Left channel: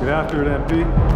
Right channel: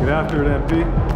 Get after it, MP.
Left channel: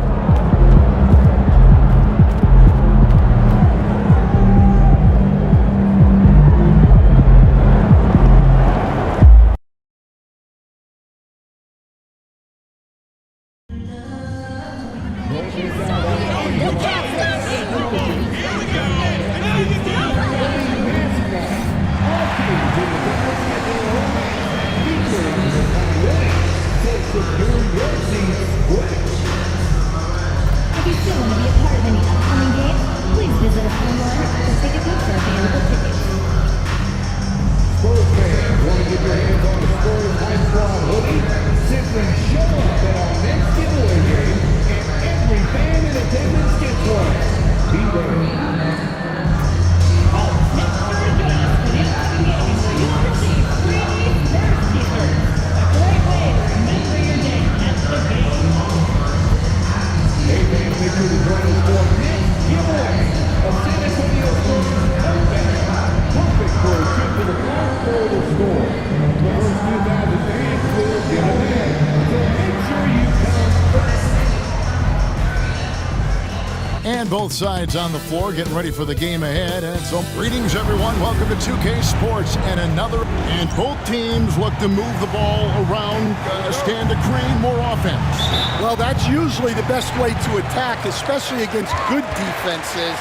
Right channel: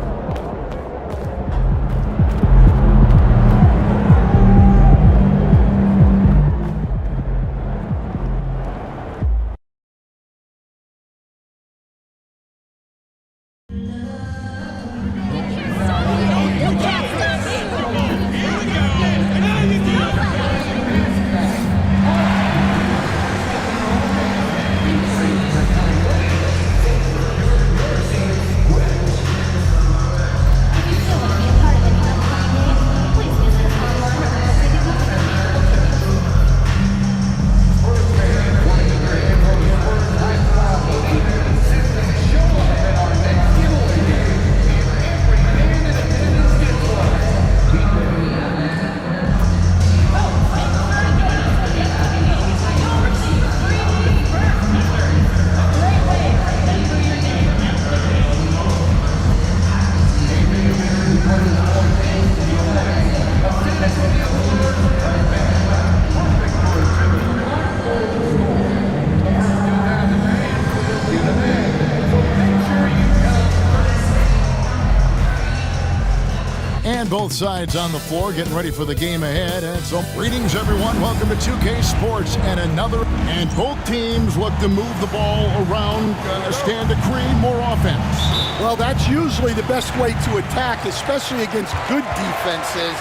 And both sides on the floor getting ready for the game ahead. And so, greetings, everyone. Welcome to 2K Sports and another. And both teams look to move the ball around, stand to create more offense. Well, that's usually the best way to attack, especially against good defenses.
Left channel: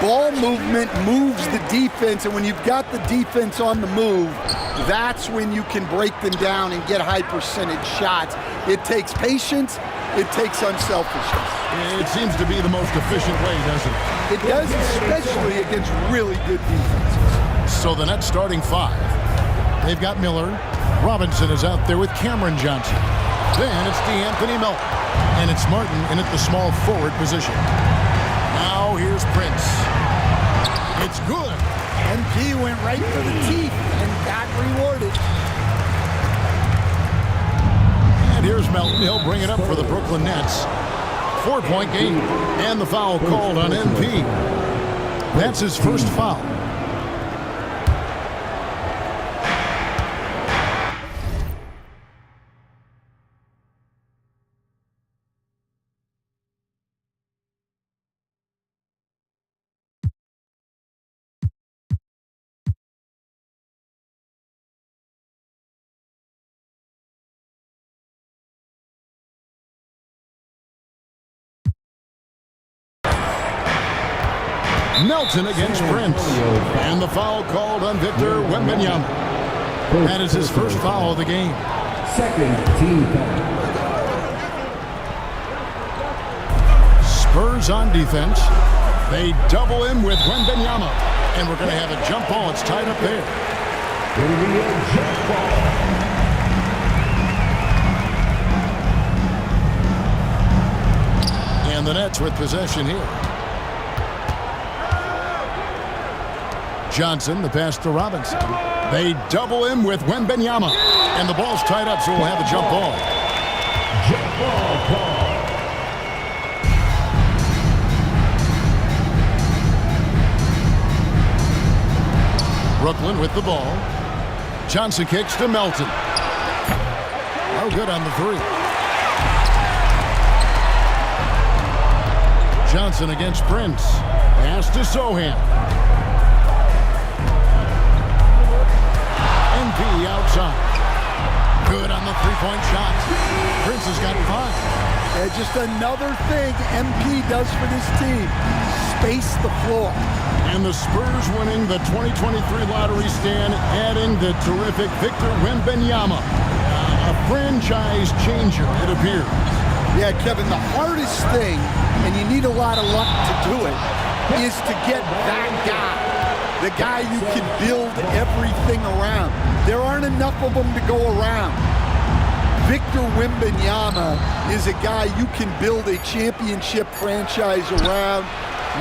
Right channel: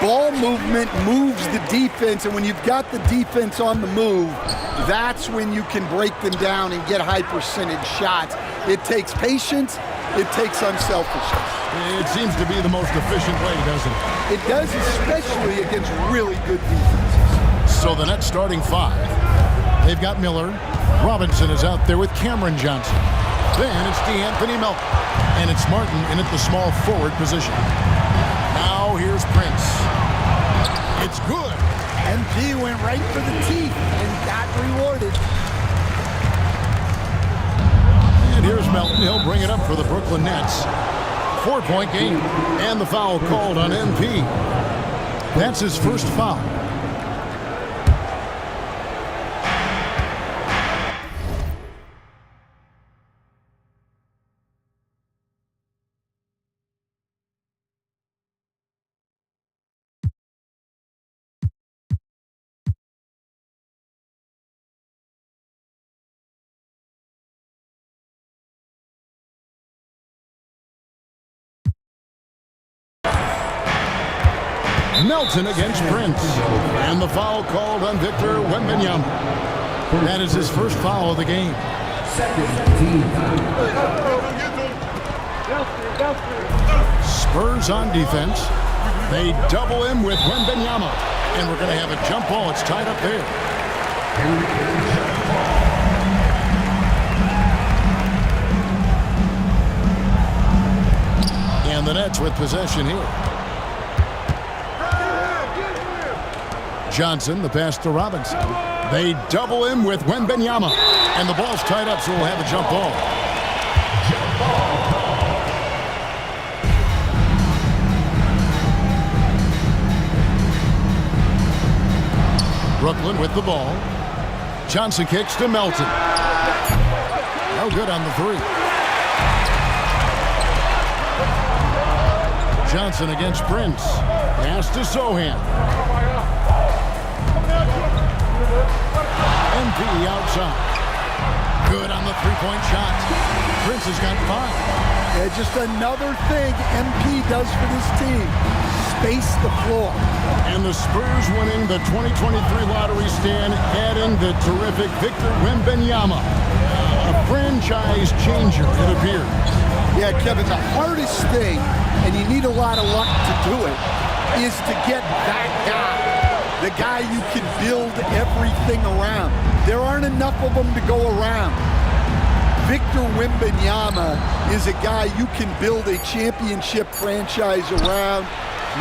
Ball movement moves the defense, and when you've got the defense on the move, that's when you can break them down and get high percentage shots. It takes patience. It takes unselfishness. It seems to be the most efficient way, doesn't it? It does, especially against really good defenses. So the Nets starting five. They've got Miller. Robinson is out there with Cameron Johnson. Then it's DeAnthony Melton. And it's Martin in at the small forward position. Now here's Prince. It's good. MP went right for the teeth and got rewarded. And here's Melton. He'll bring it up for the Brooklyn Nets. 4-point game. And the foul called on MP. That's his first foul. Melton against Prince. And the foul called on Victor Wembanyama. That is his first foul of the game. Second team Spurs on defense. They double him with Wembanyama. And we're going to have a jump ball. It's tied up there. jump ball. And the Nets with possession here. Johnson, the pass to Robinson. They double him with Wembanyama. And the ball's tied up, so we'll have a jump ball. Jump ball call. Brooklyn with the ball. Johnson kicks to Melton. No good on the three. Johnson against Prince. Pass to Sohan. MP outside. Good on the three-point shot. Prince has got 5. Yeah, just another thing MP does for this team. Space the floor. And the Spurs winning the 2023 lottery stand, adding the terrific Victor Wembanyama. A franchise changer, it appears. Yeah, Kevin, the hardest thing, and you need a lot of luck to do it, is to get that guy. The guy you can build everything around. There aren't enough of them to go around. Victor Wembanyama is a guy you can build a championship franchise around,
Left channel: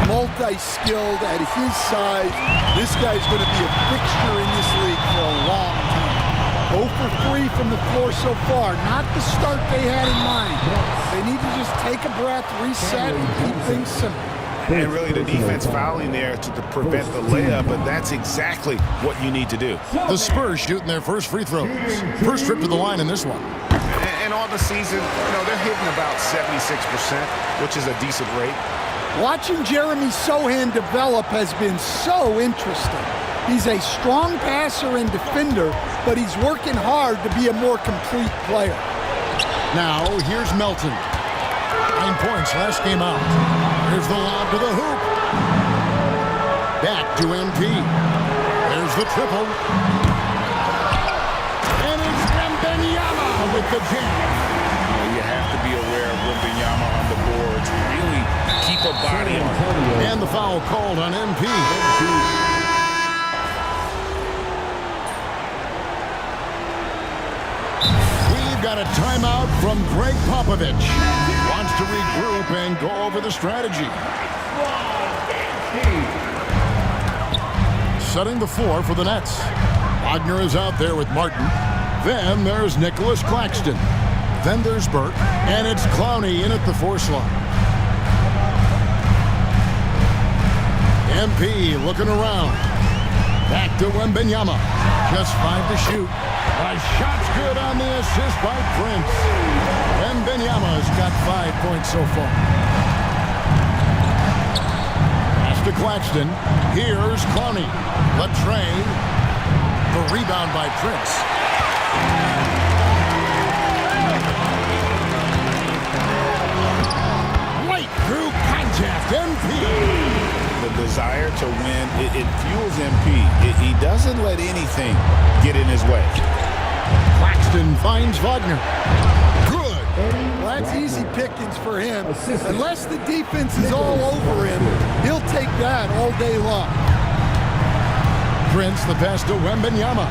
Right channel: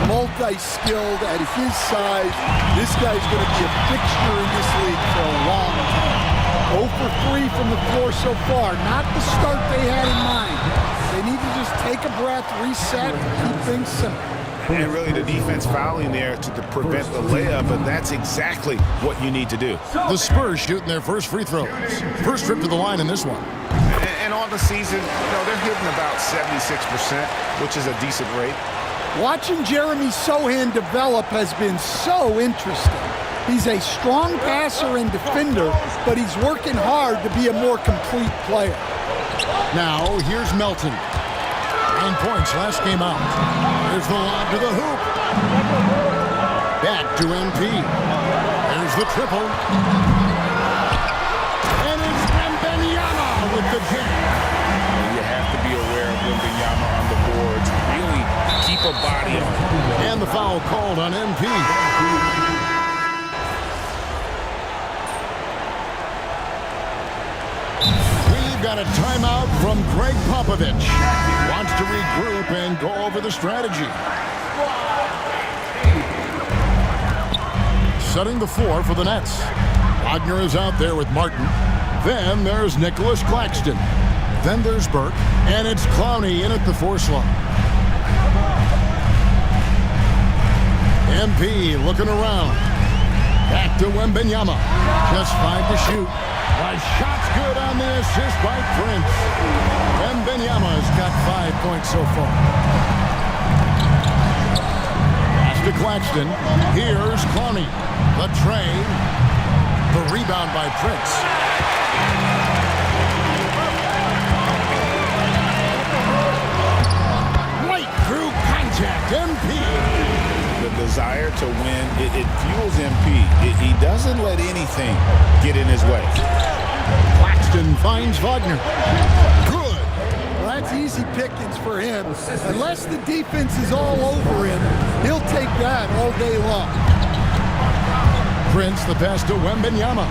multi-skilled at his size. This guy's going to be a fixture in this league for a long time. 0 for 3 from the floor so far. Not the start they had in mind. They need to just take a breath, reset, and keep things simple. And really the defense fouling there to prevent the layup, but that's exactly what you need to do. The Spurs shooting their first free throws. First trip to the line in this one. And on the season, they're hitting about 76%, which is a decent rate. Watching Jeremy Sohan develop has been so interesting. He's a strong passer and defender, but he's working hard to be a more complete player. Now, here's Melton. 9 points last game out. Here's the lob to the hoop. Back to MP. There's the triple. And it's Wembanyama with the jam. You have to be aware of Wembanyama on the boards. Really keep a body on it. And the foul called on MP. We've got a timeout from Greg Popovich. Wants to regroup and go over the strategy. Setting the floor for the Nets. Wagner is out there with Martin. Then there's Nicholas Claxton. Then there's Burke, and it's Clowney in at the 4 slot. MP looking around. Back to Wembanyama. Just 5 to shoot. The shot's good on the assist by Prince. Wembanyama's got 5 points so far. Pass to Claxton. Here's Clowney. The tray. The rebound by Prince. Through contact, MP. The desire to win, it fuels MP. He doesn't let anything get in his way. Claxton finds Wagner. Good. Well, that's easy pickings for him. Unless the defense is all over him, he'll take that all day long. Prince, the pass to Wembanyama.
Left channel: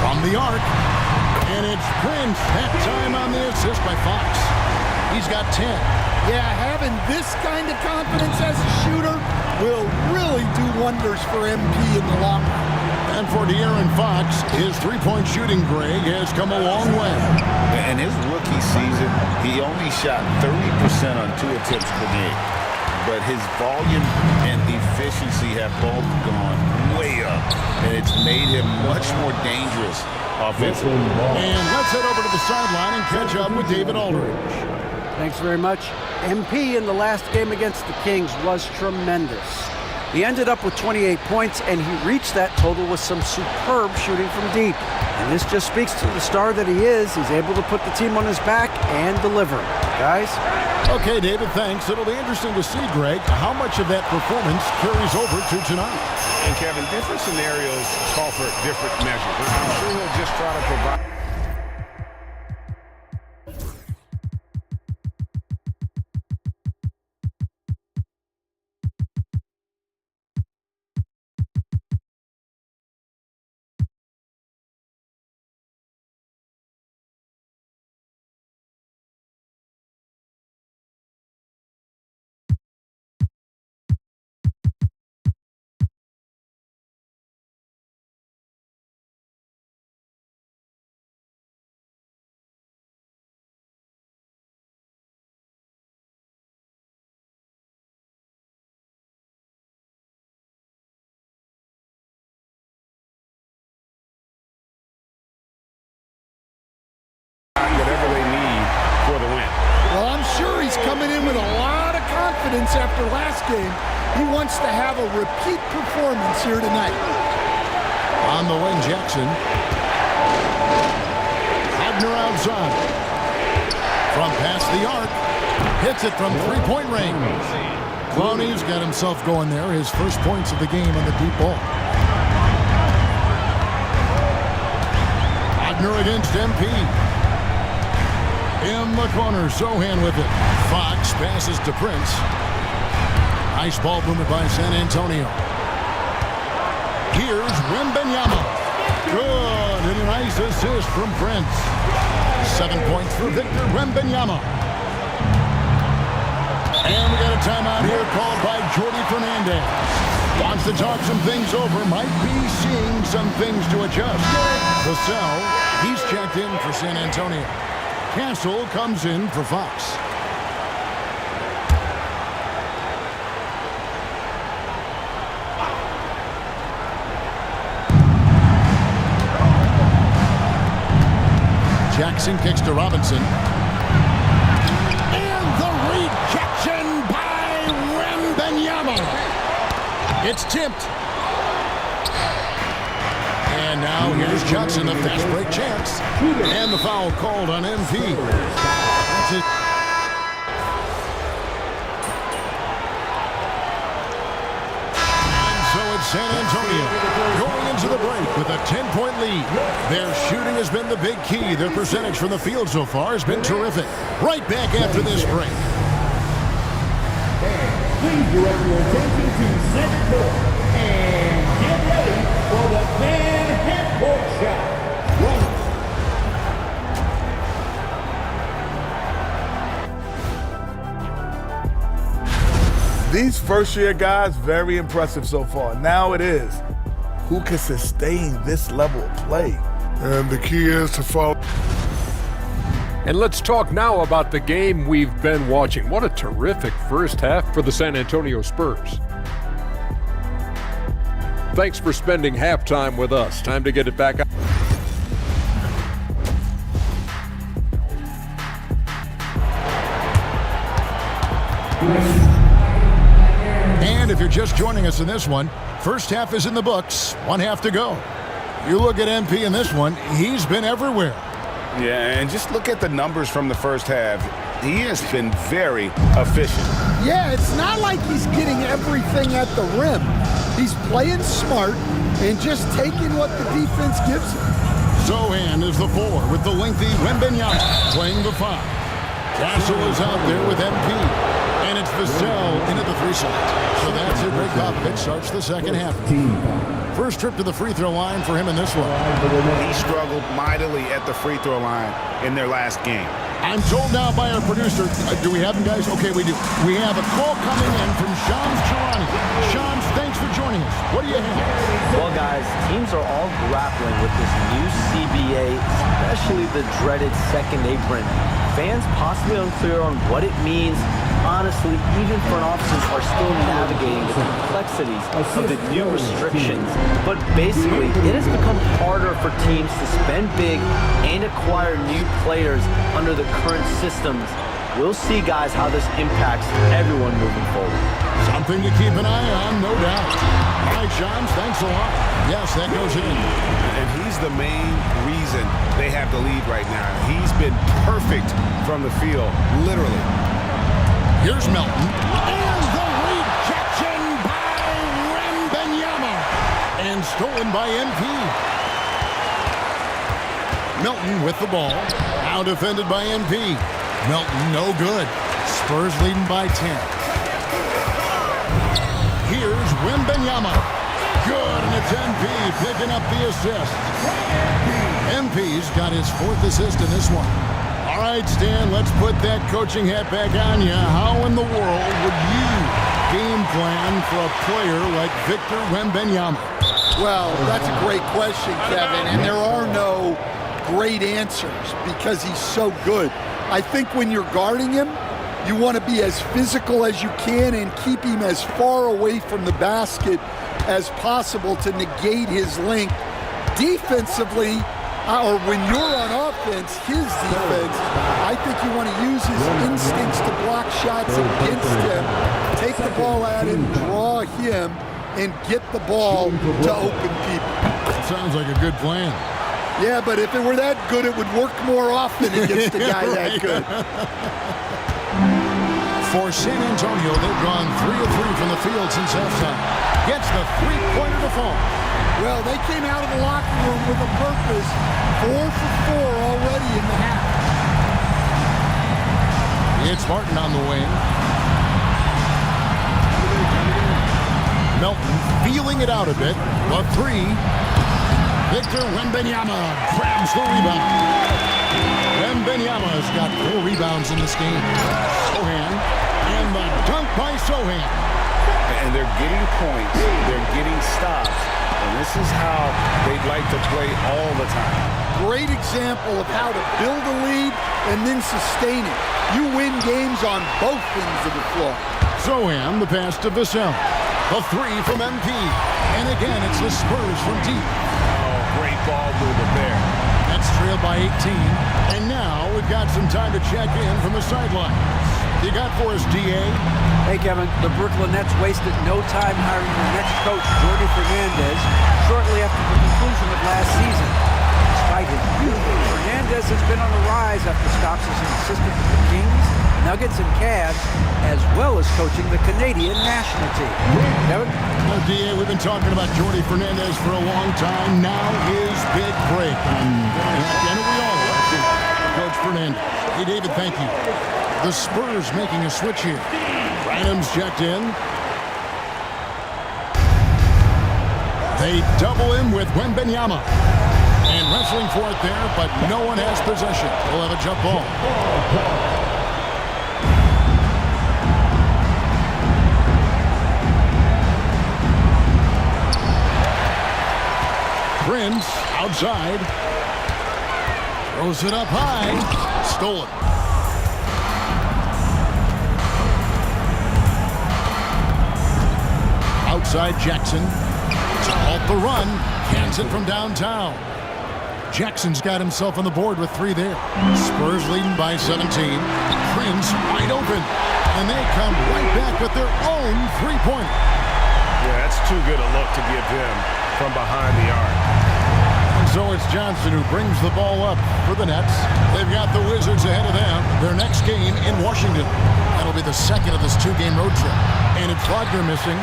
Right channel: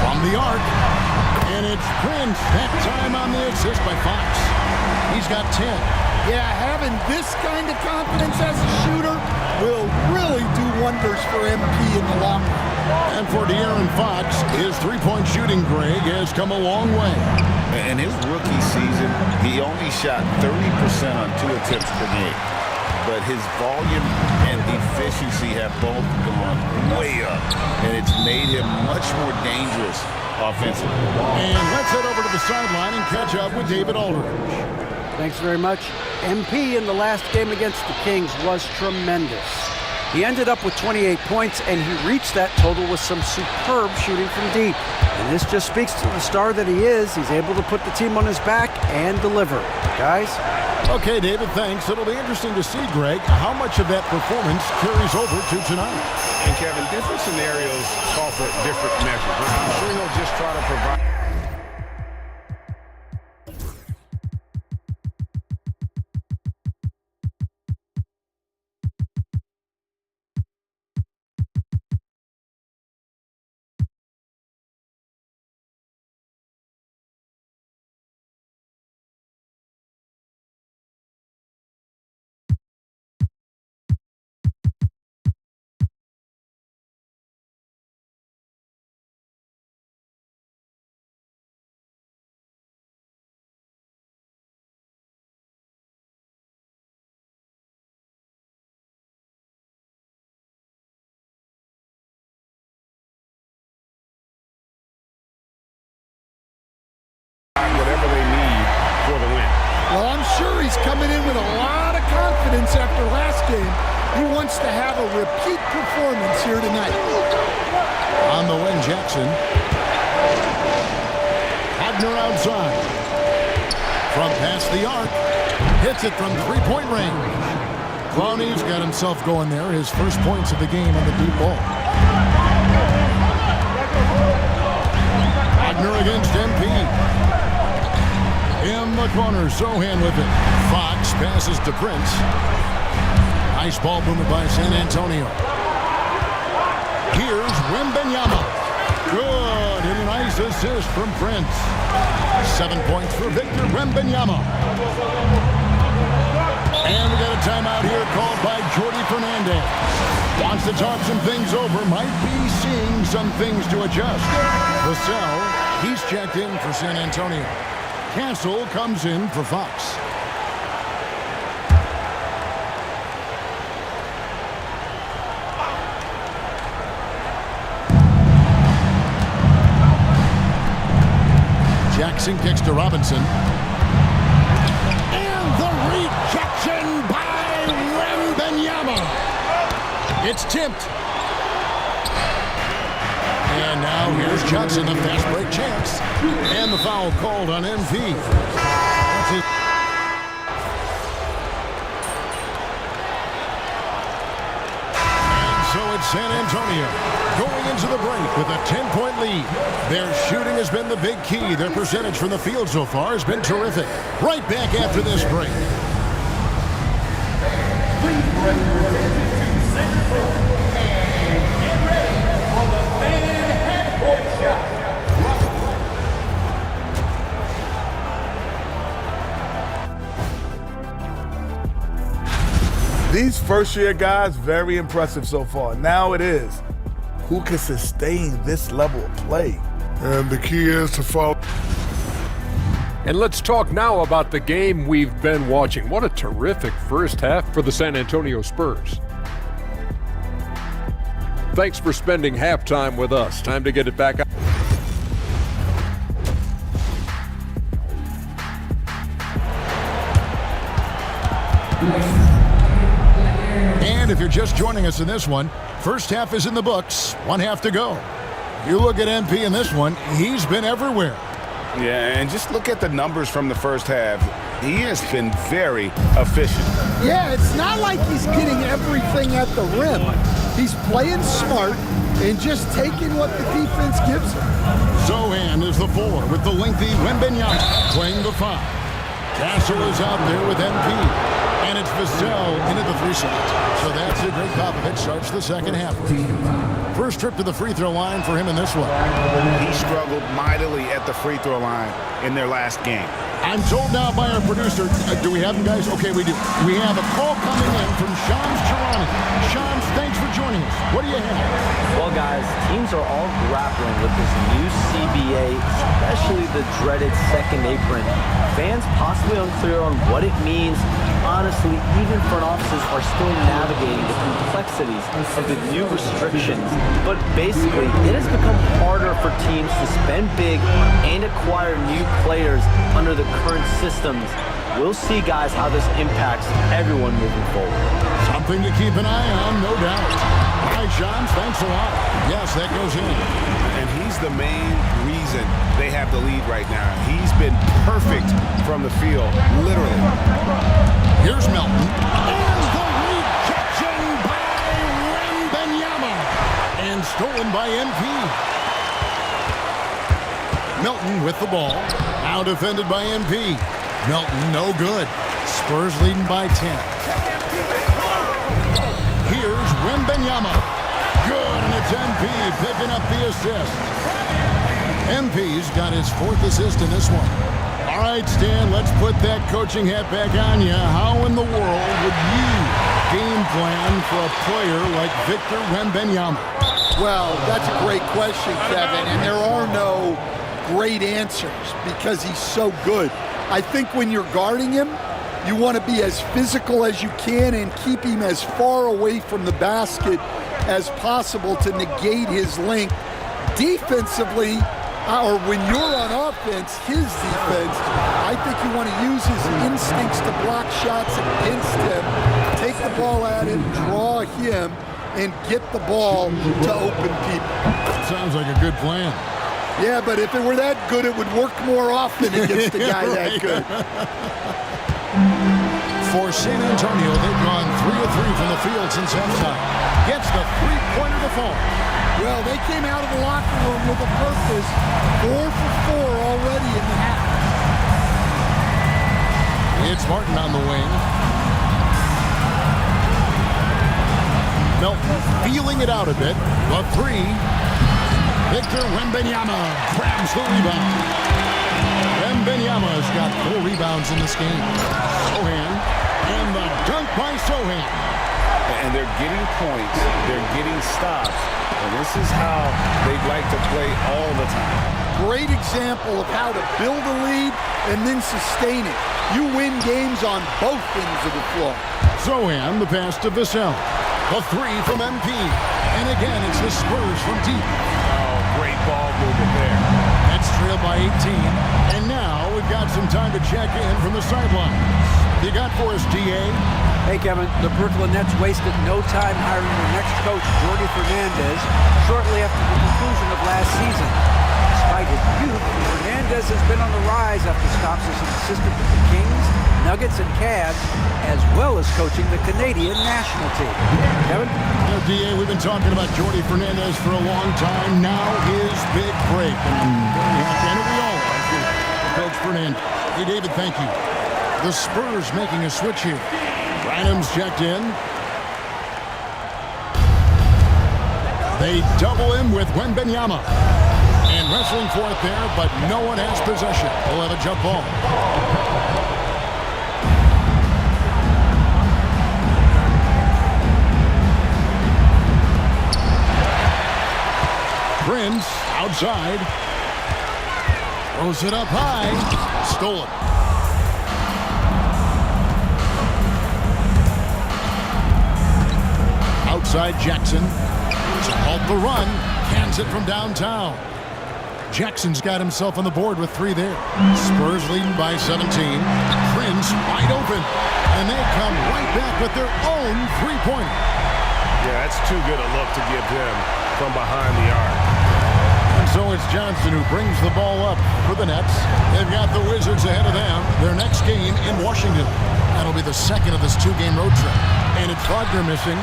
From the arc. And it's Prince. That time on the assist by Fox. He's got 10. Yeah, having this kind of confidence as a shooter will really do wonders for MP in the long run. And for De'Aaron Fox, his three-point shooting, Greg, has come a long way. In his rookie season, he only shot 30% on 2 attempts per game. But his volume and efficiency have both gone way up. And it's made him much more dangerous offensively. And let's head over to the sideline and catch up with David Aldridge. Thanks very much. MP in the last game against the Kings was tremendous. He ended up with 28 points, and he reached that total with some superb shooting from deep. And this just speaks to the star that he is. He's able to put the team on his back and deliver. Guys? Okay, David, thanks. It'll be interesting to see, Greg, how much of that performance carries over to tonight. And, Kevin, different scenarios call for different measures. I'm sure he'll just try to provide. Whatever they need for the win. Well, I'm sure he's coming in with a lot of confidence after last game. He wants to have a repeat performance here tonight. On the wing, Jackson. Wagner outside. From past the arc. Hits it from three-point range. Clowney's got himself going there. His first points of the game on the deep ball. Wagner against MP. In the corner, Sohan with it. Fox passes to Prince. Nice ball movement by San Antonio. Here's Wembanyama. Good, and a nice assist from Prince. 7 points for Victor Wembanyama. And we got a timeout here called by Jordy Fernandez. Wants to talk some things over, might be seeing some things to adjust. Vassell, he's checked in for San Antonio. Castle comes in for Fox. Jackson kicks to Robinson. And the rejection by Wembanyama. It's tipped. And now here's Johnson, a fast break chance. And the foul called on MP. That's it. And so it's San Antonio going into the break with a 10-point lead. Their shooting has been the big key. Their percentage from the field so far has been terrific. Right back after this break. Please direct your attention to center court and get ready for the fan half-court shot. These first-year guys, very impressive so far. Now it is, who can sustain this level of play? And the key is to follow. And let's talk now about the game we've been watching. What a terrific first half for the San Antonio Spurs. Thanks for spending halftime with us. Time to get it back up. And if you're just joining us in this one, first half is in the books. One half to go. You look at MP in this one, he's been everywhere. Yeah, and just look at the numbers from the first half. He has been very efficient. Yeah, it's not like he's getting everything at the rim. He's playing smart and just taking what the defense gives him. Sohan is the 4 with the lengthy Wembanyama playing the 5. Castle is out there with MP. And it's Vassell in at the 3 slot. So that's it. Greg Popovich starts the second half. First trip to the free throw line for him in this one. He struggled mightily at the free throw line in their last game. I'm told now by our producer, do we have him, guys? Okay, we do. We have a call coming in from Shams Charani. Shams, thanks for joining us. What do you have? Well, guys, teams are all grappling with this new CBA, especially the dreaded second apron. Fans possibly unclear on what it means. Honestly, even front offices are still navigating the complexities of the new restrictions. But basically, it has become harder for teams to spend big and acquire new players under the current systems. We'll see, guys, how this impacts everyone moving forward. Something to keep an eye on, no doubt. All right, Shams, thanks a lot. Yes, that goes in. And he's the main reason they have the lead right now. He's been perfect from the field, literally. Here's Melton. And the rejection by Wembanyama. And stolen by MP. Melton with the ball. Now defended by MP. Melton no good. Spurs leading by 10. Here's Wembanyama. Good, and it's MP picking up the assist. MP's got his 4th assist in this one. All right, Stan, let's put that coaching hat back on you. How in the world would you game plan for a player like Victor Wembanyama? Well, that's a great question, Kevin, and there are no great answers because he's so good. I think when you're guarding him, you want to be as physical as you can and keep him as far away from the basket as possible to negate his length. Defensively, or when you're on offense, his defense, I think you want to use his instincts to block shots against him, take the ball at him, draw him, and get the ball to open people. Sounds like a good plan. Yeah, but if it were that good, it would work more often against a guy that good. For San Antonio, they've gone 3 of 3 from the field since halftime. Gets the three-pointer to fall. Well, they came out of the locker room with a purpose. 4 for 4 already in the half. It's Martin on the wing. Melton feeling it out a bit. The 3. Victor Wembanyama grabs the rebound. Wembanyama's got 4 rebounds in this game. Sohan, and the dunk by Sohan. And they're getting points, they're getting stops, and this is how they'd like to play all the time. Great example of how to build a lead and then sustain it. You win games on both ends of the floor. Sohan, the pass to Vassell. The 3 from MP. And again, it's the Spurs from deep. Oh, great ball movement there. That's trail trail by 18. And now we've got some time to check in from the sidelines. You got for us, D.A.? Hey, Kevin, the Brooklyn Nets wasted no time hiring their next coach, Jordi Fernandez, shortly after the conclusion of last season. Despite his youth, Fernandez has been on the rise after stops as an assistant with the Kings, Nuggets, and Cavs, as well as coaching the Canadian national team. Kevin? D.A., we've been talking about Jordi Fernandez for a long time. Now his big break, and I'm very happy. I know we all are for Coach Fernandez. Hey, David, thank you. The Spurs making a switch here. Branham's checked in. They double him with Wembanyama. And wrestling for it there, but no one has possession. They'll have a jump ball. Prince outside. Throws it up high. Stolen. Outside Jackson to halt the run. Cans it from downtown. Jackson's got himself on the board with 3 there. Spurs leading by 17. Prince wide open. And they come right back with their own three-pointer. Yeah, that's too good a look to give him from behind the arc. And so it's Johnson who brings the ball up for the Nets. They've got the Wizards ahead of them. Their next game in Washington. That'll be the second of this 2-game road trip. And it's Wagner missing.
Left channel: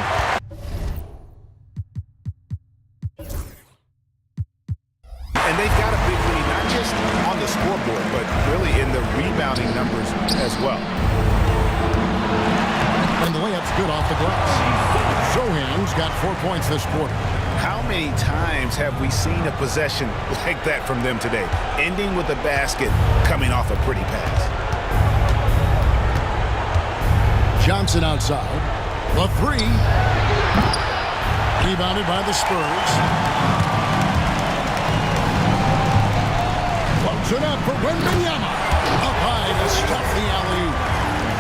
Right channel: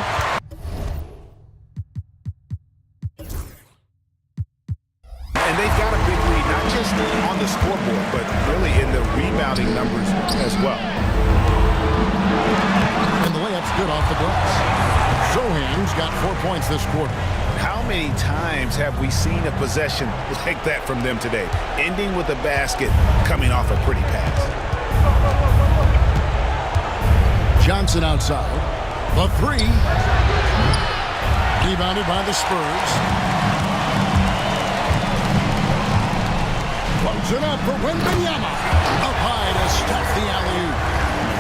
And they've got a big lead, not just on the scoreboard, but really in the rebounding numbers as well. And the layup's good off the glass. Sohan's got 4 points this quarter. How many times have we seen a possession like that from them today, ending with a basket coming off a pretty pass? Johnson outside. The 3. Rebounded by the Spurs. Floats it up for Wembanyama. Up high to stuff the alley-oop.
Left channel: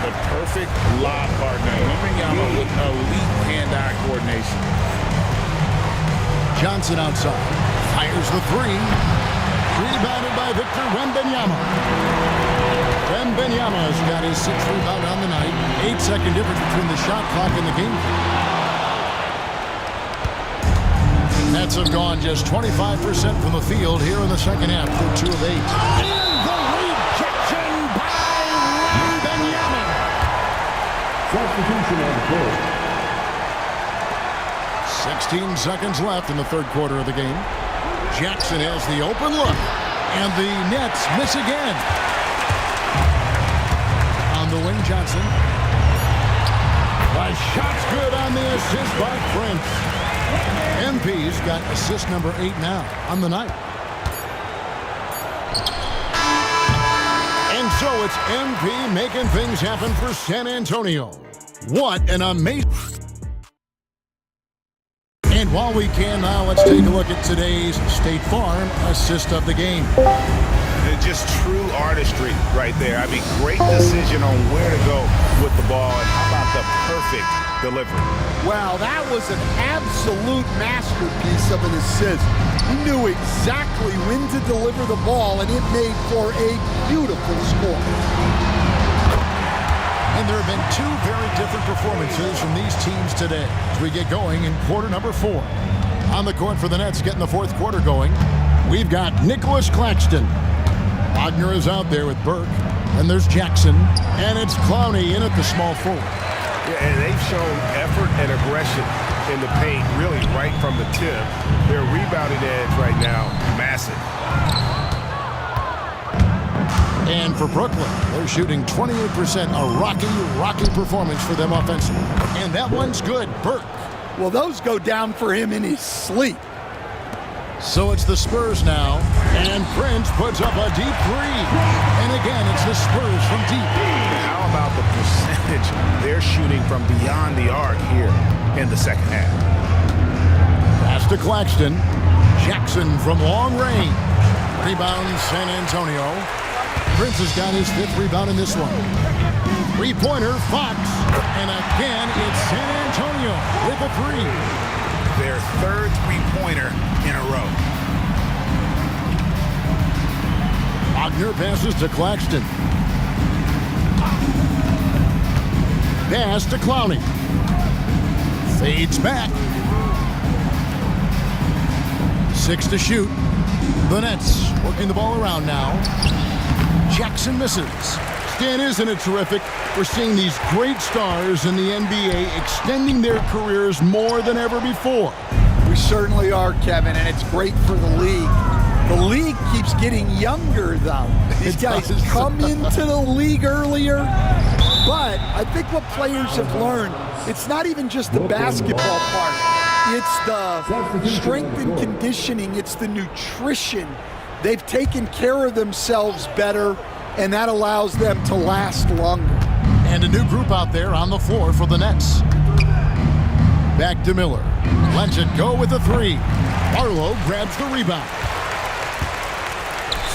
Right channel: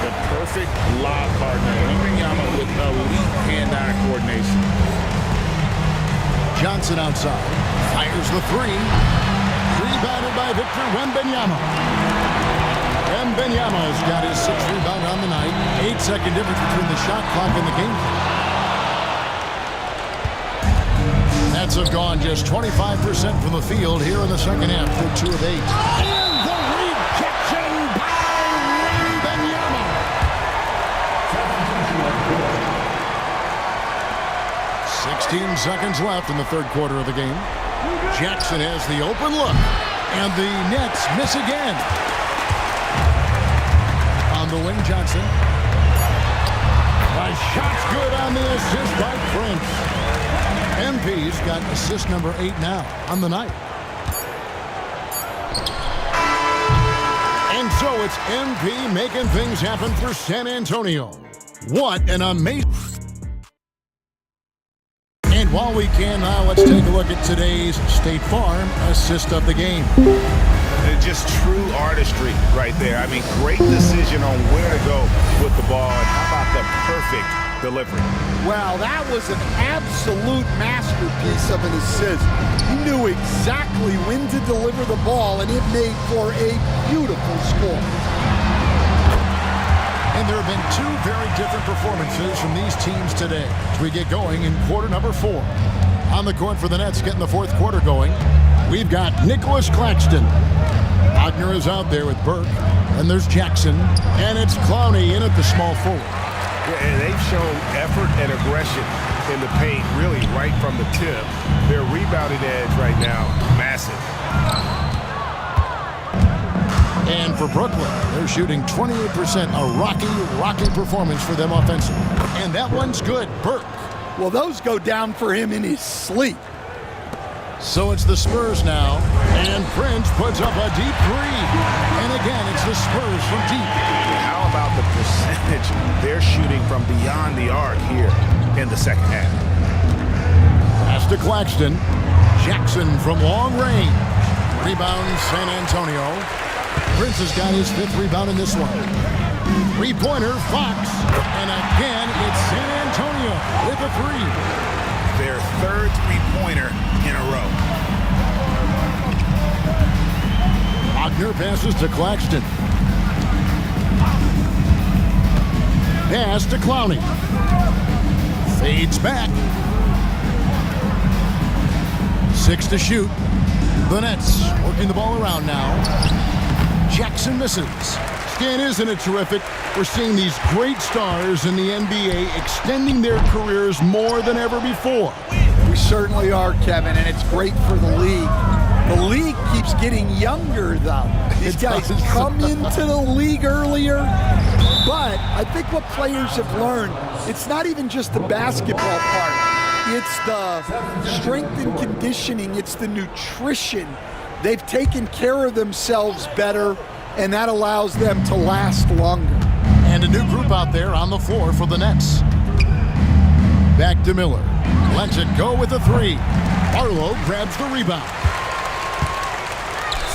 The perfect lob partner. Wembanyama with elite hand-eye coordination. Johnson outside. Fires the 3. Rebounded by Victor Wembanyama. Wembanyama's got his 6th rebound on the night. 8-second difference between the shot clock and the game clock. Nets have gone just 25% from the field here in the second half. They're 2 of 8. And the rejection by Wembanyama. Substitution on the court. 16 seconds left in the third quarter of the game. Jackson has the open look. And the Nets miss again. On the wing, Johnson. The shot's good on the assist by Prince. MP's got assist number 8 now on the night. And so it's MP making things happen for San Antonio. What an amazing... And while we can now, let's take a look at today's State Farm assist of the game. Just true artistry right there. I mean, great decision on where to go with the ball, and how about the perfect delivery? Wow, that was an absolute masterpiece of an assist. He knew exactly when to deliver the ball, and it made for a beautiful score. And there have been 2 very different performances from these teams today as we get going in quarter number 4. On the court for the Nets getting the fourth quarter going, we've got Nicholas Claxton. Wagner is out there with Burke. And there's Jackson. And it's Clowney in at the small forward. Yeah, and they've shown effort and aggression in the paint, really right from the tip. Their rebounding edge right now, massive. And for Brooklyn, they're shooting 28%. A rocky performance for them offensively. And that one's good. Burke. Well, those go down for him in his sleep. So it's the Spurs now. And Prince puts up a deep 3. And again, it's the Spurs from deep. How about the percentage they're shooting from beyond the arc here in the second half? Pass to Claxton. Jackson from long range. Rebounds San Antonio. Prince has got his 5th rebound in this one. 3-pointer, Fox. And again, it's San Antonio with a 3. Their 3rd 3-pointer in a row. Wagner passes to Claxton. Pass to Clowney. Fades back. 6 to shoot. The Nets working the ball around now. Jackson misses. Stan, isn't it terrific? We're seeing these great stars in the NBA extending their careers more than ever before. We certainly are, Kevin, and it's great for the league. The league keeps getting younger, though. These guys come into the league earlier, but I think what players have learned, it's not even just the basketball part. It's the strength and conditioning. It's the nutrition. They've taken care of themselves better, and that allows them to last longer. And a new group out there on the floor for the Nets. Back to Miller. Lets it go with a 3. Barlow grabs the rebound.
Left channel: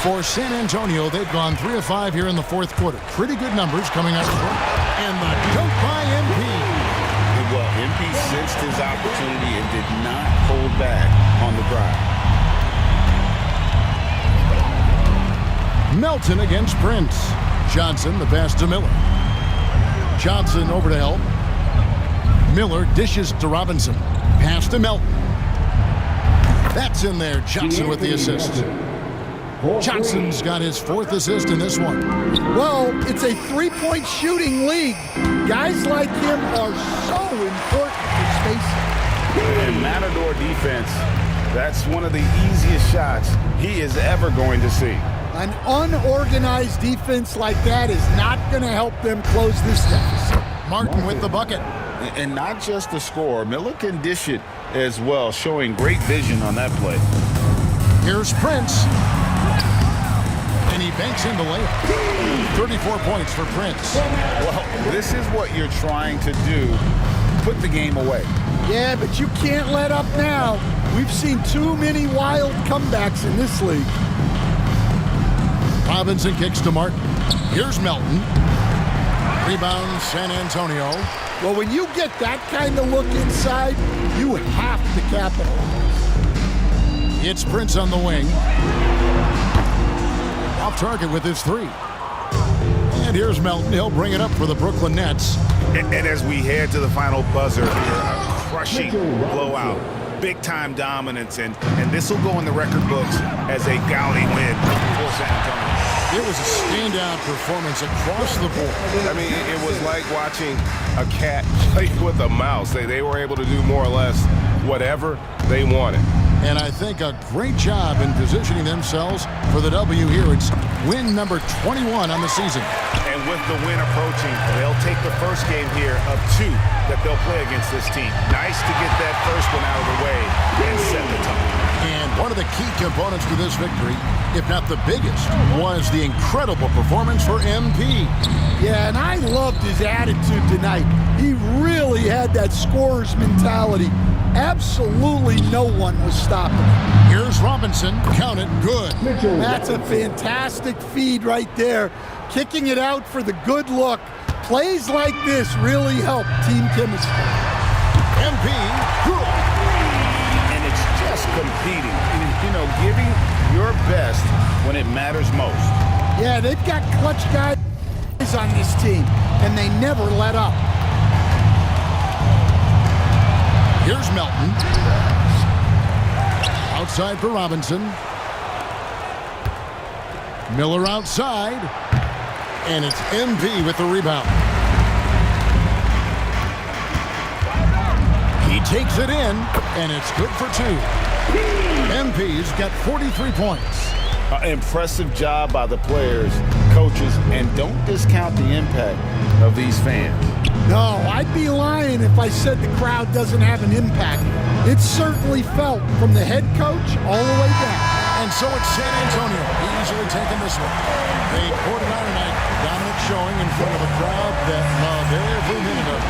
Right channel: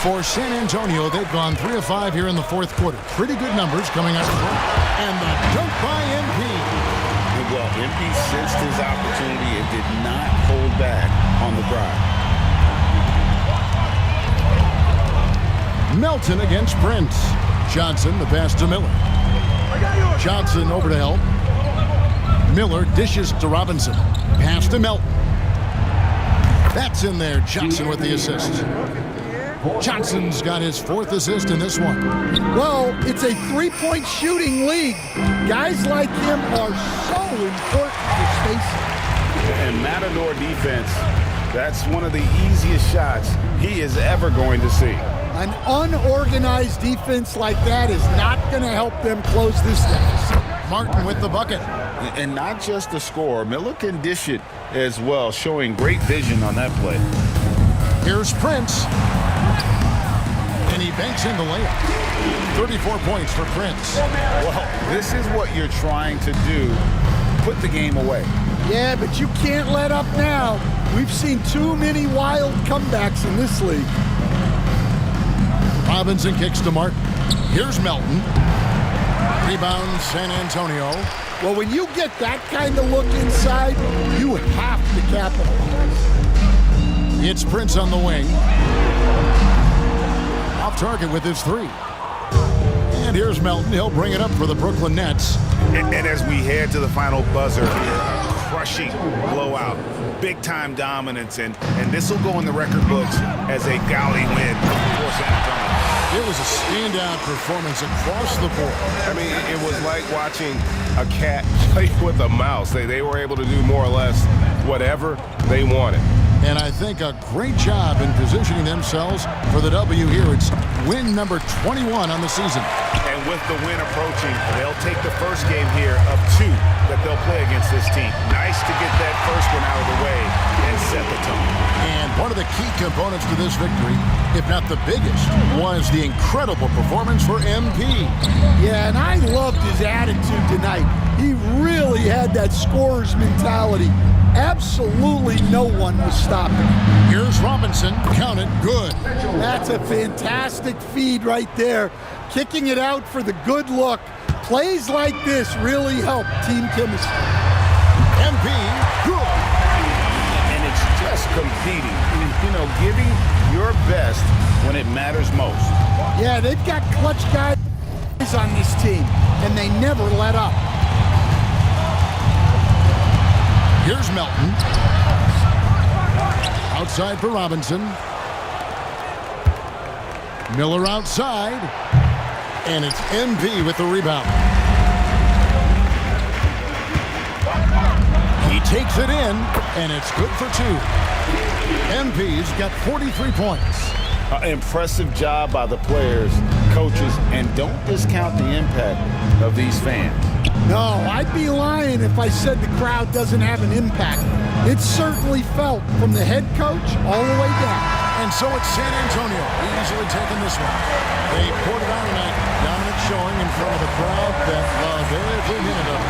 For San Antonio, they've gone 3 of 5 here in the fourth quarter. Pretty good numbers coming out of the court. And the dunk by MP. Well, MP sensed his opportunity and did not hold back on the drive. Melton against Prince. Johnson, the pass to Miller. Johnson over to help. Miller dishes to Robinson. Pass to Melton. That's in there. Johnson with the assist. Johnson's got his 4th assist in this one. Well, it's a three-point shooting league. Guys like him are so important for spacing. And Matador defense, that's one of the easiest shots he is ever going to see. An unorganized defense like that is not going to help them close this deficit. Martin with the bucket. And not just the score, Miller can dish it as well, showing great vision on that play. Here's Prince. And he banks in the layup. 34 points for Prince. Well, this is what you're trying to do. Put the game away. Yeah, but you can't let up now. We've seen too many wild comebacks in this league. Robinson kicks to Martin. Here's Melton. Rebound San Antonio. Well, when you get that kind of look inside, you have to capitalize. It's Prince on the wing. Off target with his 3. And here's Melton. He'll bring it up for the Brooklyn Nets. And as we head to the final buzzer, a crushing blowout. Big-time dominance, and this will go in the record books as a gaudy win for San Antonio. It was a standout performance across the board. I mean, it was like watching a cat play with a mouse. They were able to do more or less whatever they wanted. And I think a great job in positioning themselves for the W here. It's win number 21 on the season. And with the win approaching, they'll take the first game here of 2 that they'll play against this team. Nice to get that first one out of the way and set the tone. And one of the key components to this victory, if not the biggest, was the incredible performance for MP. Yeah, and I loved his attitude tonight. He really had that scorer's mentality. Absolutely no one was stopping him. Here's Robinson. Count it. Good. That's a fantastic feed right there. Kicking it out for the good look. Plays like this really help team chemistry. MP. Good. And it's just competing. You know, giving your best when it matters most. Yeah, they've got clutch guys on this team, and they never let up. Here's Melton. Outside for Robinson. Miller outside. And it's MP with the rebound. He takes it in, and it's good for 2. MP's got 43 points. Impressive job by the players, coaches, and don't discount the impact of these fans. No, I'd be lying if I said the crowd doesn't have an impact. It's certainly felt from the head coach all the way down. And so it's San Antonio easily taking this one. They poured it on tonight. Dominant showing in front of a crowd that loved every minute of it.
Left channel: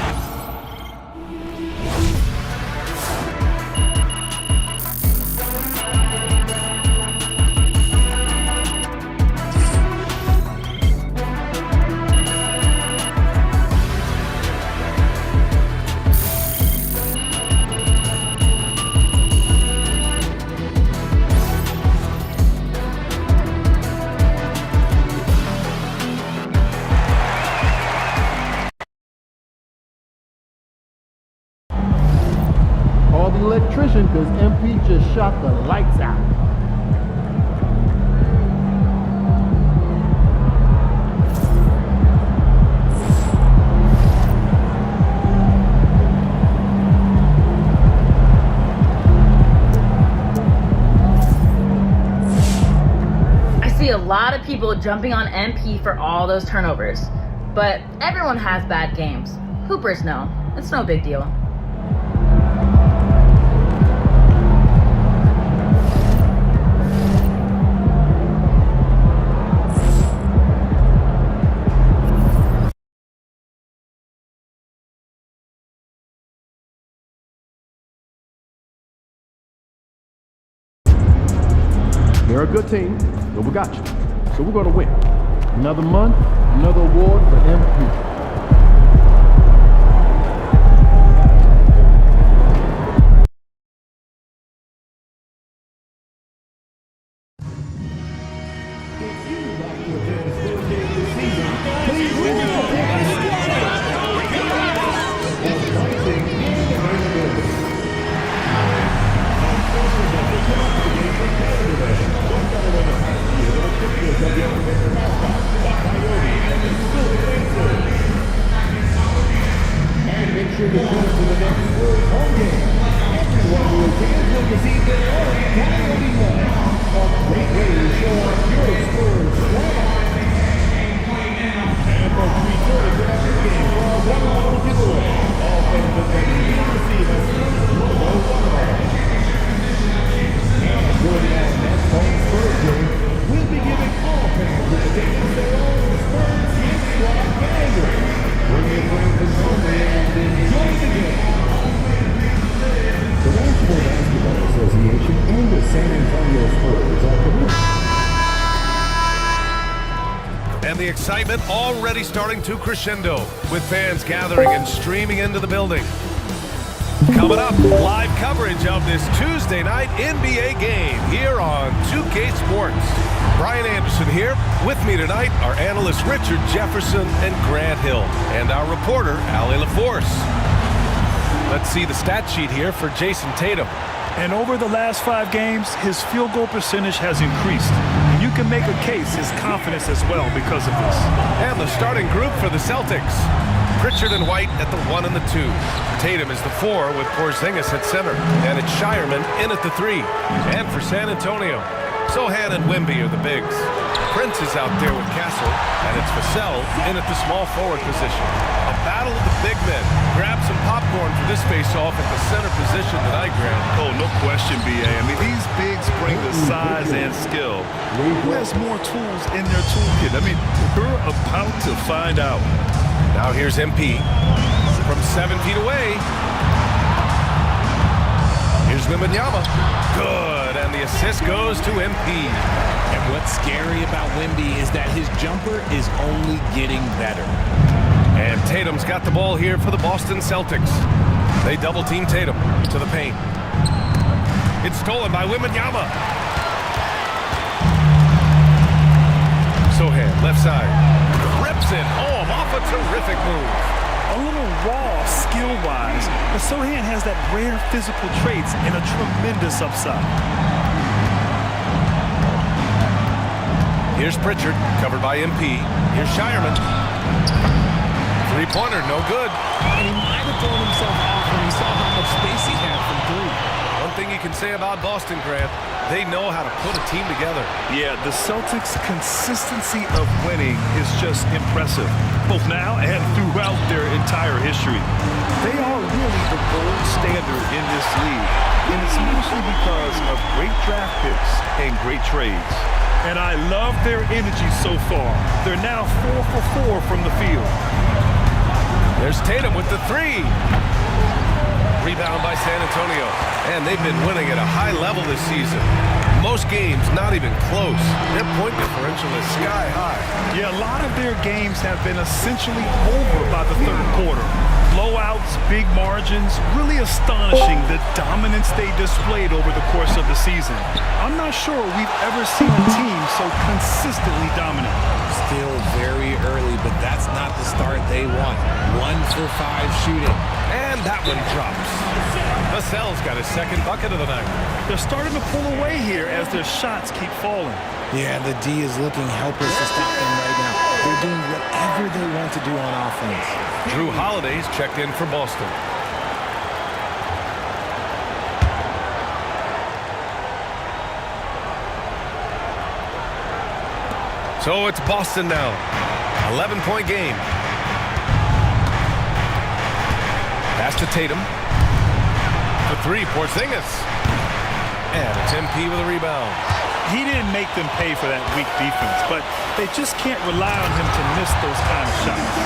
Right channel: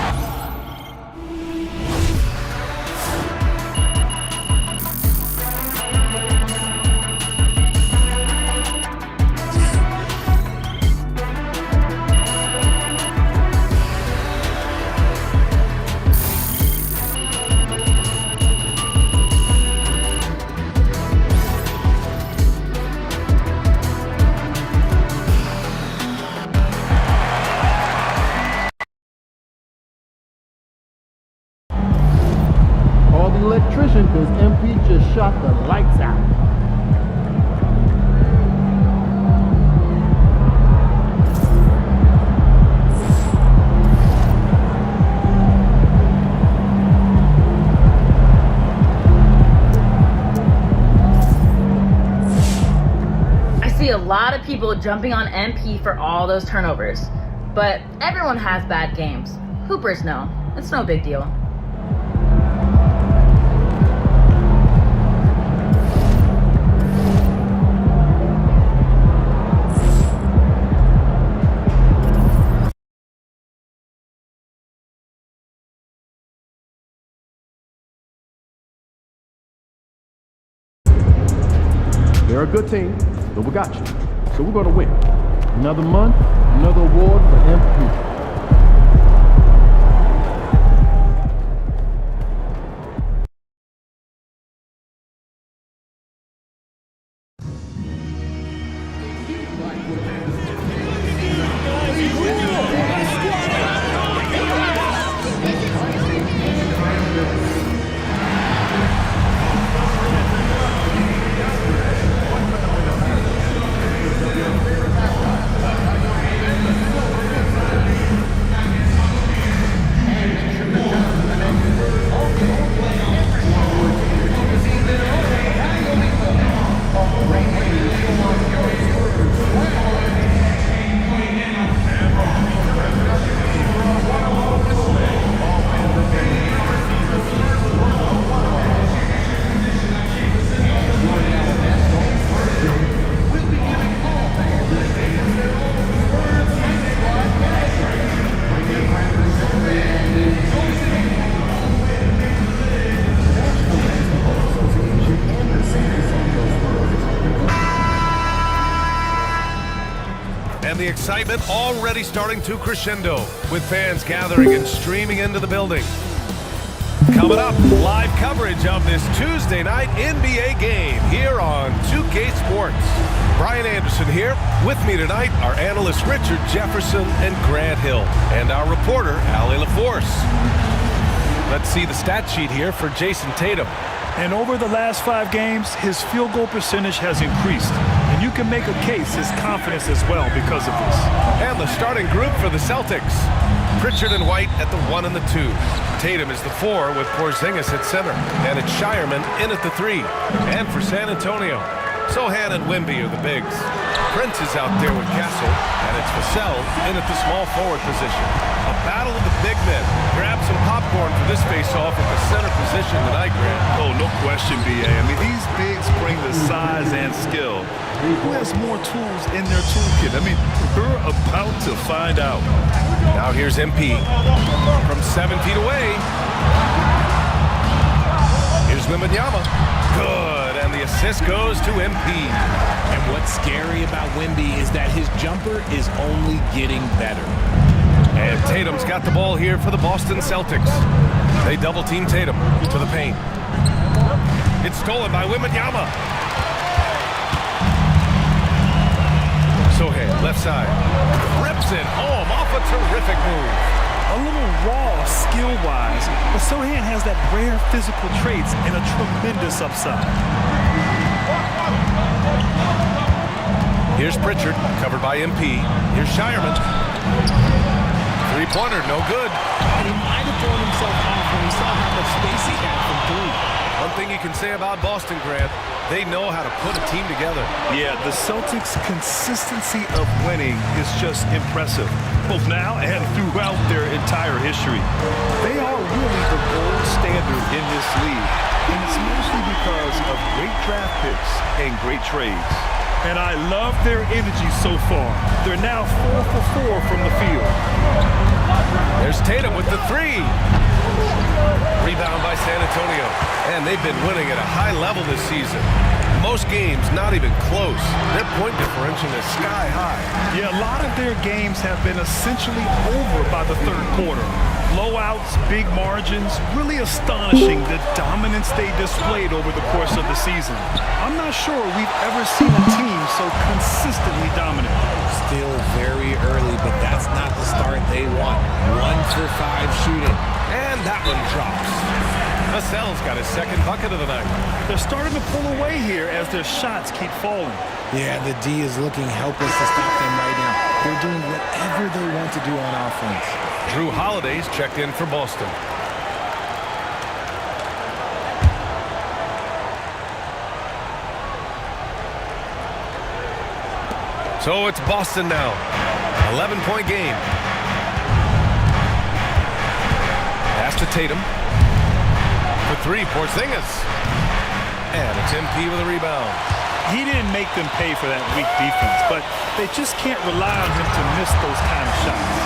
shot the lights out. I see a lot of people jumping on MP for all those turnovers, but everyone has bad games. Hoopers know. It's no big deal. They're a good team, but we got you. So we're going to win. Another month, another award for MP. And the excitement already starting to crescendo with fans gathering and streaming into the building. Coming up, live coverage of this Tuesday night NBA game here on 2K Sports. Brian Anderson here. With me tonight are analysts Richard Jefferson and Grant Hill, and our reporter, Allie LaForce. Let's see the stat sheet here for Jason Tatum. And over the last 5 games, his field goal percentage has increased. And you can make a case his confidence as well because of this. And the starting group for the Celtics. Pritchard and White at the 1 and the 2. Tatum is the 4 with Porzingis at center. And it's Shireman in at the 3. And for San Antonio, Sohan and Wemby are the bigs. Prince is out there with Castle, and it's Vassell in at the small forward position. A battle of the big men. Grab some popcorn for this face-off at the center position tonight, Grant. Oh, no question, B.A. I mean, these bigs bring the size and skill. Who has more tools in their toolkit? I mean, we're about to find out. Now here's MP from 7 feet away. Here's Wembanyama. Good, and the assist goes to MP. And what's scary about Wemby is that his jumper is only getting better. And Tatum's got the ball here for the Boston Celtics. They double-team Tatum to the paint. It's stolen by Wembanyama. Sohan, left side. Rips it home off a terrific move. A little raw skill-wise, but Sohan has that rare physical traits and a tremendous upside. Here's Pritchard, covered by MP. Here's Shireman. Three-pointer, no good. And he might have thrown himself off when he saw how much space he had from 3. One thing you can say about Boston, Grant, they know how to put a team together. Yeah, the Celtics' consistency of winning is just impressive, both now and throughout their entire history. They are really the gold standard in this league, and it's mostly because of great draft picks and great trades. And I love their energy so far. They're now 4 for 4 from the field. There's Tatum with the 3. Rebound by San Antonio. And they've been winning at a high level this season. Most games not even close. Their point differential is sky high. Yeah, a lot of their games have been essentially over by the third quarter. Blowouts, big margins, really astonishing the dominance they displayed over the course of the season. I'm not sure we've ever seen a team so consistently dominant. Still very early, but that's not the start they want. 1 for 5 shooting. And that one drops. Vassell's got his second bucket of the night. They're starting to pull away here as their shots keep falling. Yeah, the D is looking helpless to stop them right now. They're doing whatever they want to do on offense. Drew Holiday's checked in for Boston. So it's Boston now. 11-point game. Pass to Tatum. For three, Porzingis. And it's MP with a rebound. He didn't make them pay for that weak defense, but they just can't rely on him to miss those kind of shots.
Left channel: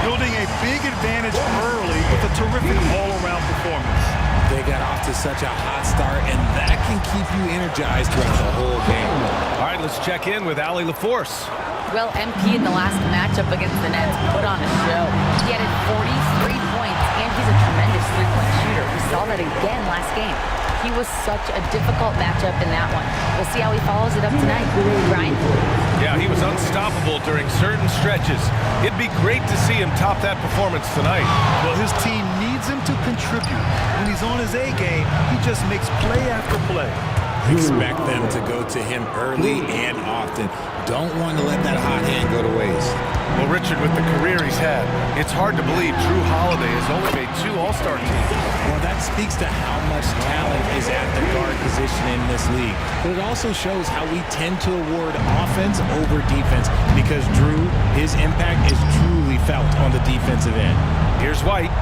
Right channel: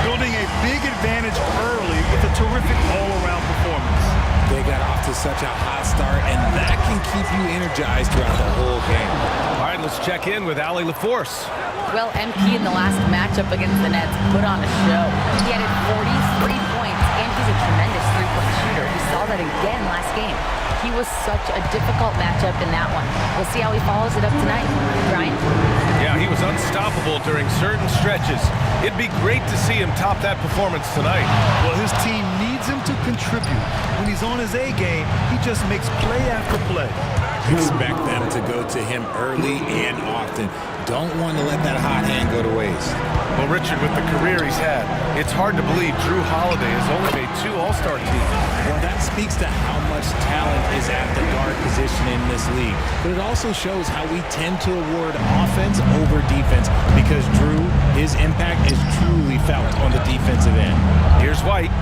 Building a big advantage early with a terrific all-around performance. They got off to such a hot start, and that can keep you energized throughout the whole game. All right, let's check in with Allie LaForce. Well, MP in the last matchup against the Nets put on a show. He added 43 points, and he's a tremendous three-point shooter. We saw that again last game. He was such a difficult matchup in that one. We'll see how he follows it up tonight. Brian? Yeah, he was unstoppable during certain stretches. It'd be great to see him top that performance tonight. Well, his team needs him to contribute. When he's on his A game, he just makes play after play. Expect them to go to him early and often. Don't want to let that hot hand go to waste. Well, Richard, with the career he's had, it's hard to believe Drew Holiday has only made 2 All-Star teams. Well, that speaks to how much talent is at the guard position in this league. But it also shows how we tend to award offense over defense because Drew, his impact is truly felt on the defensive end. Here's White.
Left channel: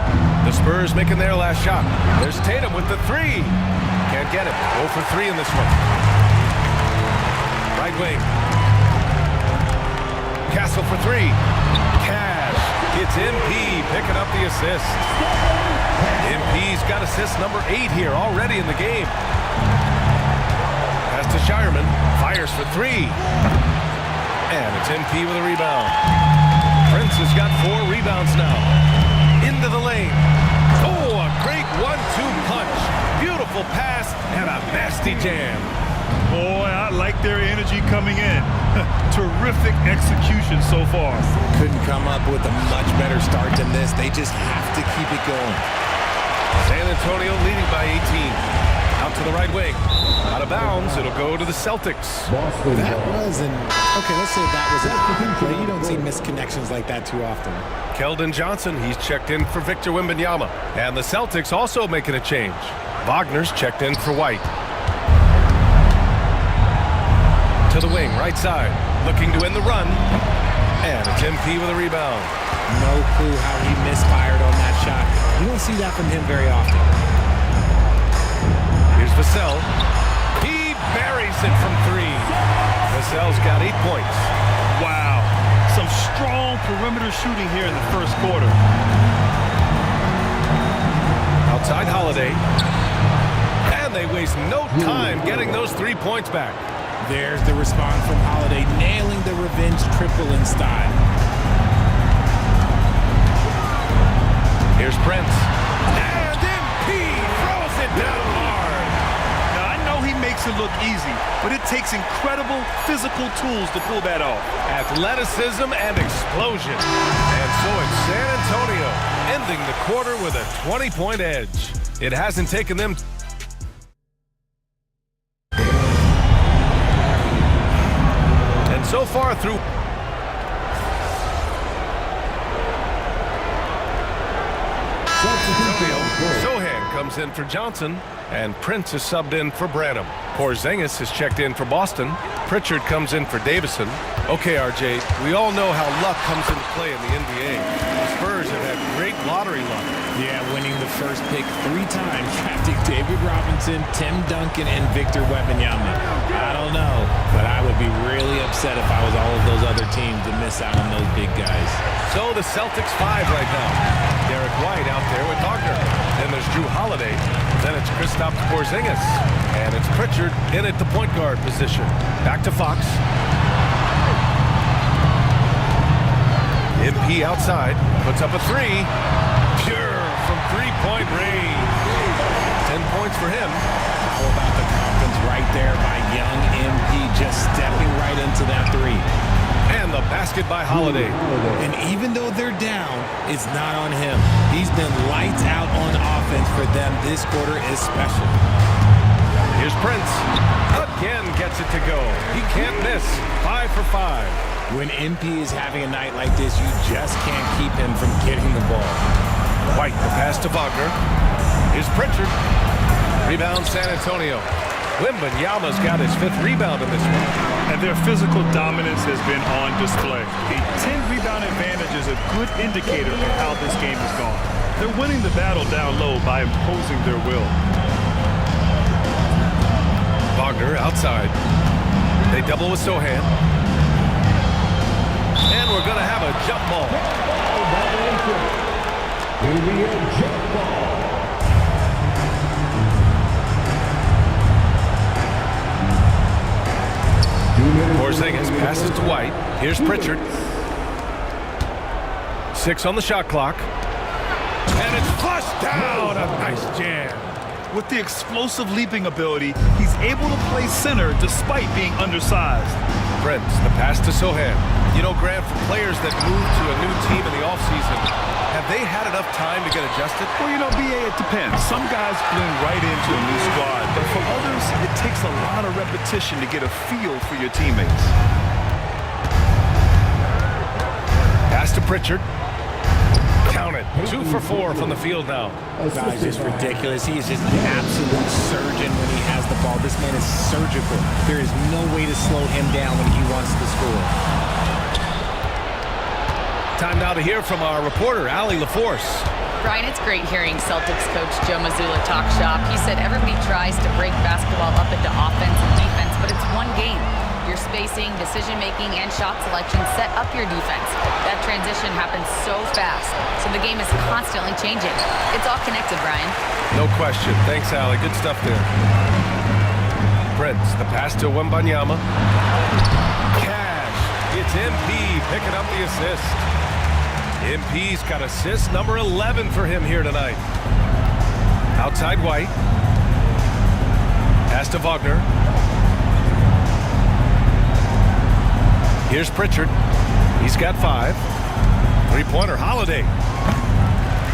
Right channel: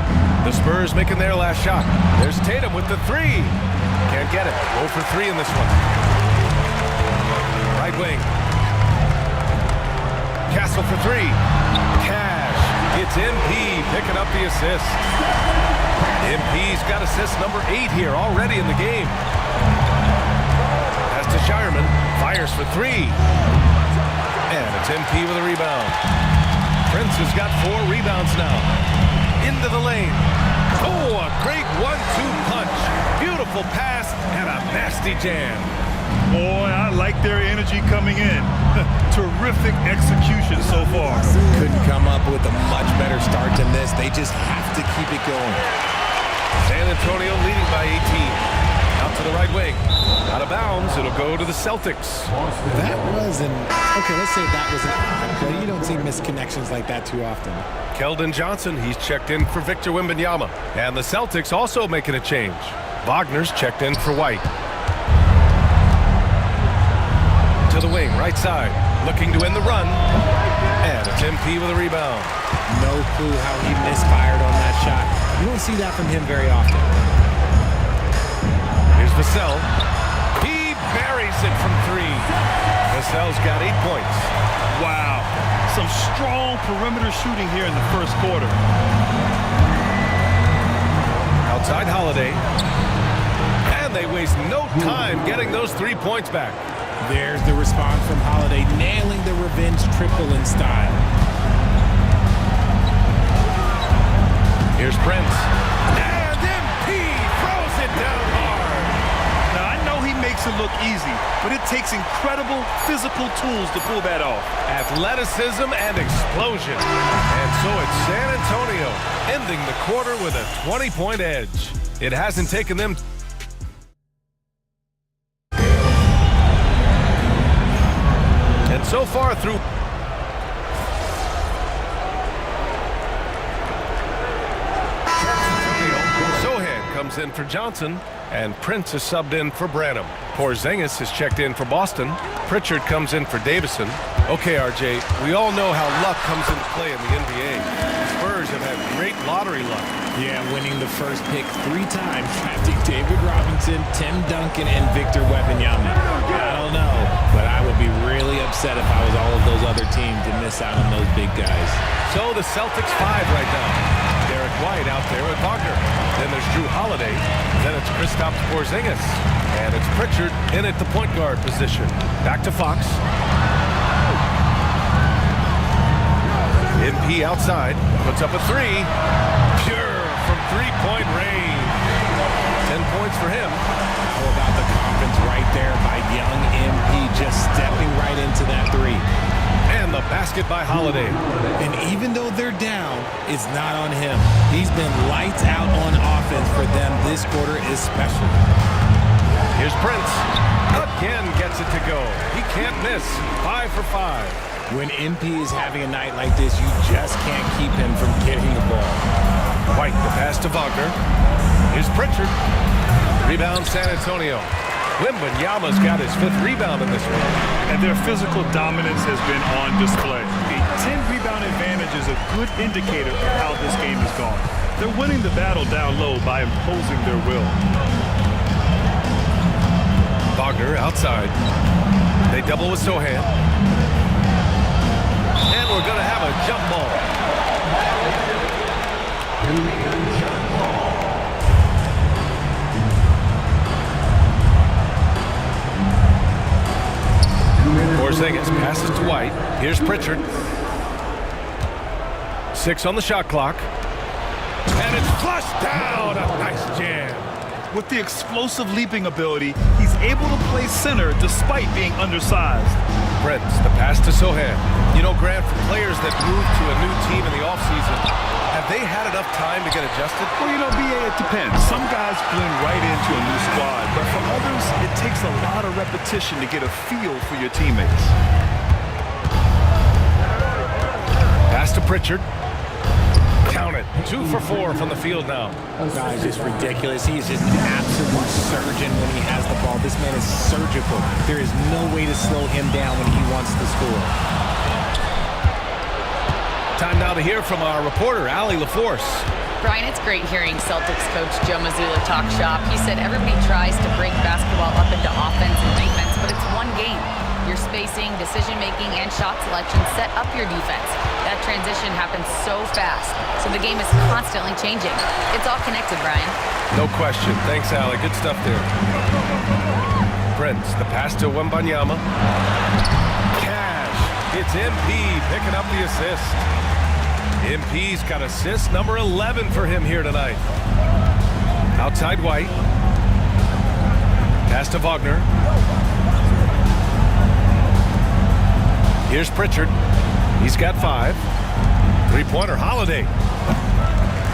The Spurs making their last shot. There's Tatum with the 3. Can't get it. 0 for 3 in this one. Right wing. Castle for 3. Cash. It's MP picking up the assist. MP's got assist number 8 here already in the game. Pass to Shireman. Fires for 3. And it's MP with a rebound. Prince has got 4 rebounds now. Into the lane. Oh, a great 1-2 punch. Beautiful pass and a nasty jam. Boy, I like their energy coming in. Terrific execution so far. Couldn't come up with a much better start than this. They just have to keep it going. San Antonio leading by 18. Out to the right wing. Out of bounds. It'll go to the Celtics. That was okay, let's say that was an odd play. You don't see misconnections like that too often. Keldon Johnson, he's checked in for Victor Wembanyama. And the Celtics also making a change. Wagner's checked in for White. To the wing, right side. Looking to end the run. And it's MP with a rebound. No clue how he misfired on that shot. You don't see that from him very often. Here's Vassell. He buries it from 3. Vassell's got 8 points. Wow. Some strong perimeter shooting here in the first quarter. Outside Holiday. And they waste no time getting those 3 points back. There's the response from Holiday, nailing the revenge triple in style. Here's Prince. And MP throws it down hard. Now, I know he makes it look easy, but it takes incredible physical tools to pull that off. Athleticism and explosion. And so it's San Antonio ending the quarter with a 20-point edge. It hasn't taken them... And so far through... Sohan comes in for Johnson, and Prince is subbed in for Branham. Porzingis is checked in for Boston. Pritchard comes in for Davison. Okay, RJ, we all know how luck comes into play in the NBA. The Spurs have had great lottery luck. Yeah, winning the first pick 3 times, drafting David Robinson, Tim Duncan, and Victor Wembanyama. I don't know, but I would be really upset if I was all of those other teams to miss out on those big guys. So the Celtics 5 right now. Derek White out there with Wagner. Then there's Drew Holiday. Then it's Kristaps Porzingis. And it's Pritchard in at the point guard position. Back to Fox. MP outside. Puts up a 3. Pure from 3-point range. 10 points for him. How about the confidence right there by young MP just stepping right into that 3. And the basket by Holiday. And even though they're down, it's not on him. He's been lights out on offense for them this quarter especially. Here's Prince. Again gets it to go. He can't miss. 5 for 5. When MP is having a night like this, you just can't keep him from getting the ball. White, the pass to Wagner. Here's Pritchard. Rebound San Antonio. Wembanyama's got his 5th rebound in this one. And their physical dominance has been on display. A 10-rebound advantage is a good indicator of how this game has gone. They're winning the battle down low by imposing their will. Wagner outside. They double with Sohan. And we're going to have a jump ball. Porzingis passes to White. Here's Pritchard. 6 on the shot clock. And it's flushed down. A nice jam. With the explosive leaping ability, he's able to play center despite being undersized. Prince, the pass to Sohan. You know, Grant, for players that move to a new team in the offseason, have they had enough time to get adjusted? Well, you know, BA, it depends. Some guys blend right into a new squad, but for others, it takes a lot of repetition to get a feel for your teammates. Pass to Pritchard. Count it. 2 for 4 from the field now. Guy's just ridiculous. He is just an absolute surgeon when he has the ball. This man is surgical. There is no way to slow him down when he wants to score. Time now to hear from our reporter, Allie LaForce. Brian, it's great hearing Celtics coach Joe Mazzulla talk shop. He said everybody tries to break basketball up into offense and defense, but it's one game. Your spacing, decision-making, and shot selection set up your defense. That transition happens so fast, so the game is constantly changing. It's all connected, Brian. No question. Thanks, Allie. Good stuff there. Prince, the pass to Wembanyama. Cash. It's MP picking up the assist. MP's got assist number 11 for him here tonight. Outside White. Pass to Wagner. Here's Pritchard. He's got 5. Three-pointer, Holiday.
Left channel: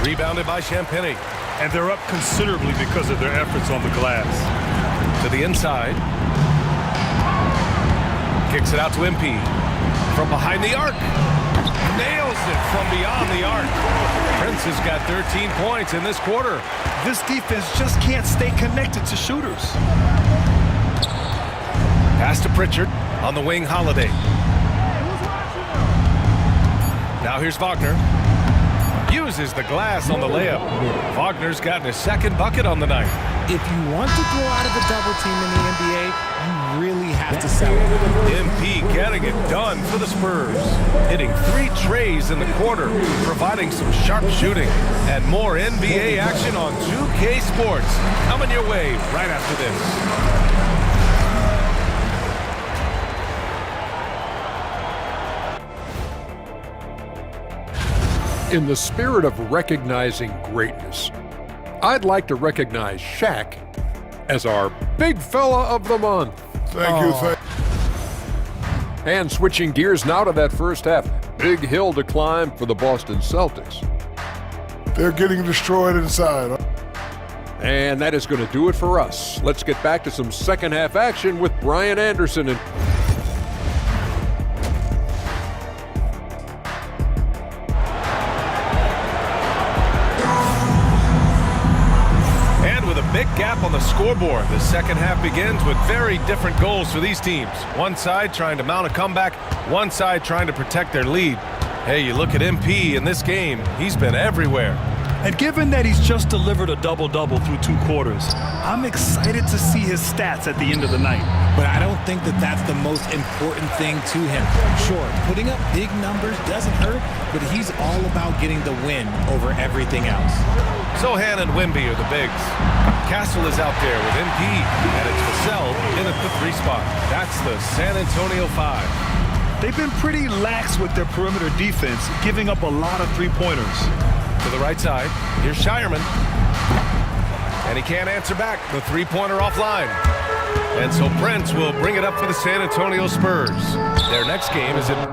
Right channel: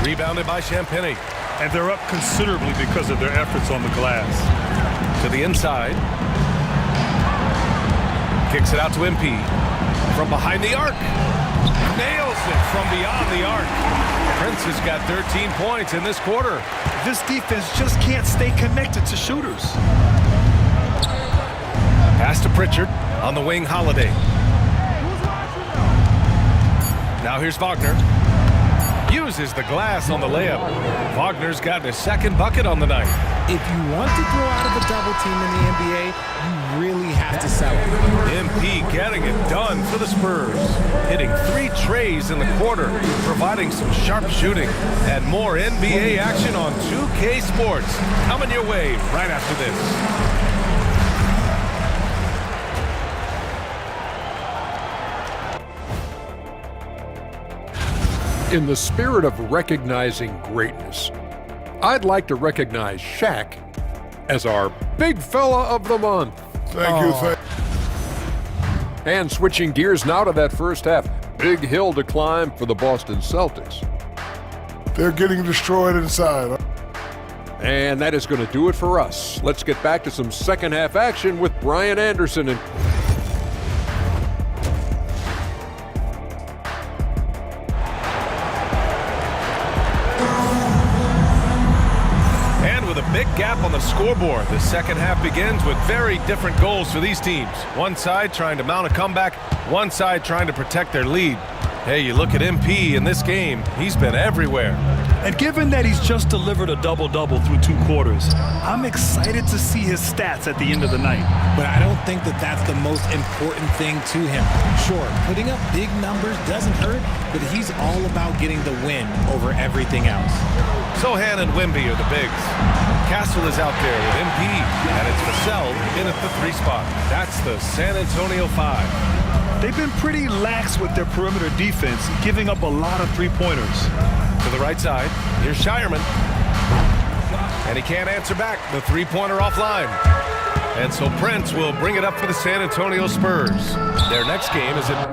Rebounded by Champagny. And they're up considerably because of their efforts on the glass. To the inside. Kicks it out to MP. From behind the arc. Nails it from beyond the arc. Prince has got 13 points in this quarter. This defense just can't stay connected to shooters. Pass to Pritchard. On the wing, Holiday. Now here's Wagner. Uses the glass on the layup. Wagner's gotten his 2nd bucket on the night. If you want to throw out of a double team in the NBA, you really have to sell it. MP getting it done for the Spurs. Hitting 3 trays in the quarter, providing some sharp shooting. And more NBA action on 2K Sports. Coming your way right after this. In the spirit of recognizing greatness, I'd like to recognize Shaq as our Big Fella of the Month. Thank you. And switching gears now to that first half, big hill to climb for the Boston Celtics. They're getting destroyed inside. And that is going to do it for us. Let's get back to some second half action with Brian Anderson and with a big gap on the scoreboard. The second half begins with very different goals for these teams. One side trying to mount a comeback, one side trying to protect their lead. Hey, you look at MP in this game, he's been everywhere. And given that he's just delivered a double-double through 2 quarters, I'm excited to see his stats at the end of the night. But I don't think that that's the most important thing to him. Sure, putting up big numbers doesn't hurt, but he's all about getting the win over everything else. Sohan and Wemby are the bigs. Castle is out there with MP, and it's Vassell in at the 3 spot. That's the San Antonio 5. They've been pretty lax with their perimeter defense, giving up a lot of 3-pointers. To the right side, here's Shireman. And he can't answer back. The 3-pointer offline. And so Prince will bring it up for the San Antonio Spurs. Their next game is at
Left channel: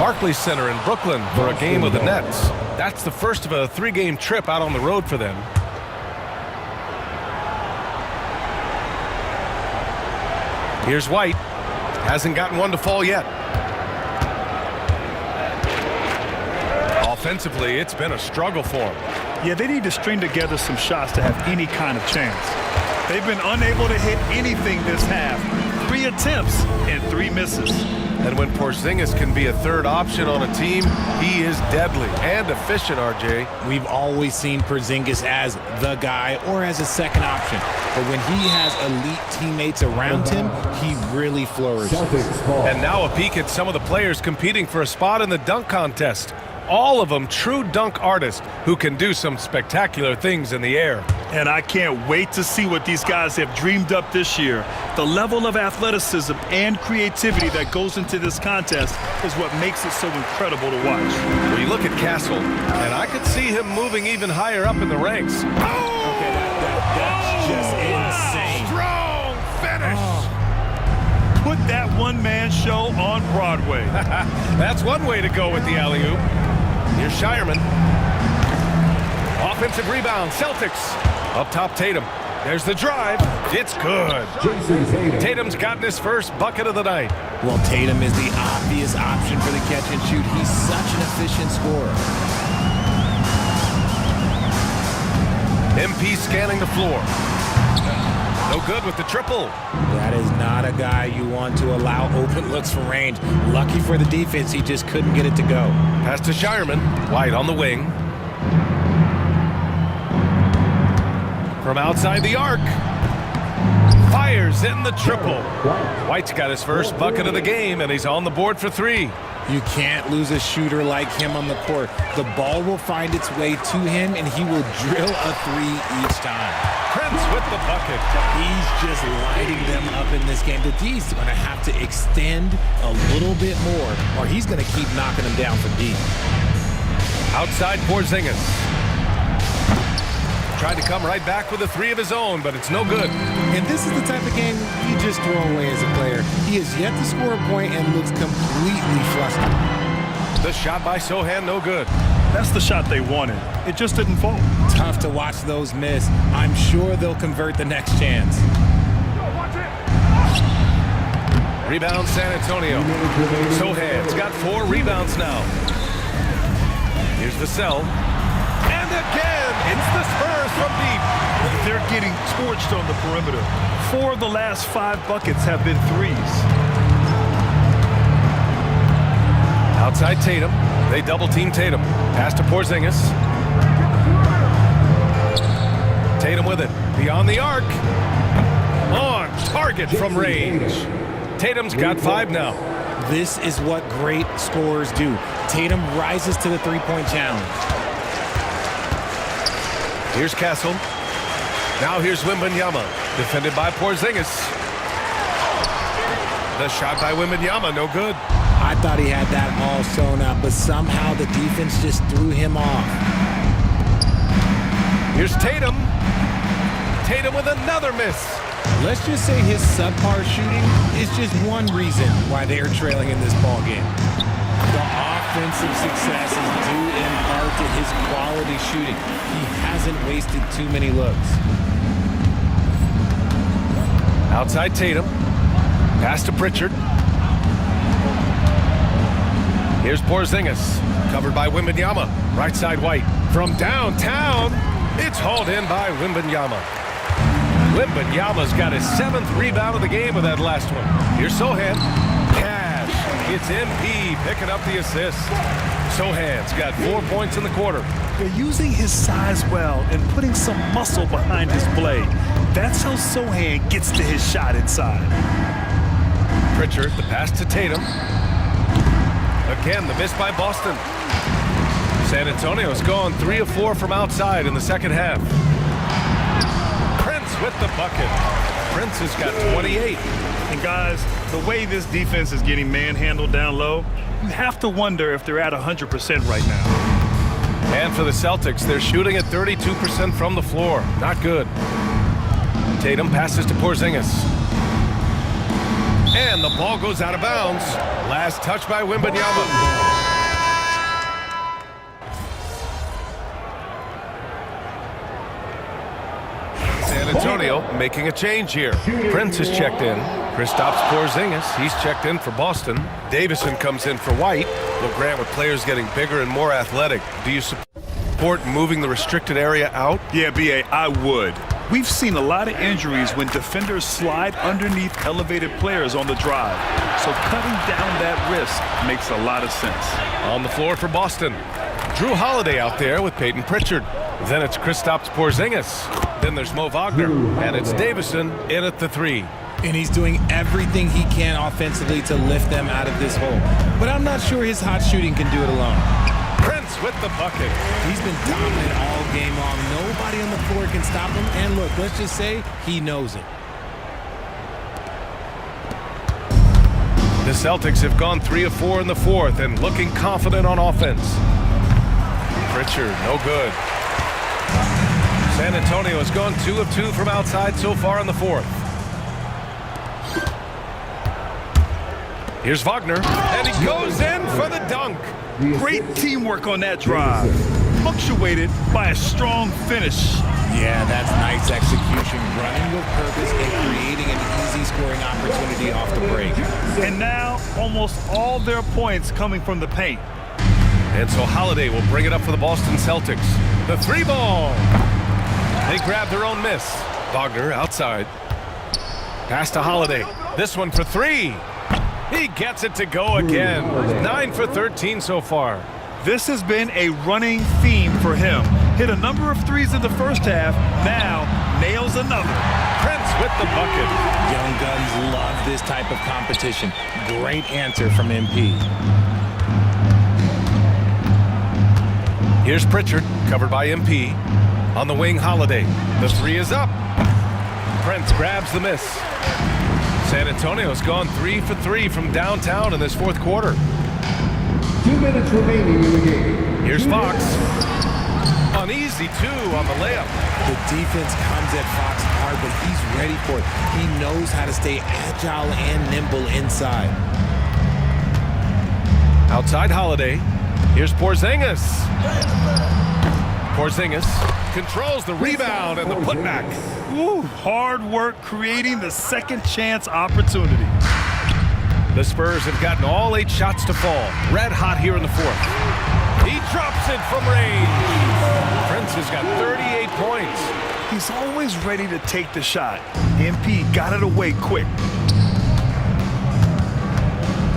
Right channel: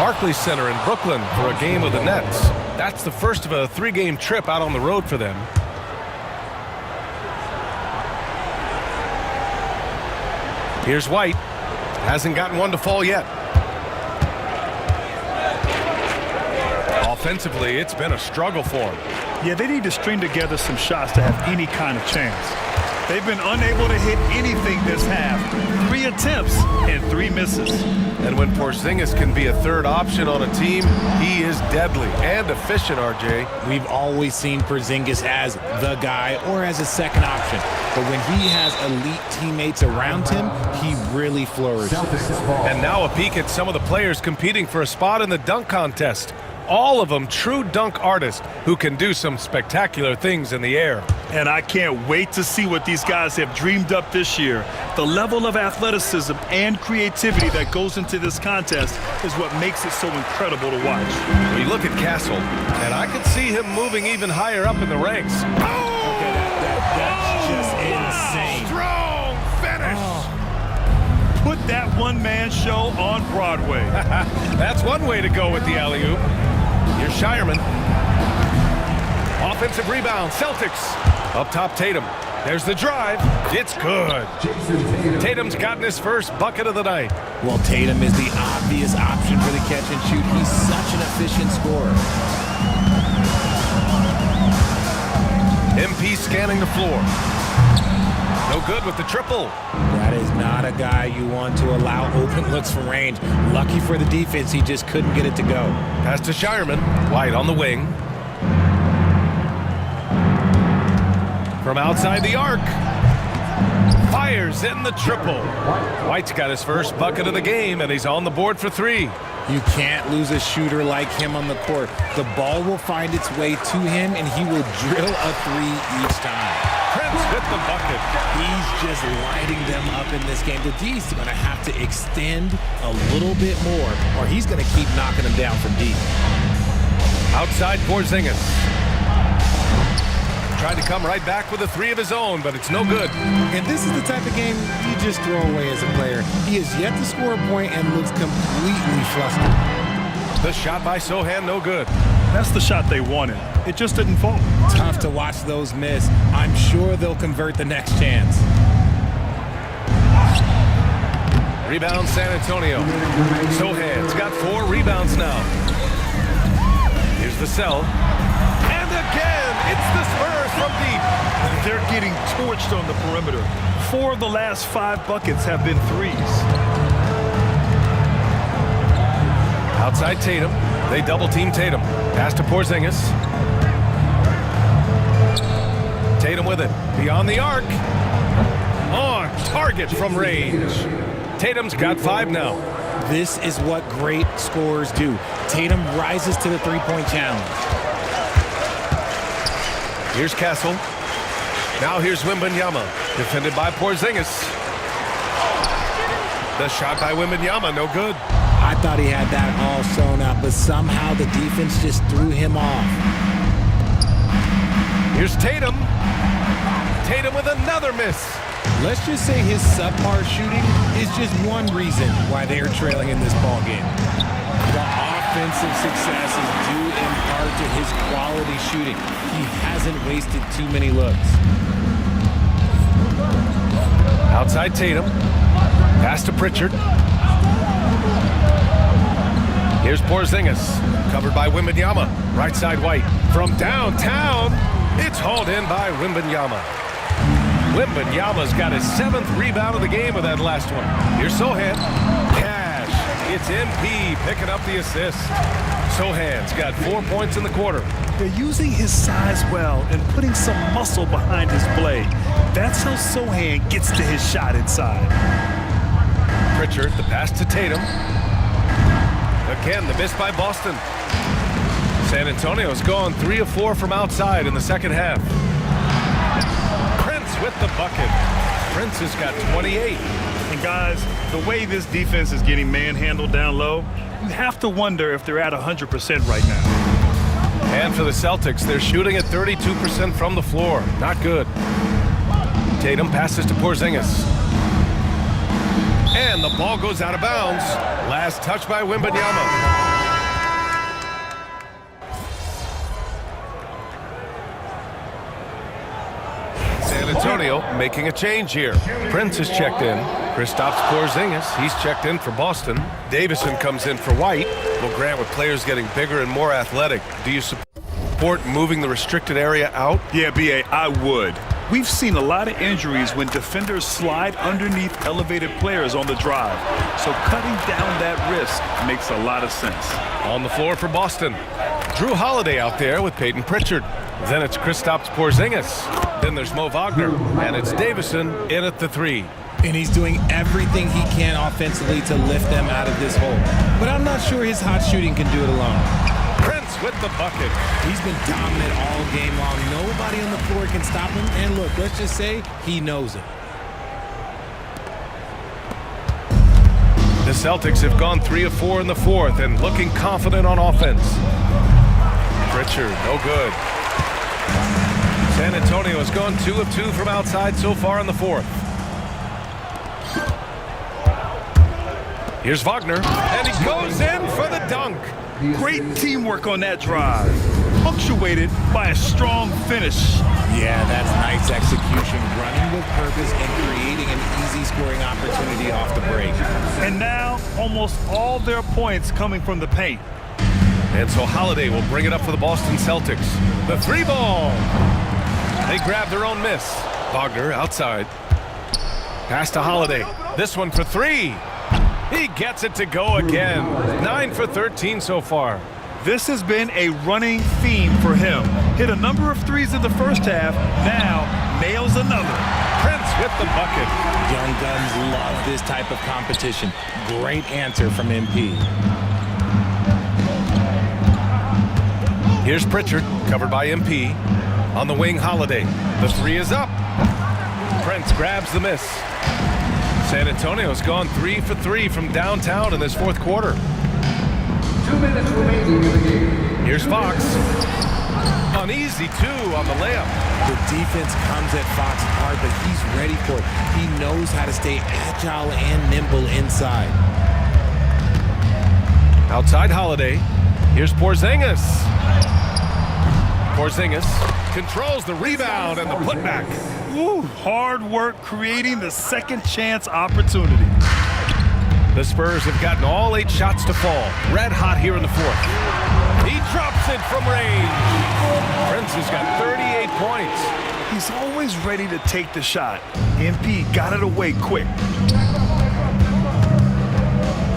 Barclays Center in Brooklyn for a game of the Nets. That's the first of a 3-game trip out on the road for them. Here's White. Hasn't gotten one to fall yet. Offensively, it's been a struggle for him. Yeah, they need to string together some shots to have any kind of chance. They've been unable to hit anything this half. 3 attempts and 3 misses. And when Porzingis can be a third option on a team, he is deadly and efficient, RJ. We've always seen Porzingis as the guy or as a second option. But when he has elite teammates around him, he really flourishes. And now a peek at some of the players competing for a spot in the dunk contest. All of them true dunk artists who can do some spectacular things in the air. And I can't wait to see what these guys have dreamed up this year. The level of athleticism and creativity that goes into this contest is what makes it so incredible to watch. We look at Castle, and I could see him moving even higher up in the ranks. Okay, that's just insane. Strong finish. Put that one-man show on Broadway. That's one way to go with the alley-oop. Here's Shireman. Offensive rebound, Celtics. Up top, Tatum. There's the drive. It's good. Tatum's gotten his first bucket of the night. Well, Tatum is the obvious option for the catch and shoot. He's such an efficient scorer. MP scanning the floor. No good with the triple. That is not a guy you want to allow open looks from range. Lucky for the defense, he just couldn't get it to go. Pass to Shireman. White on the wing. From outside the arc. Fires in the triple. White's got his first bucket of the game, and he's on the board for 3. You can't lose a shooter like him on the court. The ball will find its way to him, and he will drill a 3 each time. Prince with the bucket. He's just lighting them up in this game. The D's going to have to extend a little bit more, or he's going to keep knocking them down from deep. Outside Porzingis. Tried to come right back with a 3 of his own, but it's no good. And this is the type of game you just throw away as a player. He has yet to score a point and looks completely flustered. The shot by Sohan, no good. That's the shot they wanted. It just didn't fall. Tough to watch those miss. I'm sure they'll convert the next chance. Rebound San Antonio. Sohan's got 4 rebounds now. Here's Vassell. And again, it's the Spurs from deep. They're getting torched on the perimeter. 4 of the last 5 buckets have been 3s. Outside Tatum. They double-team Tatum. Pass to Porzingis. Tatum with it. Beyond the arc. On target from range. Tatum's got 5 now. This is what great scorers do. Tatum rises to the three-point challenge. Here's Castle. Now here's Wembanyama. Defended by Porzingis. The shot by Wembanyama, no good. I thought he had that all sewn up, but somehow the defense just threw him off. Here's Tatum. Tatum with another miss. Let's just say his subpar shooting is just one reason why they are trailing in this ball game. The offensive success is due in part to his quality shooting. He hasn't wasted too many looks. Outside Tatum. Pass to Pritchard. Here's Porzingis. Covered by Wembanyama. Right side White. From downtown, it's hauled in by Wembanyama. Wembanyama's got his 7th rebound of the game with that last one. Here's Sohan. Cash. It's MP picking up the assist. Sohan's got 4 points in the quarter. They're using his size well and putting some muscle behind his play. That's how Sohan gets to his shot inside. Pritchard, the pass to Tatum. Again, the miss by Boston. San Antonio's gone 3 of 4 from outside in the second half. Prince with the bucket. Prince has got 28. And guys, the way this defense is getting manhandled down low, you have to wonder if they're at 100% right now. And for the Celtics, they're shooting at 32% from the floor. Not good. Tatum passes to Porzingis. And the ball goes out of bounds. Last touch by Wembanyama. Antonio making a change here. Prince is checked in. Kristaps Porzingis, he's checked in for Boston. Davison comes in for White. Well, Grant, with players getting bigger and more athletic, do you support moving the restricted area out? Yeah, B.A., I would. We've seen a lot of injuries when defenders slide underneath elevated players on the drive. So cutting down that risk makes a lot of sense. On the floor for Boston, Drew Holiday out there with Peyton Pritchard. Then it's Kristaps Porzingis. Then there's Mo Wagner. And it's Davison in at the 3. And he's doing everything he can offensively to lift them out of this hole. But I'm not sure his hot shooting can do it alone. Prince with the bucket. He's been dominant all game long. Nobody on the floor can stop him. And look, let's just say he knows it. The Celtics have gone 3 of 4 in the fourth and looking confident on offense. Pritchard, no good. San Antonio has gone 2 of 2 from outside so far in the fourth. Here's Wagner, and he goes in for the dunk. Great teamwork on that drive, punctuated by a strong finish. Yeah, that's nice execution, running with purpose and creating an easy scoring opportunity off the break. And now, almost all their points coming from the paint. And so Holiday will bring it up for the Boston Celtics. The 3 ball. They grab their own miss. Wagner outside. Pass to Holiday. This one for 3. He gets it to go again. 9 for 13 so far. This has been a running theme for him. Hit a number of threes in the first half. Now nails another. Prince with the bucket. Young Guns love this type of competition. Great answer from MP. Here's Pritchard, covered by MP. On the wing, Holiday. The 3 is up. Prince grabs the miss. San Antonio's gone 3 for 3 from downtown in this fourth quarter. 2 minutes remaining in the game. Here's Fox. An easy 2 on the layup. The defense comes at Fox hard, but he's ready for it. He knows how to stay agile and nimble inside. Outside Holiday. Here's Porzingis. Porzingis controls the rebound and the putback. Ooh, hard work creating the second chance opportunity. The Spurs have gotten all 8 shots to fall. Red hot here in the fourth. He drops it from range. Prince has got 38 points. He's always ready to take the shot. MP got it away quick.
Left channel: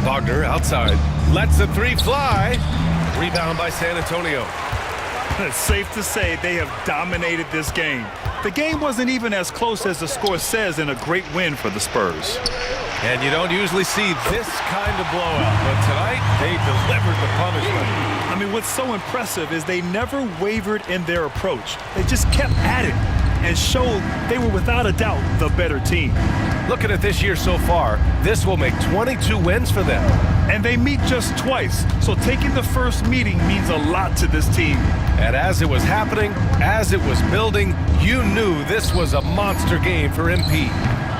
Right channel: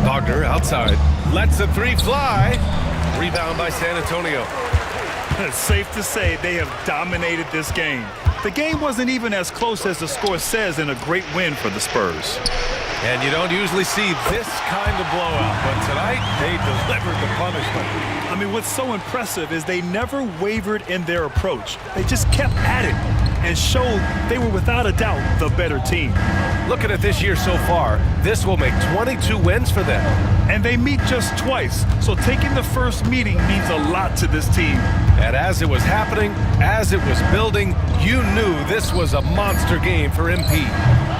Wagner outside. Lets the 3 fly. Rebound by San Antonio. It's safe to say they have dominated this game. The game wasn't even as close as the score says in a great win for the Spurs. And you don't usually see this kind of blowout, but tonight they delivered the punishment. I mean, what's so impressive is they never wavered in their approach. They just kept at it and showed they were without a doubt the better team. Looking at this year so far, this will make 22 wins for them. And they meet just twice, so taking the first meeting means a lot to this team. And as it was happening, as it was building, you knew this was a monster game for MP.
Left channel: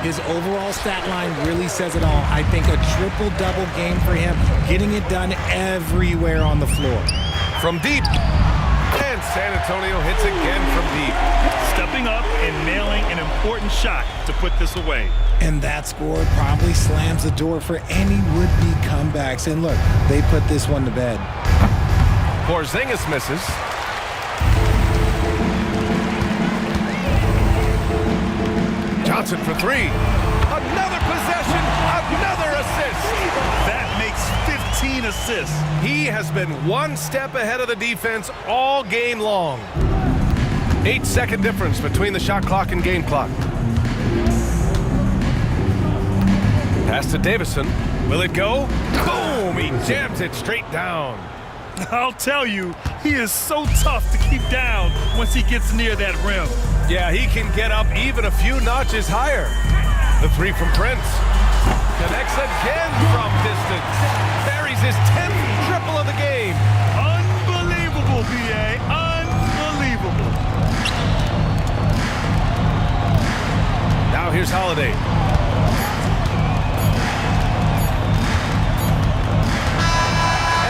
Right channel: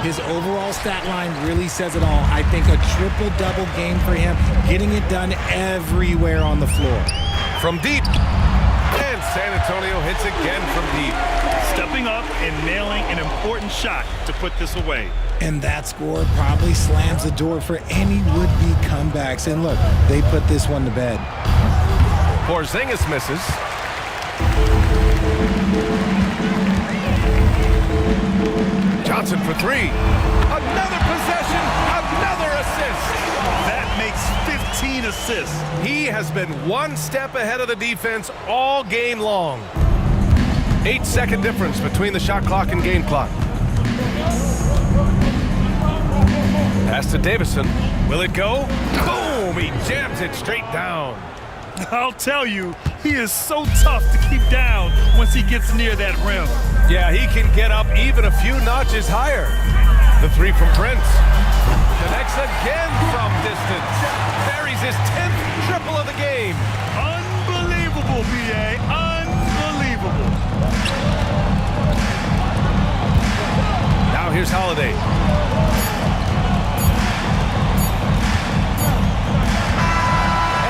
His overall stat line really says it all. I think a triple-double game for him, getting it done everywhere on the floor. From deep, and San Antonio hits again from deep. Stepping up and nailing an important shot to put this away. And that score probably slams the door for any would-be comebacks. And look, they put this one to bed. Porzingis misses. Johnson for 3. Another possession, another assist. That makes 15 assists. He has been one step ahead of the defense all game long. 8-second difference between the shot clock and game clock. Pass to Davison. Will it go? Boom! He jams it straight down. I'll tell you, he is so tough to keep down once he gets near that rim. Yeah, he can get up even a few notches higher. The 3 from Prince. Connects again from distance. Buries his 10th triple of the game. Unbelievable, B.A. Unbelievable. Now here's Holiday.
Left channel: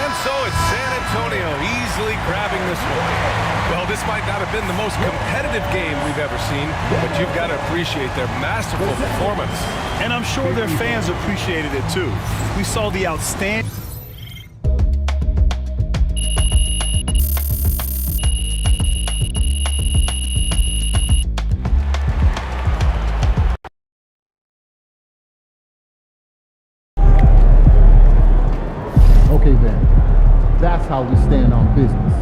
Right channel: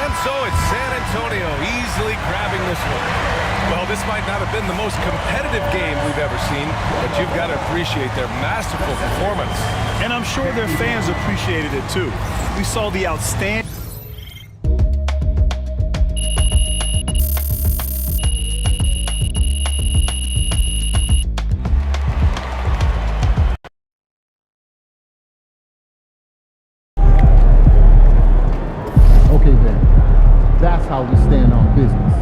And so it's San Antonio easily grabbing this one. Well, this this might not have been the most competitive game we've ever seen, but you've got to appreciate their masterful performance. And I'm sure their fans appreciated it too. We saw the outstanding... Okay then, that's how we stand on business.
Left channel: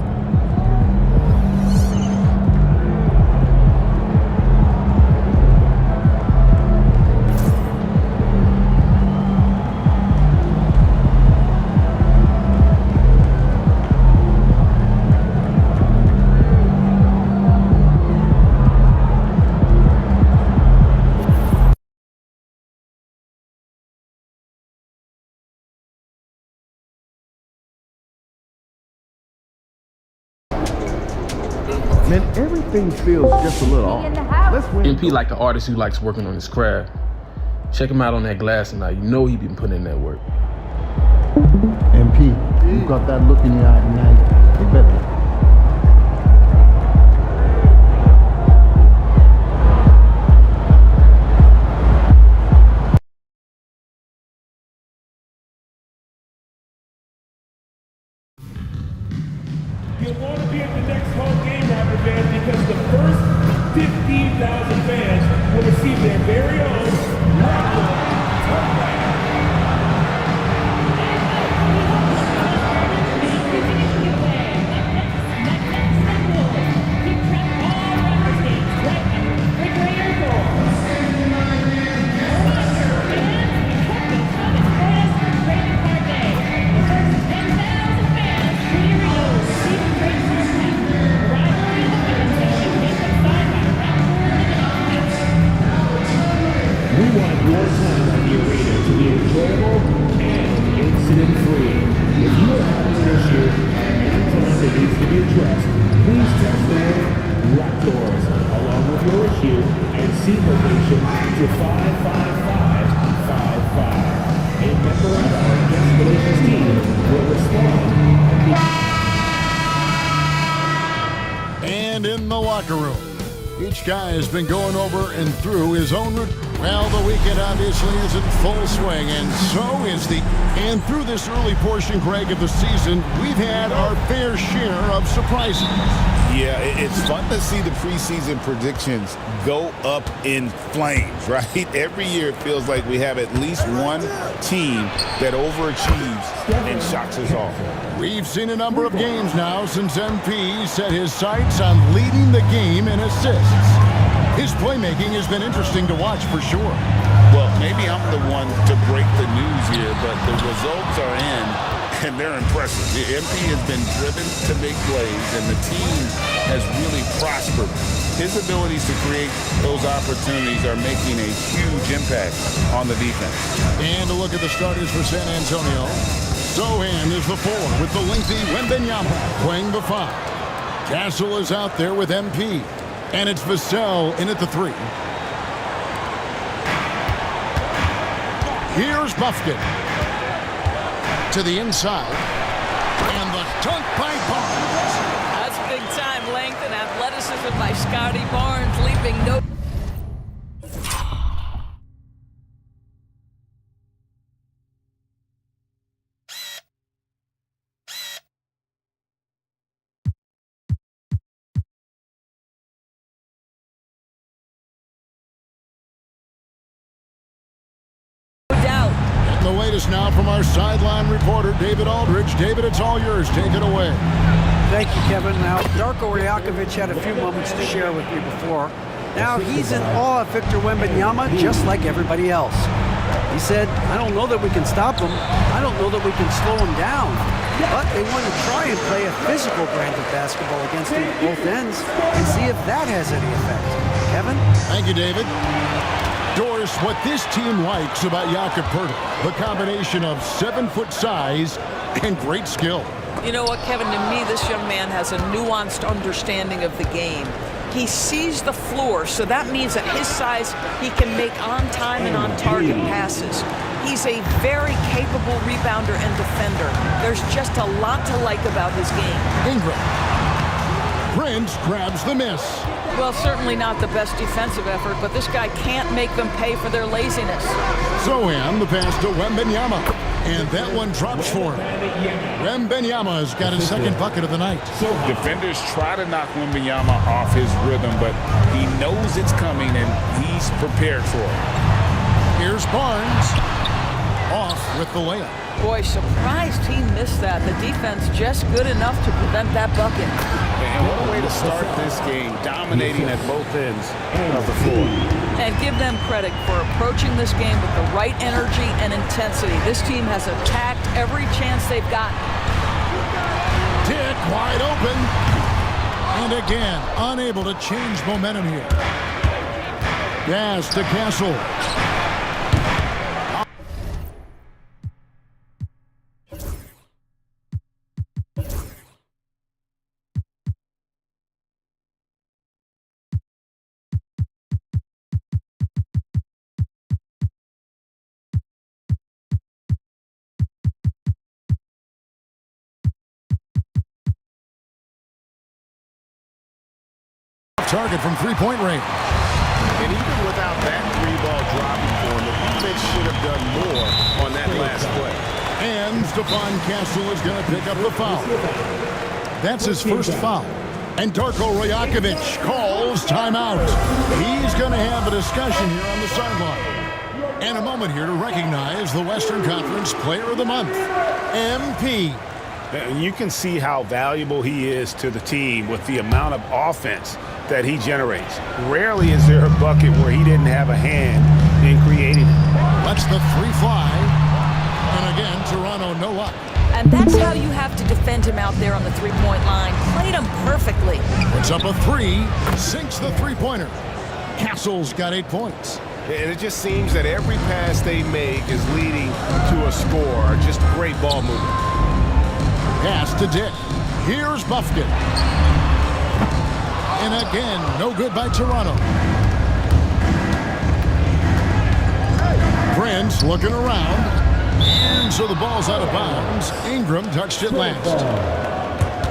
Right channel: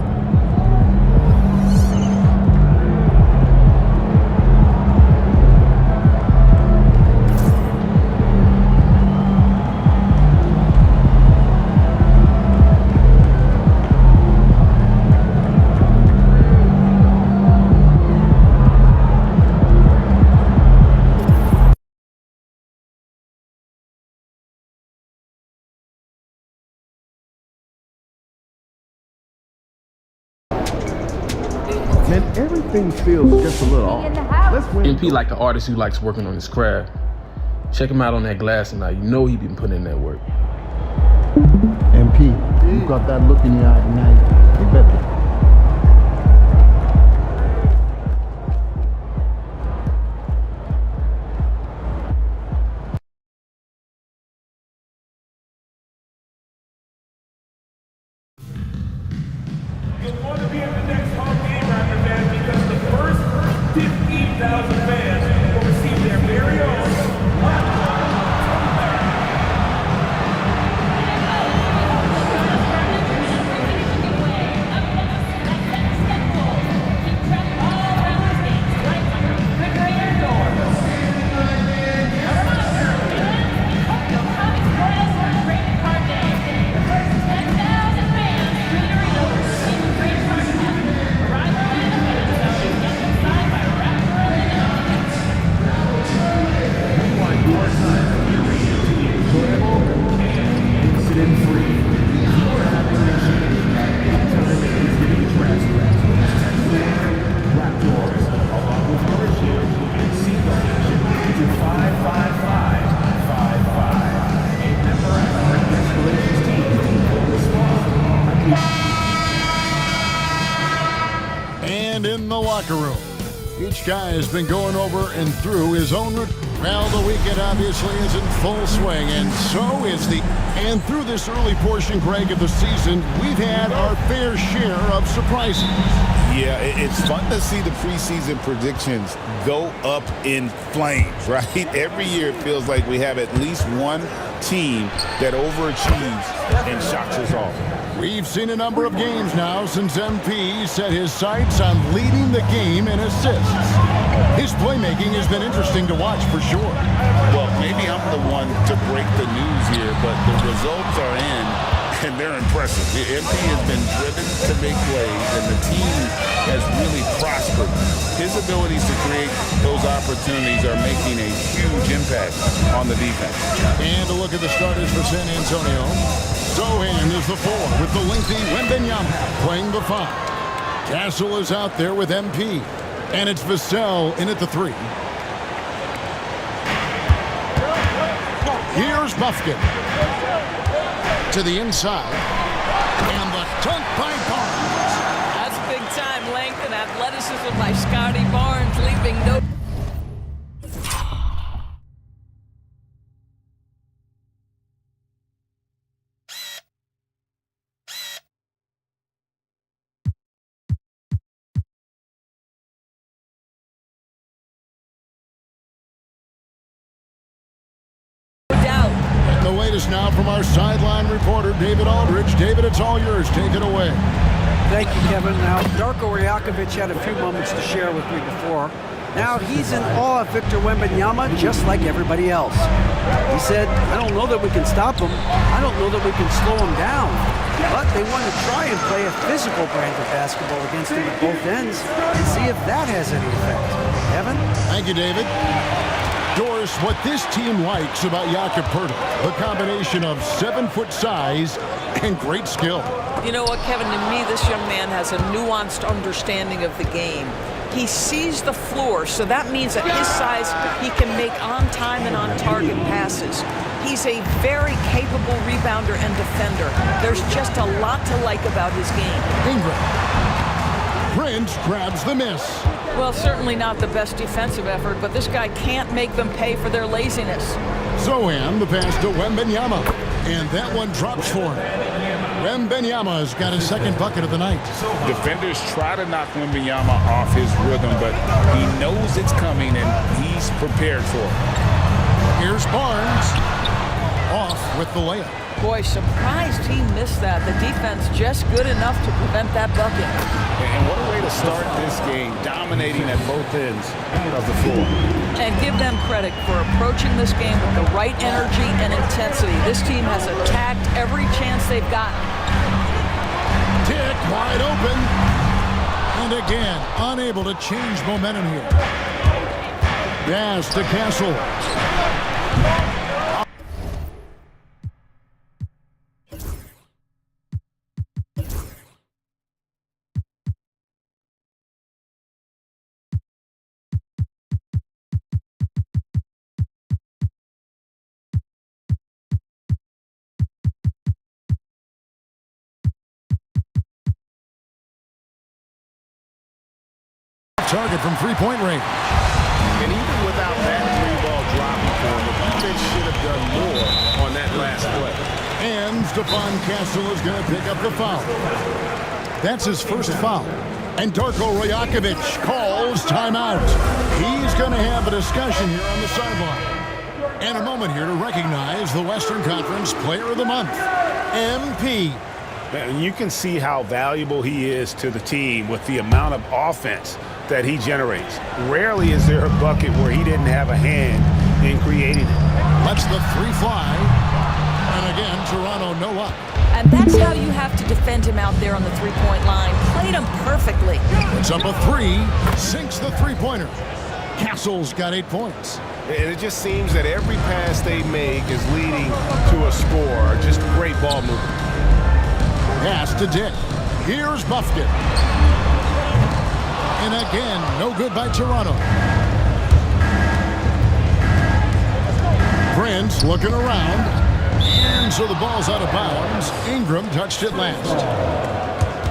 Man, everything feels just a little off. Let's win. MP like an artist who likes working on his craft. Check him out on that glass and now you know he been putting in that work. MP, you got that look in your eye tonight. You better. You want to be at the next home game, Raptor fans, because the first 15,000 fans will receive their very own Raptor tote bag. Your time at the arena to be enjoyable and incident-free. If you are having an issue at any time that needs to be addressed, please text the word Raptors along with your issue and seat location to 55555. A member of our guest relations team will respond. And in the locker room, each guy has been going over and through his own route. Well, the weekend obviously is in full swing, and so is the... And through this early portion, Greg, of the season, we've had our fair share of surprises. Yeah, it's fun to see the preseason predictions go up in flames, right? Every year it feels like we have at least one team that overachieves and shocks us all. We've seen a number of games now since MP set his sights on leading the game in assists. His playmaking has been interesting to watch for sure. Well, maybe I'm the one to break the news here, but the results are in, and they're impressive. The MP has been driven to make plays, and the team has really prospered. His abilities to create those opportunities are making a huge impact on the defense. And a look at the starters for San Antonio. Sohan is the 4 with the lengthy Wembanyama playing the 5. Castle is out there with MP. And it's Vassell in at the 3. Here's Buffkin. To the inside. And the dunk by Barnes. That's big-time length and athleticism by Scotty Barnes, leaving no... doubt. And the latest now from our sideline reporter, David Aldridge. David, it's all yours. Take it away. Thank you, Kevin. Now, Darko Rajakovic had a few moments to share with me before. Now, he's in awe of Victor Wembanyama, just like everybody else. He said, I don't know that we can stop him. I don't know that we can slow him down. But they want to try and play a physical brand of basketball against him at both ends and see if that has any effect. Kevin? Thank you, David. Doris, what this team likes about Jakob Poeltl, the combination of 7-foot size and great skill. You know what, Kevin, to me, this young man has a nuanced understanding of the game. He sees the floor, so that means at his size, he can make on-time and on-target passes. He's a very capable rebounder and defender. There's just a lot to like about his game. Ingram. Prince grabs the miss. Well, certainly not the best defensive effort, but this guy can't make them pay for their laziness. Zohan, the pass to Wembanyama. And that one drops for him. Wembanyama's got his second bucket of the night. Defenders try to knock Wembanyama off his rhythm, but he knows it's coming and he's prepared for it. Here's Barnes. Off with the layup. Boy, surprised he missed that. The defense just good enough to prevent that bucket. And what a way to start this game, dominating at both ends of the floor. And give them credit for approaching this game with the right energy and intensity. This team has attacked every chance they've gotten. Dick wide open. And again, unable to change momentum here. Pass to Castle. Target from three-point range. And even without that three-ball dropping for him, the defense should have done more on that last play. And Stephon Castle is going to pick up the foul. That's his first foul. And Darko Rajakovic calls timeout. He's going to have a discussion here on the sideline. And a moment here to recognize the Western Conference Player of the Month, MP. And you can see how valuable he is to the team with the amount of offense that he generates. Rarely is there a bucket where he didn't have a hand in creating it. Lets the three fly. And again, Toronto no up. And that's how you have to defend him out there on the three-point line. Played him perfectly. Puts up a three, sinks the three-pointer. Castle's got 8 points. And it just seems that every pass they make is leading to a score. Just great ball movement. Pass to Dick. Here's Buffkin. And again, no good by Toronto. Prince looking around. And so the ball's out of bounds. Ingram touched it last.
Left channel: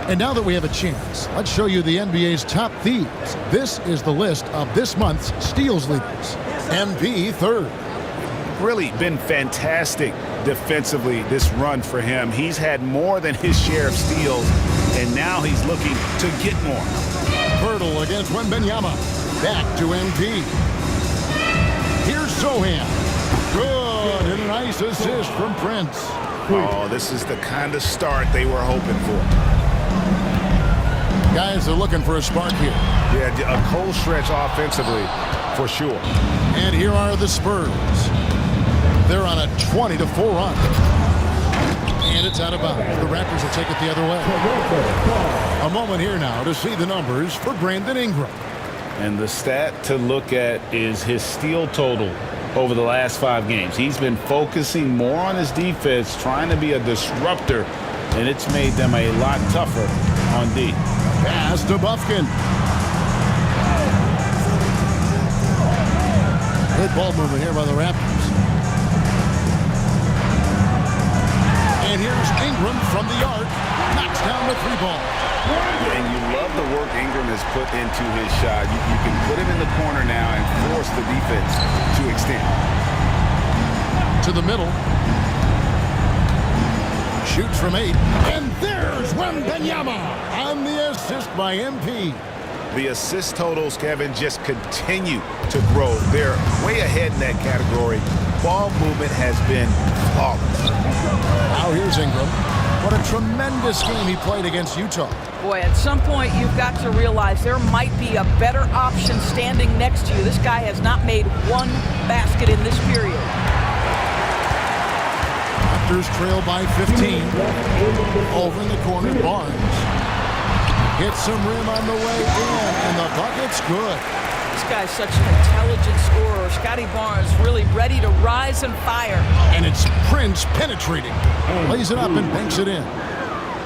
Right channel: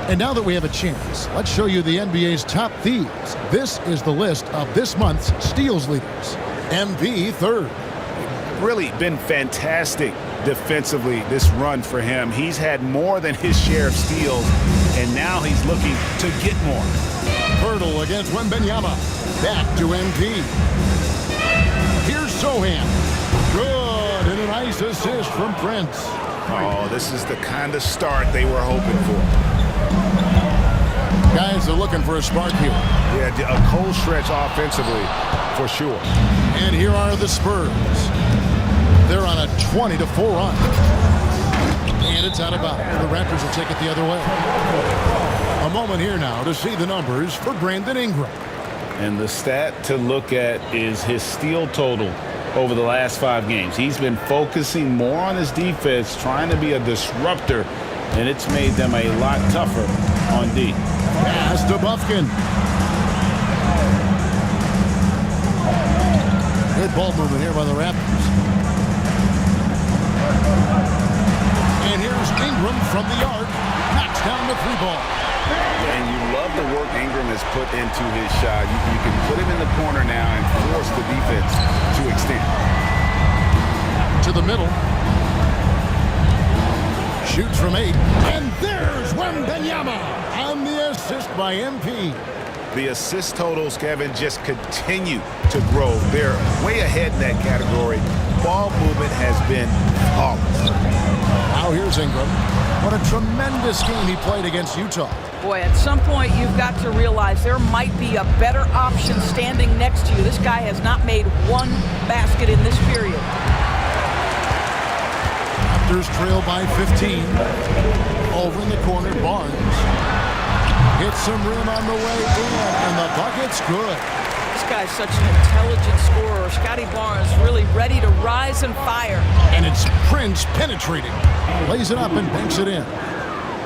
And now that we have a chance, let's show you the NBA's top thieves. This is the list of this month's steals leaders. MP third. Really been fantastic defensively this run for him. He's had more than his share of steals, and now he's looking to get more. Hurdle against Wembanyama. Back to MP. Here's Zohan. Good, and a nice assist from Prince. Oh, this is the kind of start they were hoping for. Guys are looking for a spark here. Yeah, a cold stretch offensively, for sure. And here are the Spurs. They're on a 20-4 run. And it's out of bounds. The Raptors will take it the other way. A moment here now to see the numbers for Brandon Ingram. And the stat to look at is his steal total over the last 5 games. He's been focusing more on his defense, trying to be a disruptor, and it's made them a lot tougher on D. Pass to Buffkin. Good ball movement here by the Raptors. And here's Ingram from the arc. Knocks down the three ball. And you love the work Ingram has put into his shot. You can put him in the corner now and force the defense to extend. To the middle. Shoots from 8. And there's Wembanyama on the assist by MP. The assist totals, Kevin, just continue to grow. They're way ahead in that category. Ball movement has been flawless. Now here's Ingram. What a tremendous game he played against Utah. Boy, at some point you've got to realize there might be a better option standing next to you. This guy has not made one basket in this period. Raptors trail by 15. Over in the corner, Barnes. Hits some rim on the way in, and the bucket's good. This guy's such an intelligent scorer. Scotty Barnes really ready to rise and fire. And it's Prince penetrating. Lays it up and banks it in.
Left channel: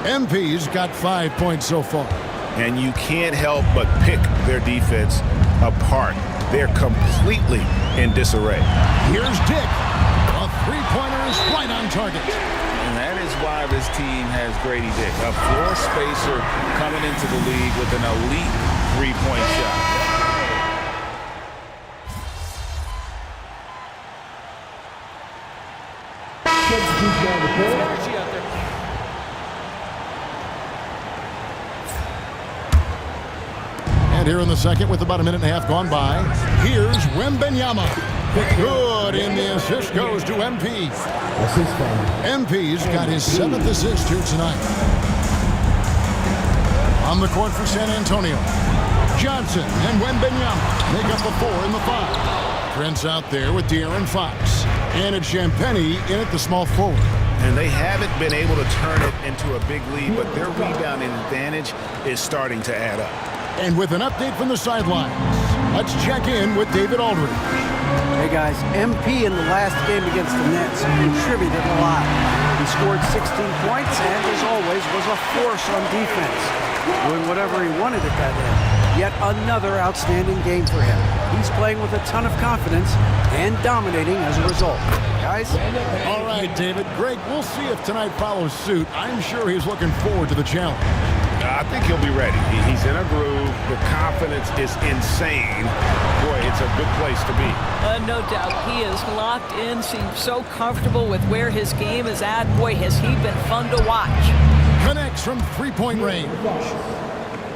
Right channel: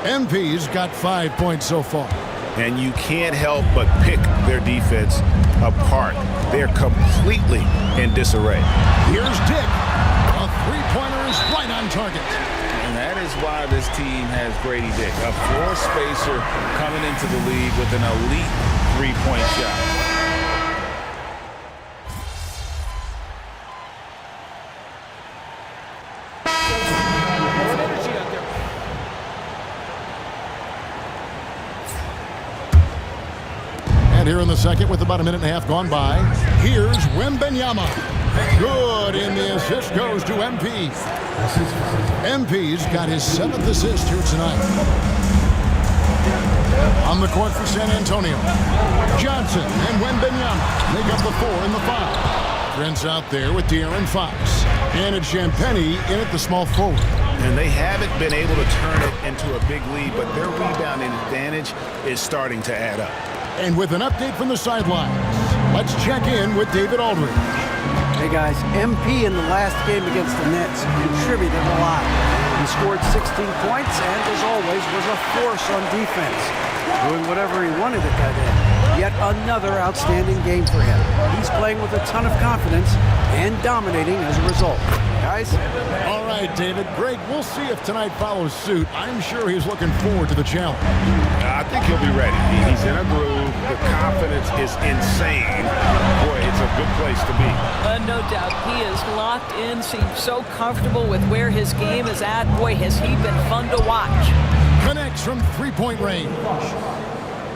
MP's got 5 points so far. And you can't help but pick their defense apart. They're completely in disarray. Here's Dick. A three-pointer is right on target. And that is why this team has Grady Dick, a floor spacer coming into the league with an elite three-point shot. Some energy out there. And here in the second, with about a minute and a half gone by, here's Wembanyama. Good, and the assist goes to MP. MP's got his 7th assist here tonight. On the court for San Antonio, Johnson and Wembanyama make up the 4 and the 5. Trent's out there with De'Aaron Fox. And it's Champagnie in at the small forward. And they haven't been able to turn it into a big lead, but their rebounding advantage is starting to add up. And with an update from the sidelines, let's check in with David Aldridge. Hey guys, MP in the last game against the Nets contributed a lot. He scored 16 points and, as always, was a force on defense, doing whatever he wanted at that end. Yet another outstanding game for him. He's playing with a ton of confidence and dominating as a result. Guys? All right, David. Greg, we'll see if tonight follows suit. I'm sure he's looking forward to the challenge. I think he'll be ready. He's in a groove. The confidence is insane. Boy, it's a good place to be. No doubt. He is locked in, seems so comfortable with where his game is at. Boy, has he been fun to watch. Connects from three-point range.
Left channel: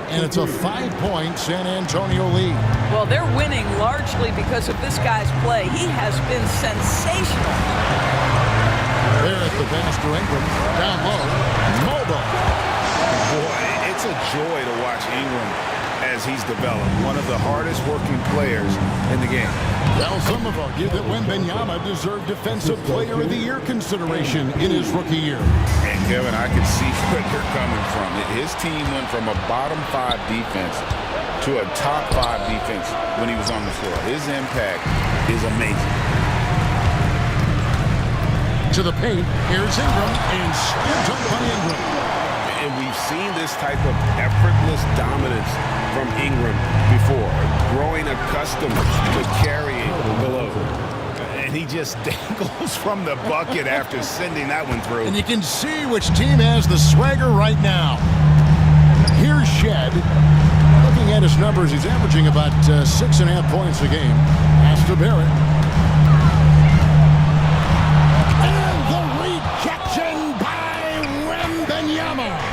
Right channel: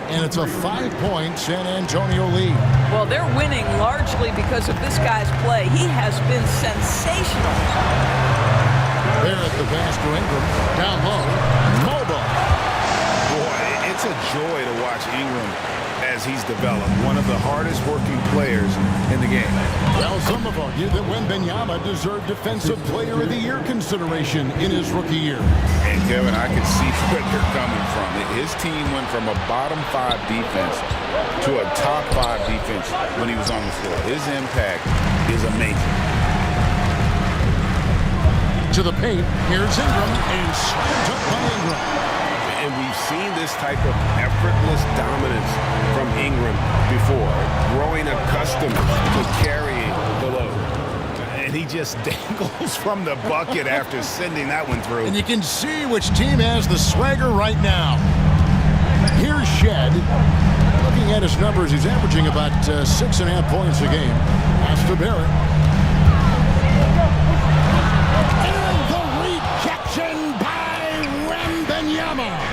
And it's a 5-point San Antonio lead. Well, they're winning largely because of this guy's play. He has been sensational. There at the pass to Ingram. Down low. Mobile. Boy, it's a joy to watch Ingram as he's developed. One of the hardest working players in the game. Well, some have argued that Wembanyama deserved Defensive Player of the Year consideration in his rookie year. And Kevin, I can see where they're coming from. His team went from a bottom 5 defense to a top 5 defense when he was on the floor. His impact is amazing. To the paint, here's Ingram, and slam dunk by Ingram. And we've seen this type of effortless dominance from Ingram before, growing accustomed to carrying the load. And he just dangles from the bucket after sending that one through. And you can see which team has the swagger right now. Here's Shed. Looking at his numbers, he's averaging about 6.5 points a game. Pass to Barrett. And the rejection by Wembanyama.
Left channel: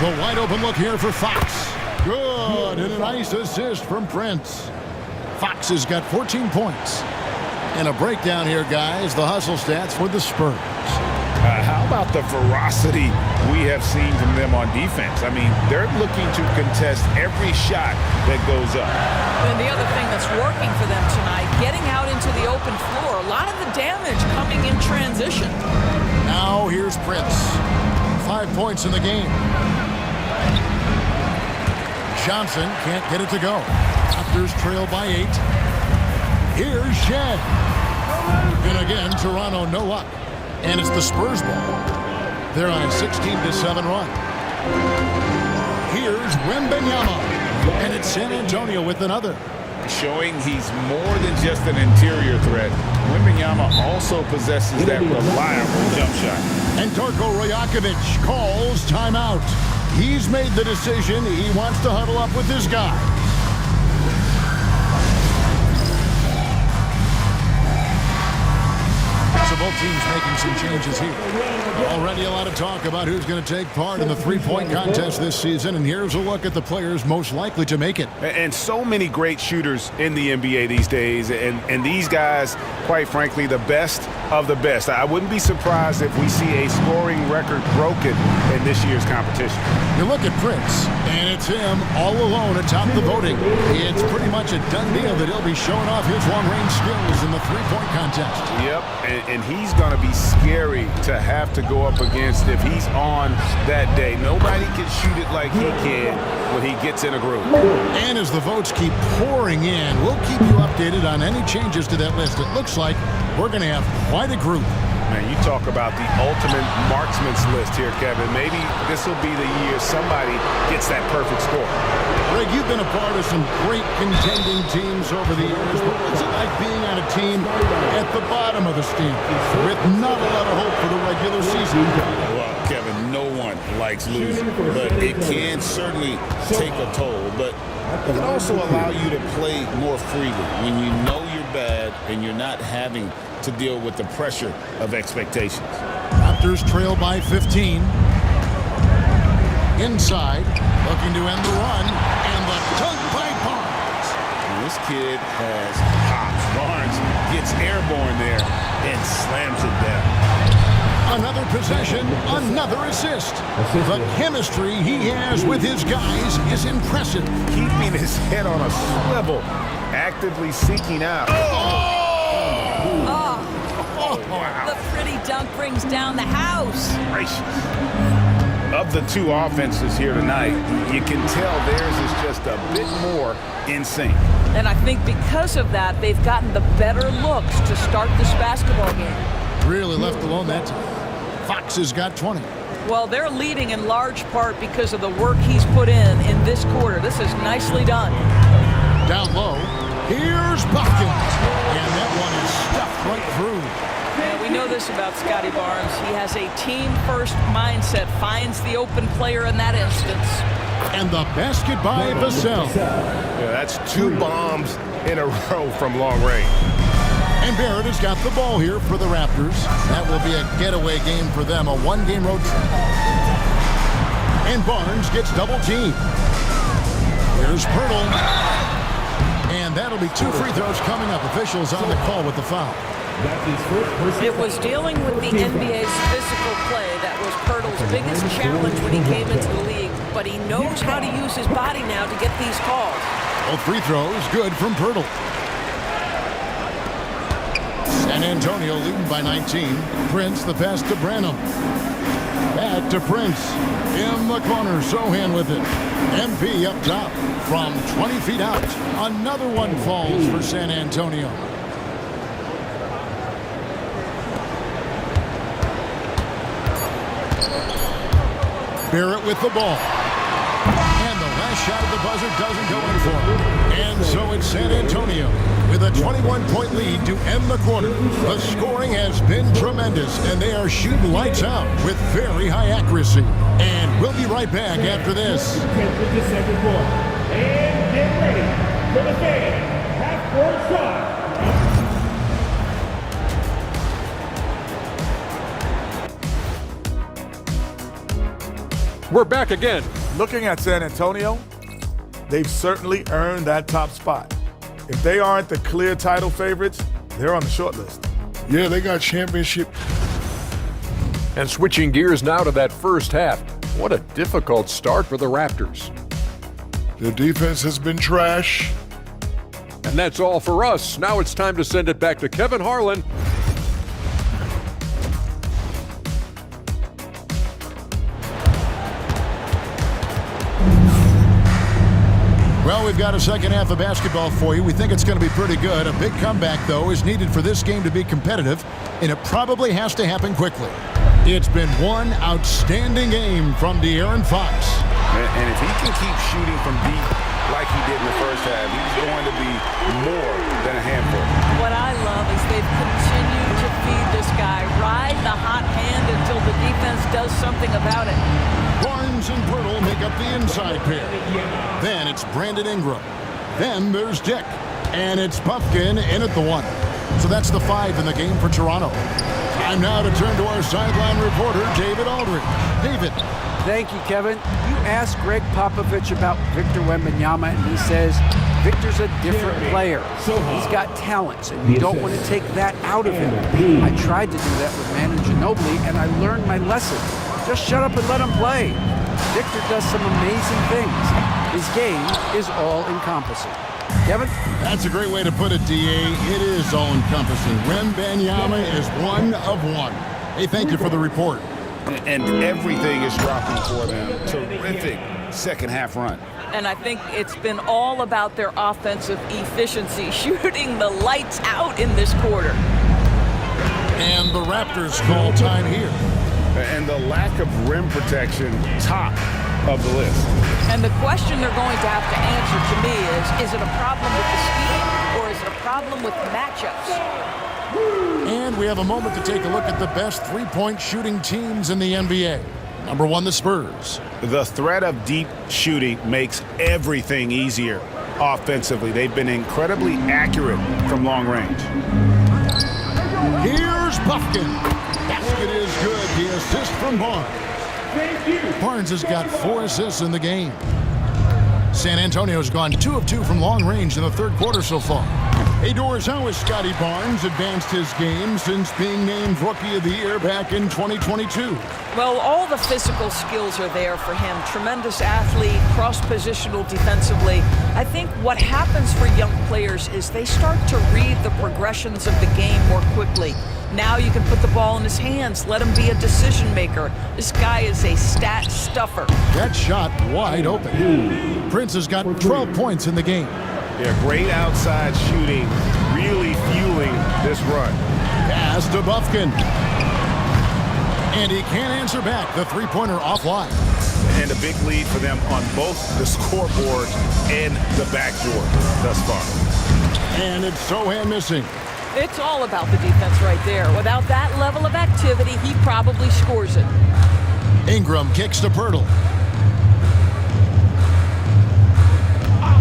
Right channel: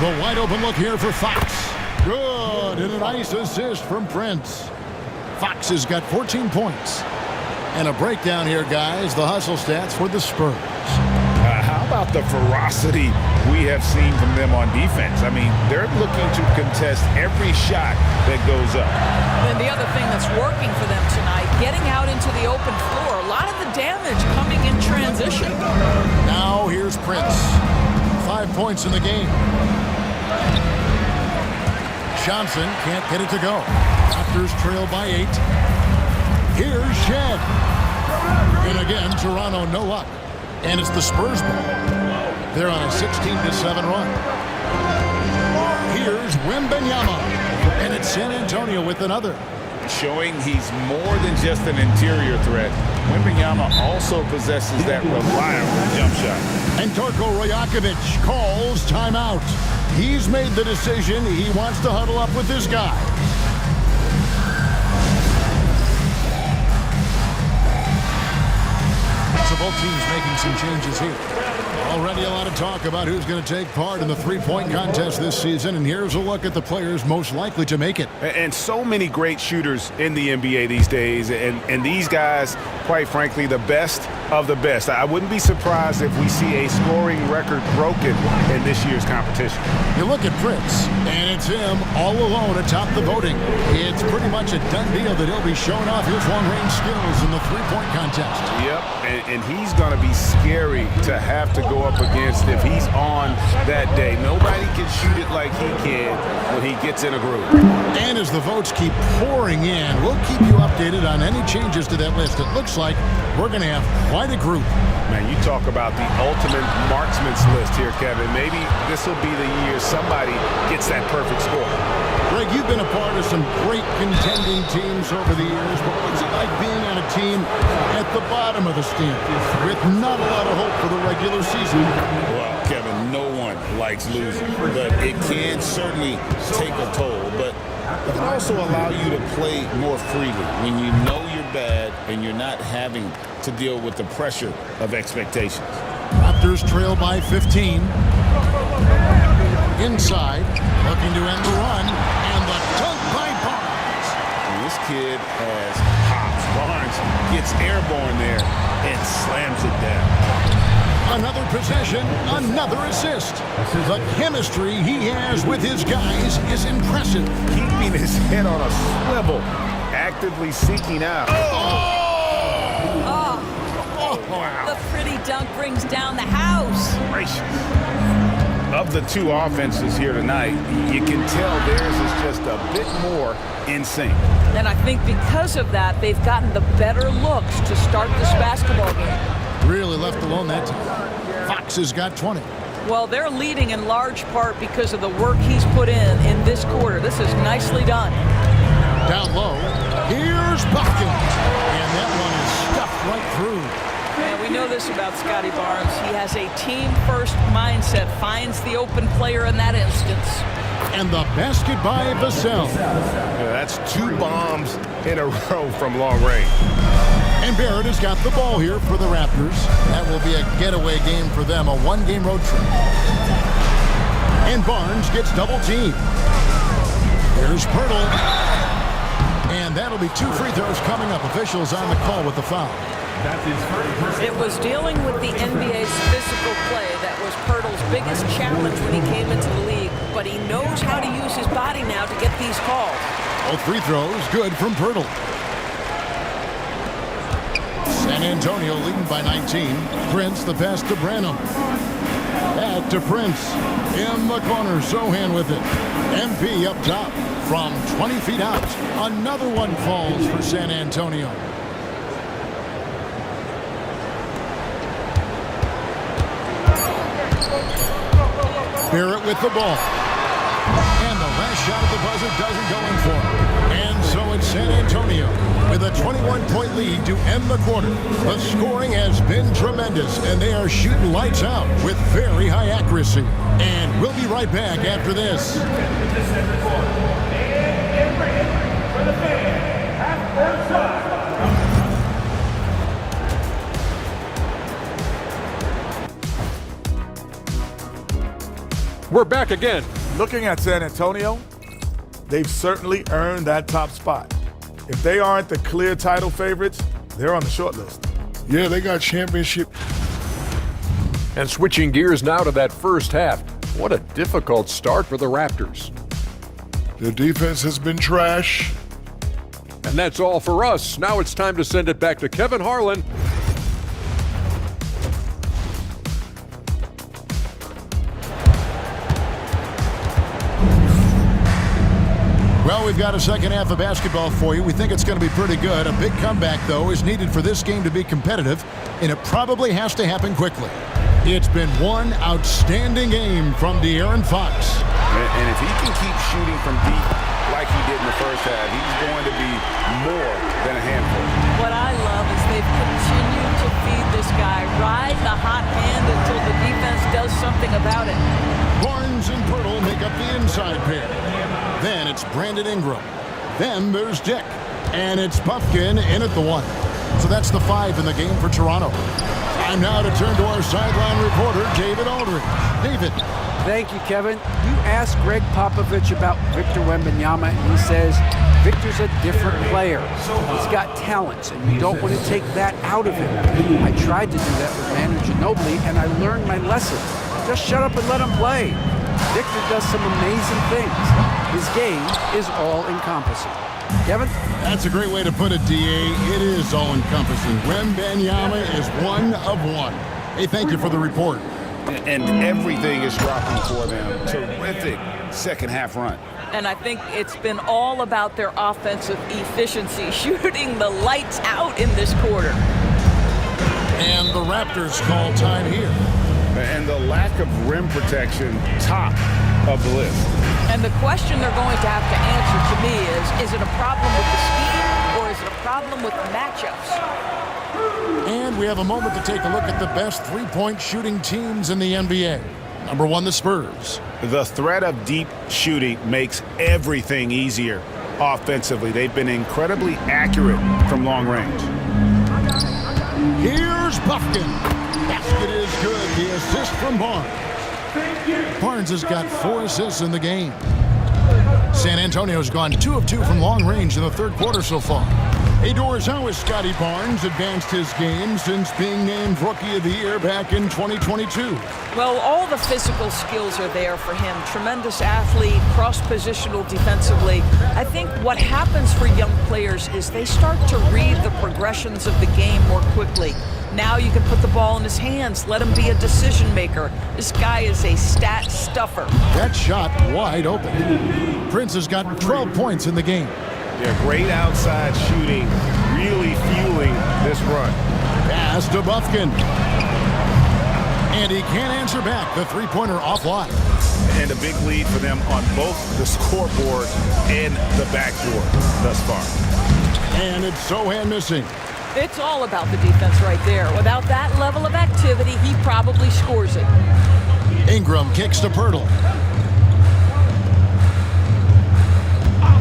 The wide open look here for Fox. Good, and a nice assist from Prince. Fox has got 14 points. And a breakdown here, guys. The hustle stats for the Spurs. How about the ferocity we have seen from them on defense? I mean, they're looking to contest every shot that goes up. And the other thing that's working for them tonight, getting out into the open floor. A lot of the damage coming in transition. Now here's Prince. 5 points in the game. Johnson can't get it to go. Raptors trail by 8. Here's Shed. And again, Toronto no luck. And it's the Spurs ball. They're on a 16-7 run. Here's Wembanyama. And it's San Antonio with another. Showing he's more than just an interior threat. Wembanyama also possesses that reliable jump shot. And Darko Rajakovic calls timeout. He's made the decision. He wants to huddle up with his guys. So both teams making some changes here. Already a lot of talk about who's going to take part in the three-point contest this season, and here's a look at the players most likely to make it. And so many great shooters in the NBA these days, and these guys, quite frankly, the best of the best. I wouldn't be surprised if we see a scoring record broken in this year's competition. You look at Prince, and it's him all alone atop the voting. It's pretty much a done deal that he'll be showing off his long-range skills in the three-point contest. Yep, and he's going to be scary to have to go up against if he's on that day. Nobody can shoot it like he can when he gets in a groove. And as the votes keep pouring in, we'll keep you updated on any changes to that list. It looks like we're going to have quite a group. Man, you talk about the ultimate marksman's list here, Kevin. Maybe this will be the year somebody gets that perfect score. Greg, you've been a part of some great contending teams over the years, but what's it like being on a team at the bottom of the standings with not a lot of hope for the regular season? Well, Kevin, no one likes losing, but it can certainly take a toll. But it can also allow you to play more freely when you know you're bad and you're not having to deal with the pressure of expectations. Raptors trail by 15. Inside, looking to end the run, and the dunk by Barnes. And this kid has hops. Barnes gets airborne there and slams it down. Another possession, another assist. The chemistry he has with his guys is impressive. Keeping his head on a swivel, actively seeking out. Wow. The pretty dunk brings down the house. Gracious. Of the two offenses here tonight, you can tell theirs is just a bit more in sync. And I think because of that, they've gotten the better looks to start this basketball game. Really left alone that time. Fox has got 20. Well, they're leading in large part because of the work he's put in this quarter. This is nicely done. Down low, here's Buckin. And that one is stuffed right through. Yeah, we know this about Scotty Barnes. He has a team-first mindset, finds the open player in that instance. And the basket by Vassell. Yeah, that's 2 bombs in a row from long range. And Barrett has got the ball here for the Raptors. That will be a getaway game for them, a 1-game road trip. And Barnes gets double-teamed. Here's Pirtle. And that'll be 2 free throws coming up. Officials on the call with the foul. It was dealing with the NBA's physical play that was Pirtle's biggest challenge when he came into the league, but he knows how to use his body now to get these calls. Both free throws good from Pirtle. San Antonio leading by 19. Prince, the pass to Branham. Back to Prince. In the corner, Sohan with it. MP up top from 20 feet out. Another one falls for San Antonio. Barrett with the ball. And the last shot at the buzzer doesn't go in for him. And so it's San Antonio with a 21-point lead to end the quarter. The scoring has been tremendous, and they are shooting lights out with very high accuracy. And we'll be right back after this. And get ready for the fan half-court shot. We're back again. Looking at San Antonio, they've certainly earned that top spot. If they aren't the clear title favorites, they're on the short list. Yeah, they got championship. And switching gears now to that first half. What a difficult start for the Raptors. The defense has been trash. And that's all for us. Now it's time to send it back to Kevin Harlan. Well, we've got a second half of basketball for you. We think it's going to be pretty good. A big comeback, though, is needed for this game to be competitive, and it probably has to happen quickly. It's been one outstanding game from De'Aaron Fox. And if he can keep shooting from deep like he did in the first half, he's going to be more than a handful. What I love is they've continued to feed this guy, ride the hot hand until the defense does something about it. Barnes and Pirtle make up the inside pair. Then it's Brandon Ingram. Then there's Dick. And it's Pumpkin in at the 1. So that's the 5 in the game for Toronto. Time now to turn to our sideline reporter, David Aldridge. David. Thank you, Kevin. You asked Greg Popovich about Victor Wembanyama, and he says Victor's a different player. He's got talents, and you don't want to take that out of him. I tried to do that with Manu Ginobili, and I learned my lesson. Just shut up and let him play. Victor does some amazing things. His game is all-encompassing. Kevin? That's a great way to put it, D.A. It is all-encompassing. Wembanyama is one of one. Hey, thank you for the report. And everything is dropping for them. Terrific second half run. And I think it's been all about their offensive efficiency, shooting the lights out in this quarter. And the Raptors call time here. And the lack of rim protection top of the list. And the question they're going to have to answer to me is it a problem with the scheme or is it a problem with matchups? And we have a moment to take a look at the best three-point shooting teams in the NBA. Number 1, the Spurs. The threat of deep shooting makes everything easier offensively. They've been incredibly accurate from long range. Here's Buffkin. Basket is good. The assist from Barnes. Barnes has got 4 assists in the game. San Antonio's gone 2 of 2 from long range in the third quarter so far. Hey, Doris, how has Scotty Barnes advanced his game since being named Rookie of the Year back in 2022? Well, all the physical skills are there for him. Tremendous athlete, cross-positional defensively. I think what happens for young players is they start to read the progressions of the game more quickly. Now you can put the ball in his hands, let him be a decision maker. This guy is a stat stuffer. That shot wide open. Prince has got 12 points in the game. Yeah, great outside shooting, really fueling this run. Pass to Buffkin. And he can't answer back. The three-pointer offline. And a big lead for them on both the scoreboard and the backboard thus far. And it's Sohan missing. It's all about the defense right there. Without that level of activity, he probably scores it. Ingram kicks to Pirtle.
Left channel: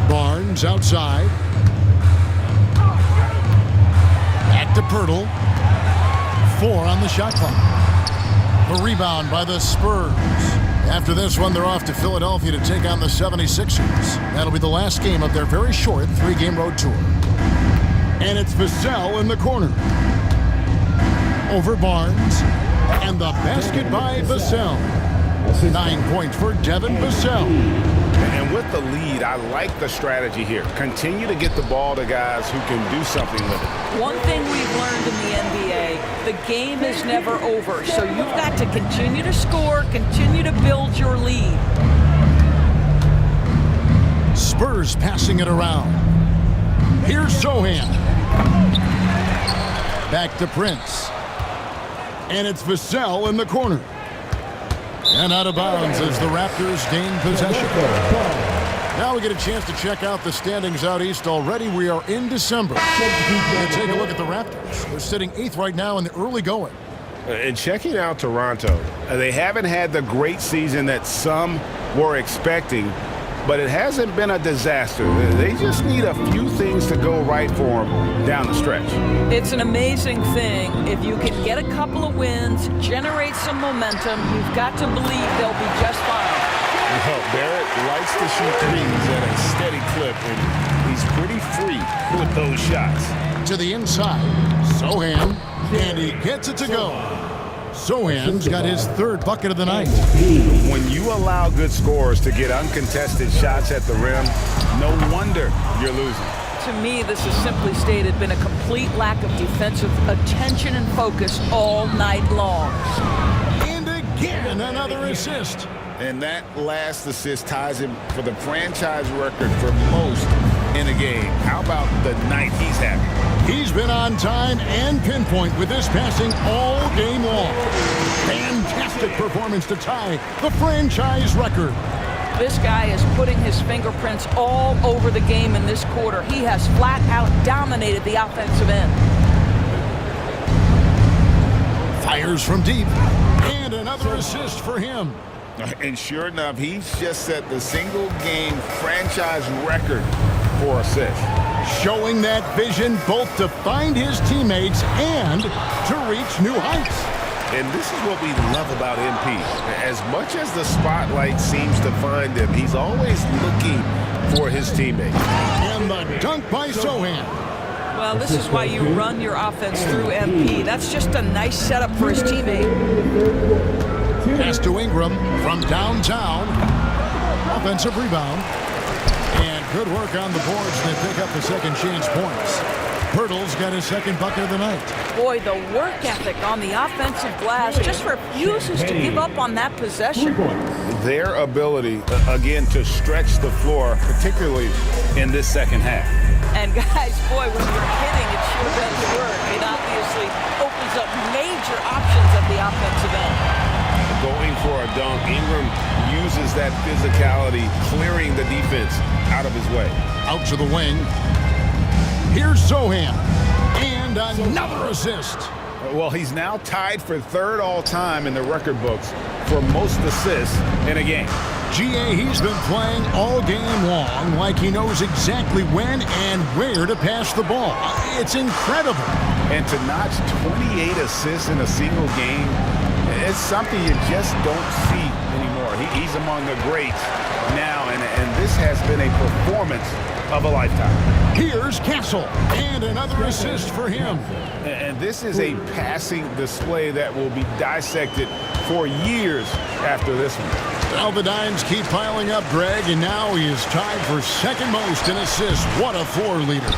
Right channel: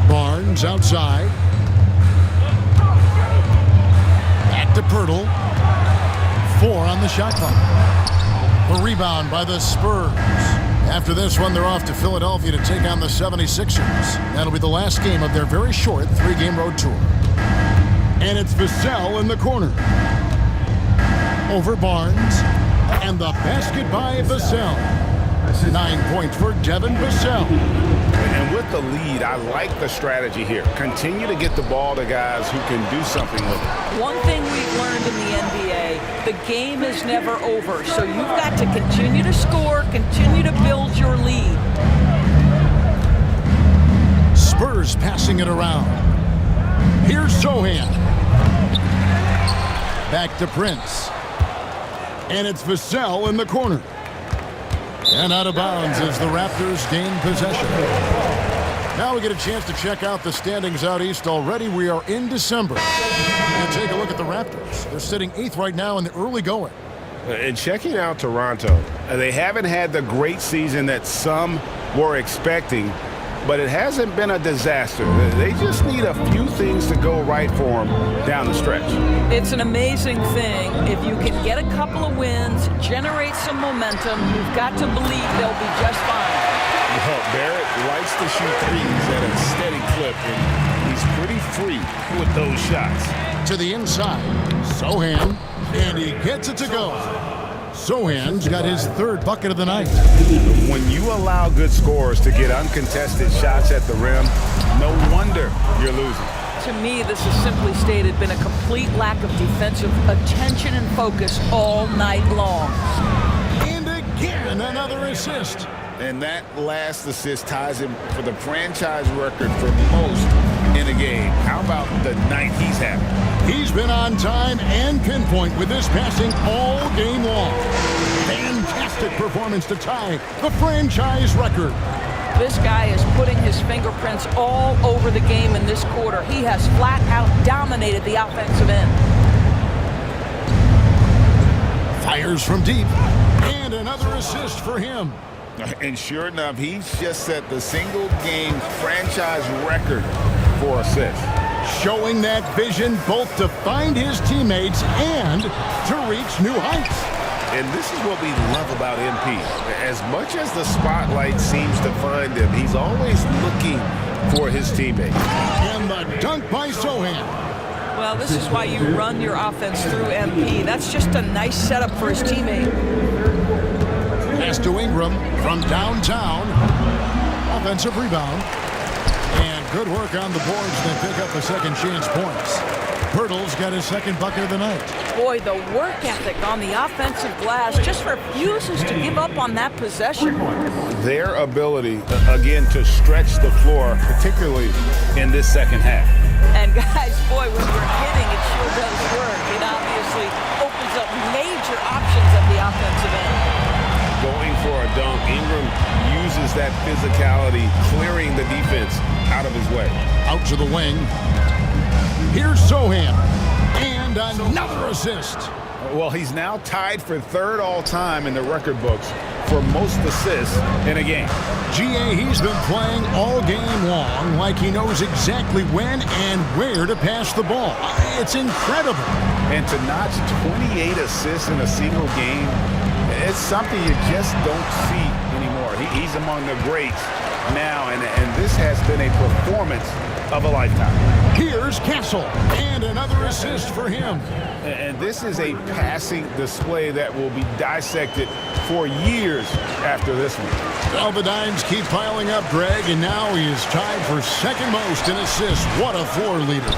Barnes outside. Back to Pirtle. 4 on the shot clock. The rebound by the Spurs. After this one, they're off to Philadelphia to take on the 76ers. That'll be the last game of their very short 3-game road tour. And it's Vassell in the corner. Over Barnes. And the basket by Vassell. 9 points for Devin Vassell. And with the lead, I like the strategy here. Continue to get the ball to guys who can do something with it. One thing we've learned in the NBA, the game is never over. So you've got to continue to score, continue to build your lead. Spurs passing it around. Here's Sohan. Back to Prince. And it's Vassell in the corner. And out of bounds as the Raptors gain possession. Now we get a chance to check out the standings out east already. We are in December. And take a look at the Raptors. They're sitting 8th right now in the early going. And checking out Toronto, they haven't had the great season that some were expecting, but it hasn't been a disaster. They just need a few things to go right for them down the stretch. It's an amazing thing. If you can get a couple of wins, generate some momentum, you've got to believe they'll be just fine. Well, Barrett likes to shoot threes at a steady clip, and he's pretty free with those shots. To the inside, Sohan, and he gets it to go. Sohan's got his 3rd bucket of the night. When you allow good scorers to get uncontested shots at the rim, no wonder you're losing. To me, this is simply stated been a complete lack of defensive attention and focus all night long. And again, another assist. And that last assist ties him for the franchise record for most in a game. How about the night he's having? He's been on time and pinpoint with this passing all game long. Fantastic performance to tie the franchise record. This guy is putting his fingerprints all over the game in this quarter. He has flat out dominated the offensive end. Fires from deep. And another assist for him. And sure enough, he's just set the single-game franchise record for assists. Showing that vision both to find his teammates and to reach new heights. And this is what we love about MP. As much as the spotlight seems to find him, he's always looking for his teammates. And the dunk by Sohan. Well, this is why you run your offense through MP. That's just a nice setup for his teammate. Pass to Ingram from downtown. Offensive rebound. And good work on the boards. They pick up the second chance points. Pirtle's got his 2nd bucket of the night. Boy, the work ethic on the offensive glass just refuses to give up on that possession. Their ability, again, to stretch the floor, particularly in this second half. And guys, boy, when you're hitting, it sure does work. It obviously opens up major options at the offensive end. going for a dunk. Ingram uses that physicality, clearing the defense out of his way. Out to the wing. Here's Sohan. And another assist. Well, he's now tied for third all-time in the record books for most assists in a game. GA, he's been playing all game long like he knows exactly when and where to pass the ball. It's incredible. And to notch 28 assists in a single game, it's something you just don't see anymore. He's among the greats now, and this has been a performance of a lifetime. Here's Castle, and another assist for him. And this is a passing display that will be dissected for years after this one. Well, the dimes keep piling up, Greg, and now he is tied for second most in assists. What a floor leader.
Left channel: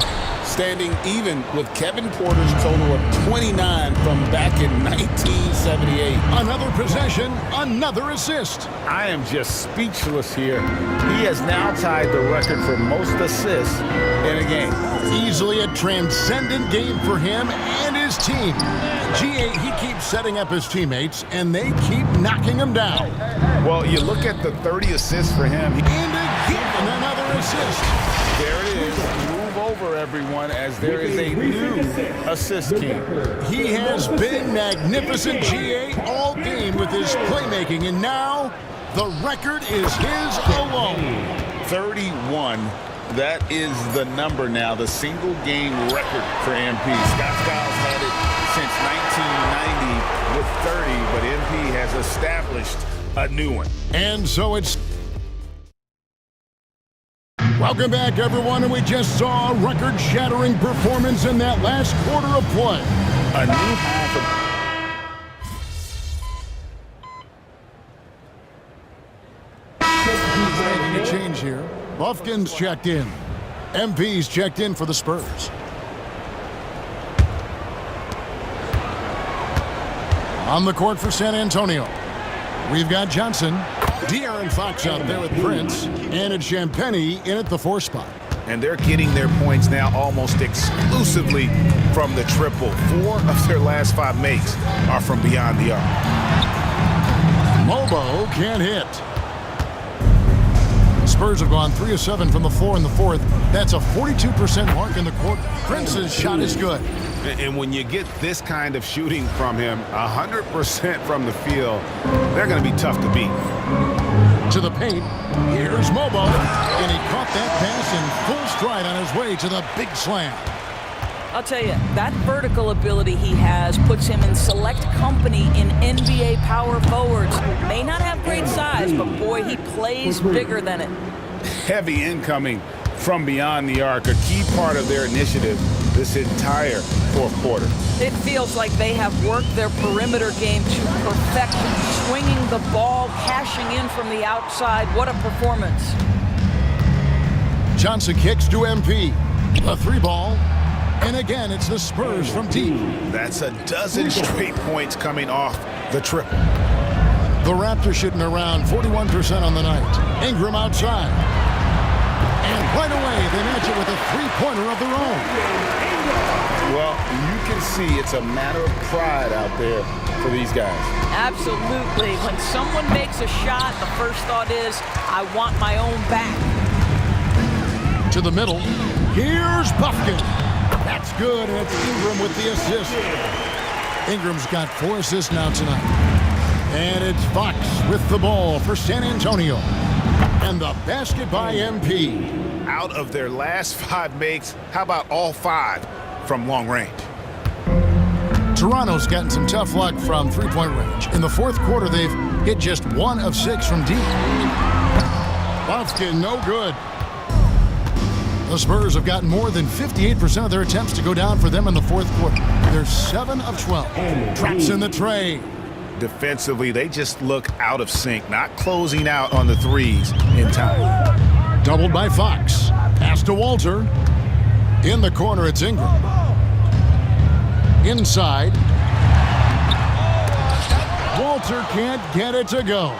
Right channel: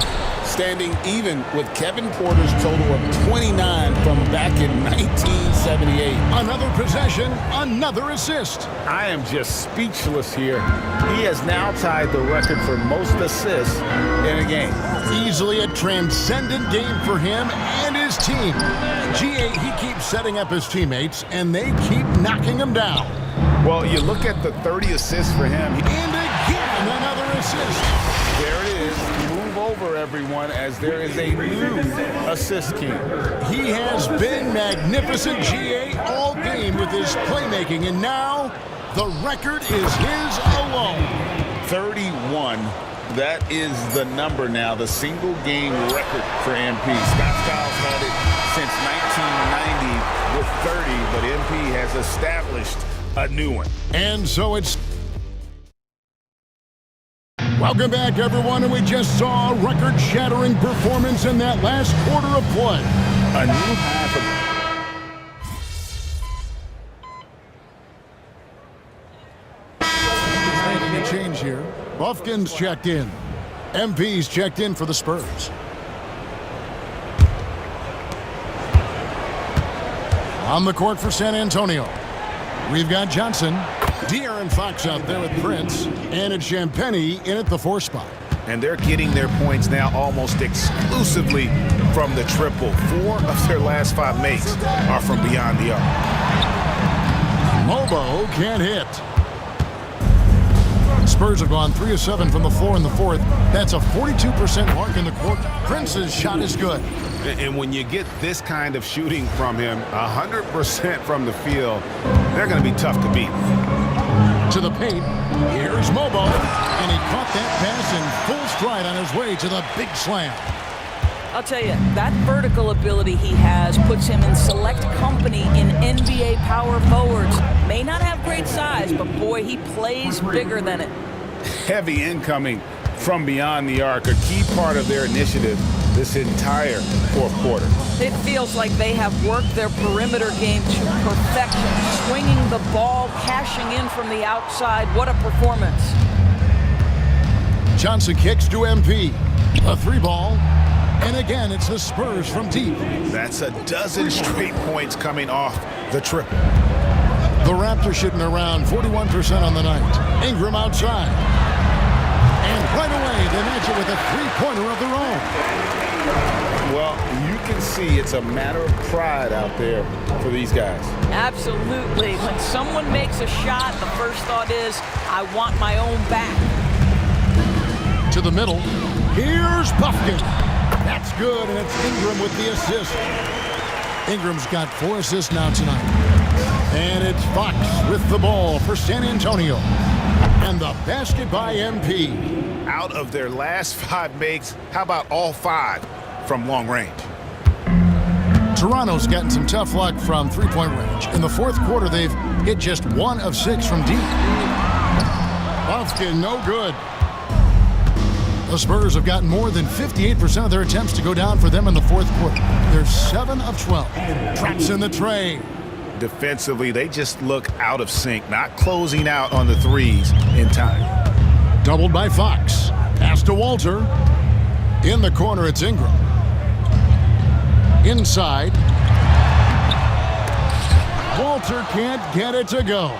Standing even with Kevin Porter's total of 29 from back in 1978. Another possession, another assist. I am just speechless here. He has now tied the record for most assists in a game. Easily a transcendent game for him and his team. GA, he keeps setting up his teammates, and they keep knocking him down. Well, you look at the 30 assists for him. And again, another assist. There it is. Move over, everyone, as there is a new assist king. He has been magnificent, GA, all game with his playmaking, and now the record is his alone. 31. That is the number now, the single game record for MP. Scott Skiles had it since 1990 with 30, but MP has established a new one. And so it's... Welcome back, everyone, and we just saw a record-shattering performance in that last quarter of play. A new high for... Making a change here. Buffkin's checked in. MP's checked in for the Spurs. On the court for San Antonio, we've got Johnson. De'Aaron Fox out there with Prince. And it's Champagnie in at the 4 spot. And they're getting their points now almost exclusively from the triple. 4 of their last 5 makes are from beyond the arc. Mobo can't hit. The Spurs have gone 3 of 7 from the floor in the fourth. That's a 42% mark in the quarter. Prince's shot is good. And when you get this kind of shooting from him, 100% from the field, they're going to be tough to beat. To the paint, here's Mobo, and he caught that pass in full stride on his way to the big slam. I'll tell you, that vertical ability he has puts him in select company in NBA power forwards. May not have great size, but boy, he plays bigger than it. Heavy incoming from beyond the arc, a key part of their initiative this entire fourth quarter. It feels like they have worked their perimeter game to perfection, swinging the ball, cashing in from the outside. What a performance. Johnson kicks to MP. A 3-ball. And again, it's the Spurs from deep. That's a dozen straight points coming off the triple. The Raptors shooting around 41% on the night. Ingram outside. And right away, they match it with a 3-pointer of their own. Well, you can see it's a matter of pride out there for these guys. Absolutely. When someone makes a shot, the first thought is, I want my own back. To the middle. Here's Buffkin. That's good, and it's Ingram with the assist. Ingram's got 4 assists now tonight. And it's Fox with the ball for San Antonio. And the basket by MP. Out of their last 5 makes, how about all 5 from long range? Toronto's gotten some tough luck from 3-point range. In the fourth quarter, they've hit just 1 of 6 from deep. Buffkin, no good. The Spurs have gotten more than 58% of their attempts to go down for them in the fourth quarter. They're 7 of 12. Traps in the tray. Defensively, they just look out of sync, not closing out on the threes in time. Doubled by Fox. Pass to Walter. In the corner, it's Ingram. Inside. Walter can't get it to go.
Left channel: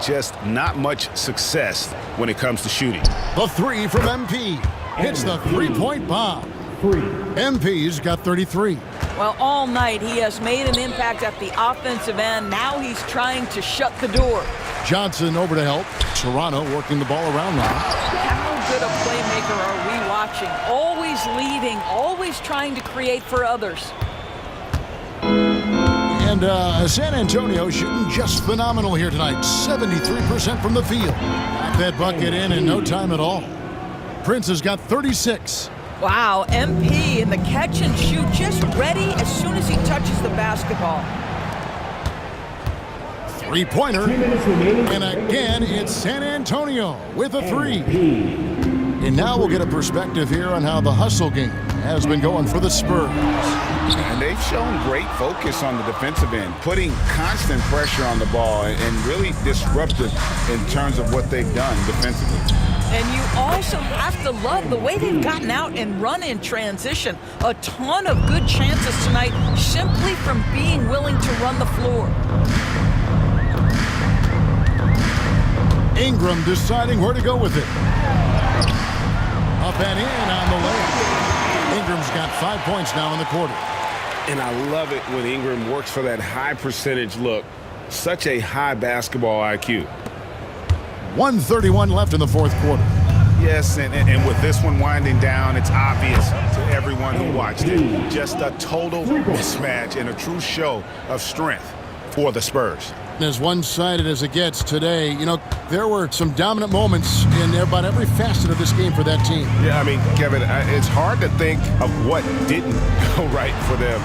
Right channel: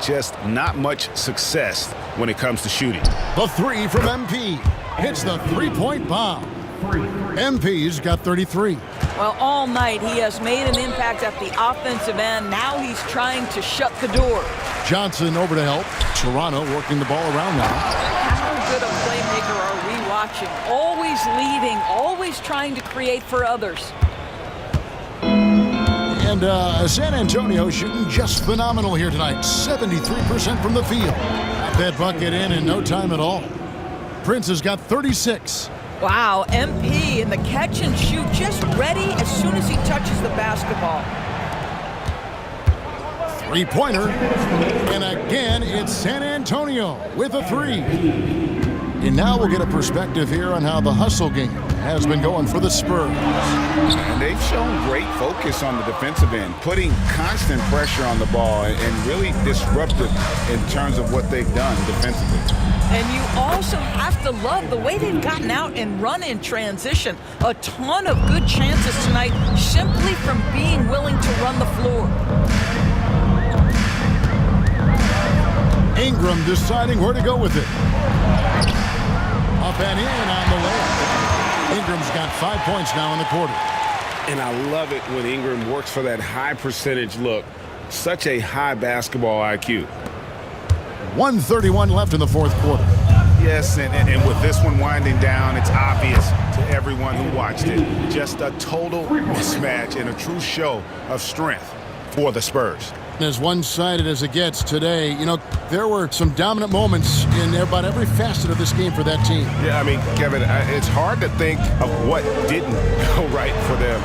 Just not much success when it comes to shooting. The 3 from MP. Hits the 3-point bomb. MP's got 33. Well, all night he has made an impact at the offensive end. Now he's trying to shut the door. Johnson over to help. Toronto working the ball around now. How good a playmaker are we watching? Always leading, always trying to create for others. And San Antonio shooting just phenomenal here tonight. 73% from the field. Got that bucket in no time at all. Prince has got 36. Wow, MP in the catch and shoot, just ready as soon as he touches the basketball. Three-pointer. And again, it's San Antonio with a three. And now we'll get a perspective here on how the hustle game has been going for the Spurs. And they've shown great focus on the defensive end, putting constant pressure on the ball and really disruptive in terms of what they've done defensively. And you also have to love the way they've gotten out and run in transition. A ton of good chances tonight simply from being willing to run the floor. Ingram deciding where to go with it. Up and in on the layup. Ingram's got 5 points now in the quarter. And I love it when Ingram works for that high percentage look. Such a high basketball IQ. 1:31 left in the fourth quarter. Yes, and with this one winding down, it's obvious to everyone who watched it. Just a total mismatch and a true show of strength for the Spurs. As one-sided as it gets today, you know, there were some dominant moments in about every facet of this game for that team. Yeah, I mean, Kevin, it's hard to think of what didn't go right for them.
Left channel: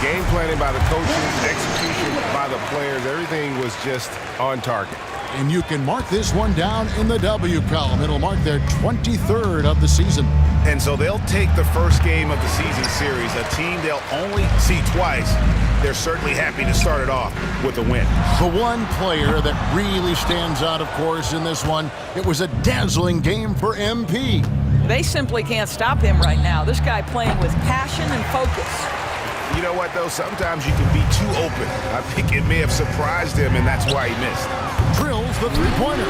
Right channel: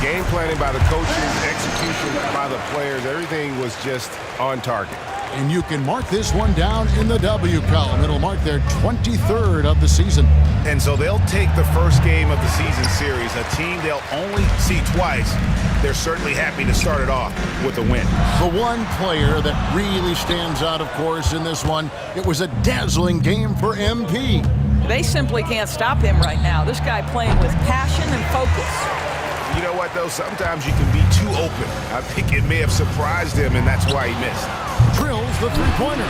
Game planning by the coaches, execution by the players, everything was just on target. And you can mark this one down in the W column. It'll mark their 23rd of the season. And so they'll take the first game of the season series, a team they'll only see twice. They're certainly happy to start it off with a win. The one player that really stands out, of course, in this one, it was a dazzling game for MP. They simply can't stop him right now. This guy playing with passion and focus. You know what, though? Sometimes you can be too open. I think it may have surprised him, and that's why he missed. Drills the three-pointer.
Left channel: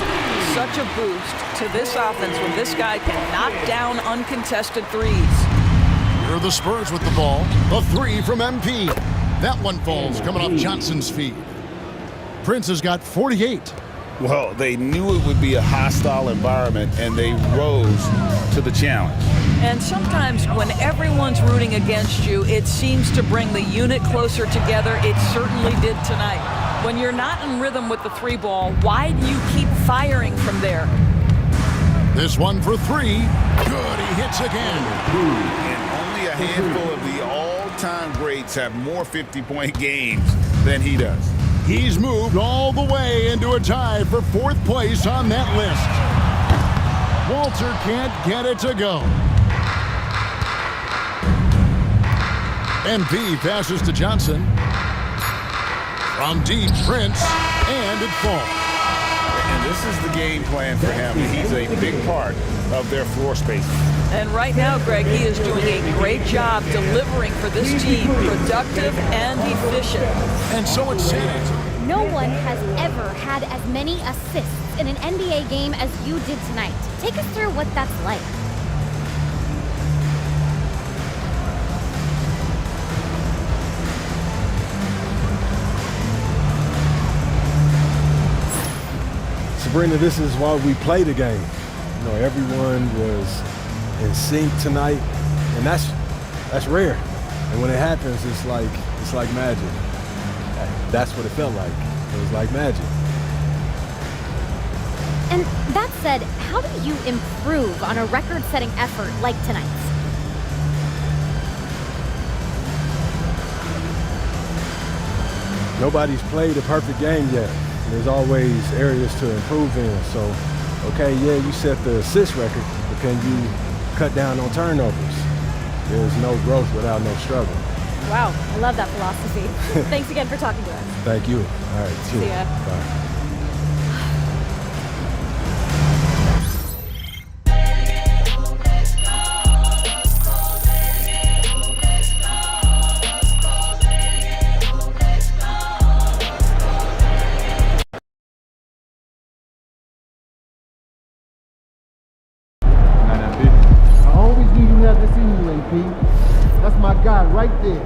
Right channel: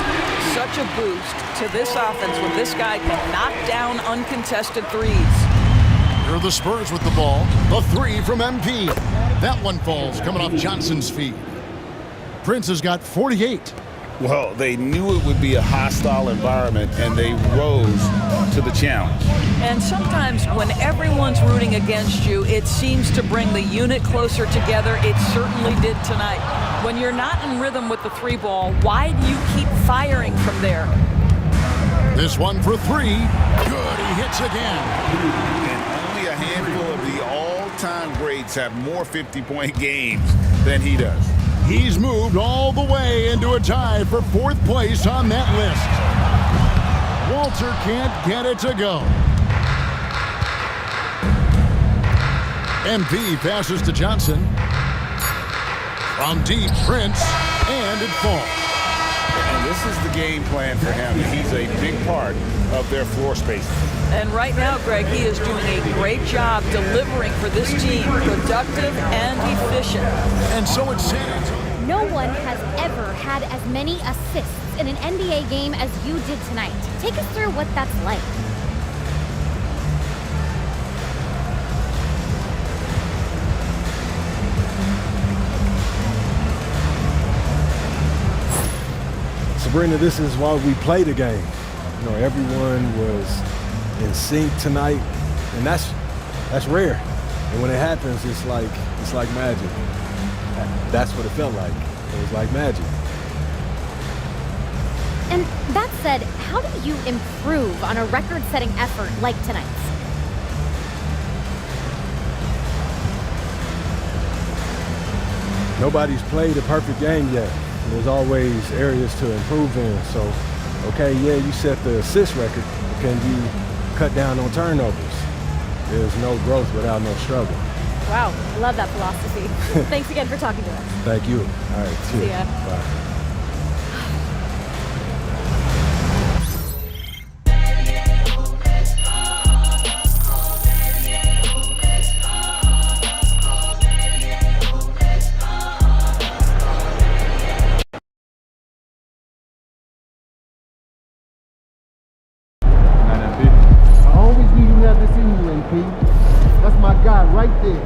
Such a boost to this offense when this guy can knock down uncontested threes. Here are the Spurs with the ball. A three from MP. That one falls coming off Johnson's feed. Prince has got 48. Well, they knew it would be a hostile environment, and they rose to the challenge. And sometimes when everyone's rooting against you, it seems to bring the unit closer together. It certainly did tonight. When you're not in rhythm with the three ball, why do you keep firing from there? This one for three. Good, he hits again. And only a handful of the all-time greats have more 50-point games than he does. He's moved all the way into a tie for fourth place on that list. Walter can't get it to go. MP passes to Johnson. From deep, Prince, and it falls. And this is the game plan for him. He's a big part of their floor space. And right now, Greg, he is doing a great job delivering for this team, productive and efficient. And so it's San Antonio. No one has ever had as many assists in an NBA game as you did tonight. Take us through what that's like. Sabrina, this is why we play the game. You know, everyone was in sync tonight, and that's rare. And when it happens, it's like magic. That's what it felt like. It was like magic. And that said, how do you improve on a record-setting effort like tonight's? Nobody's played a perfect game yet. There's always areas to improve in. So, okay, yeah, you set the assist record, but can you cut down on turnovers? There's no growth without no struggle. Wow, I love that philosophy. Thanks again for talking to us. Thank you. All right, cheers. See ya. Bye. I always knew you had this in you, AP. That's my guy right there.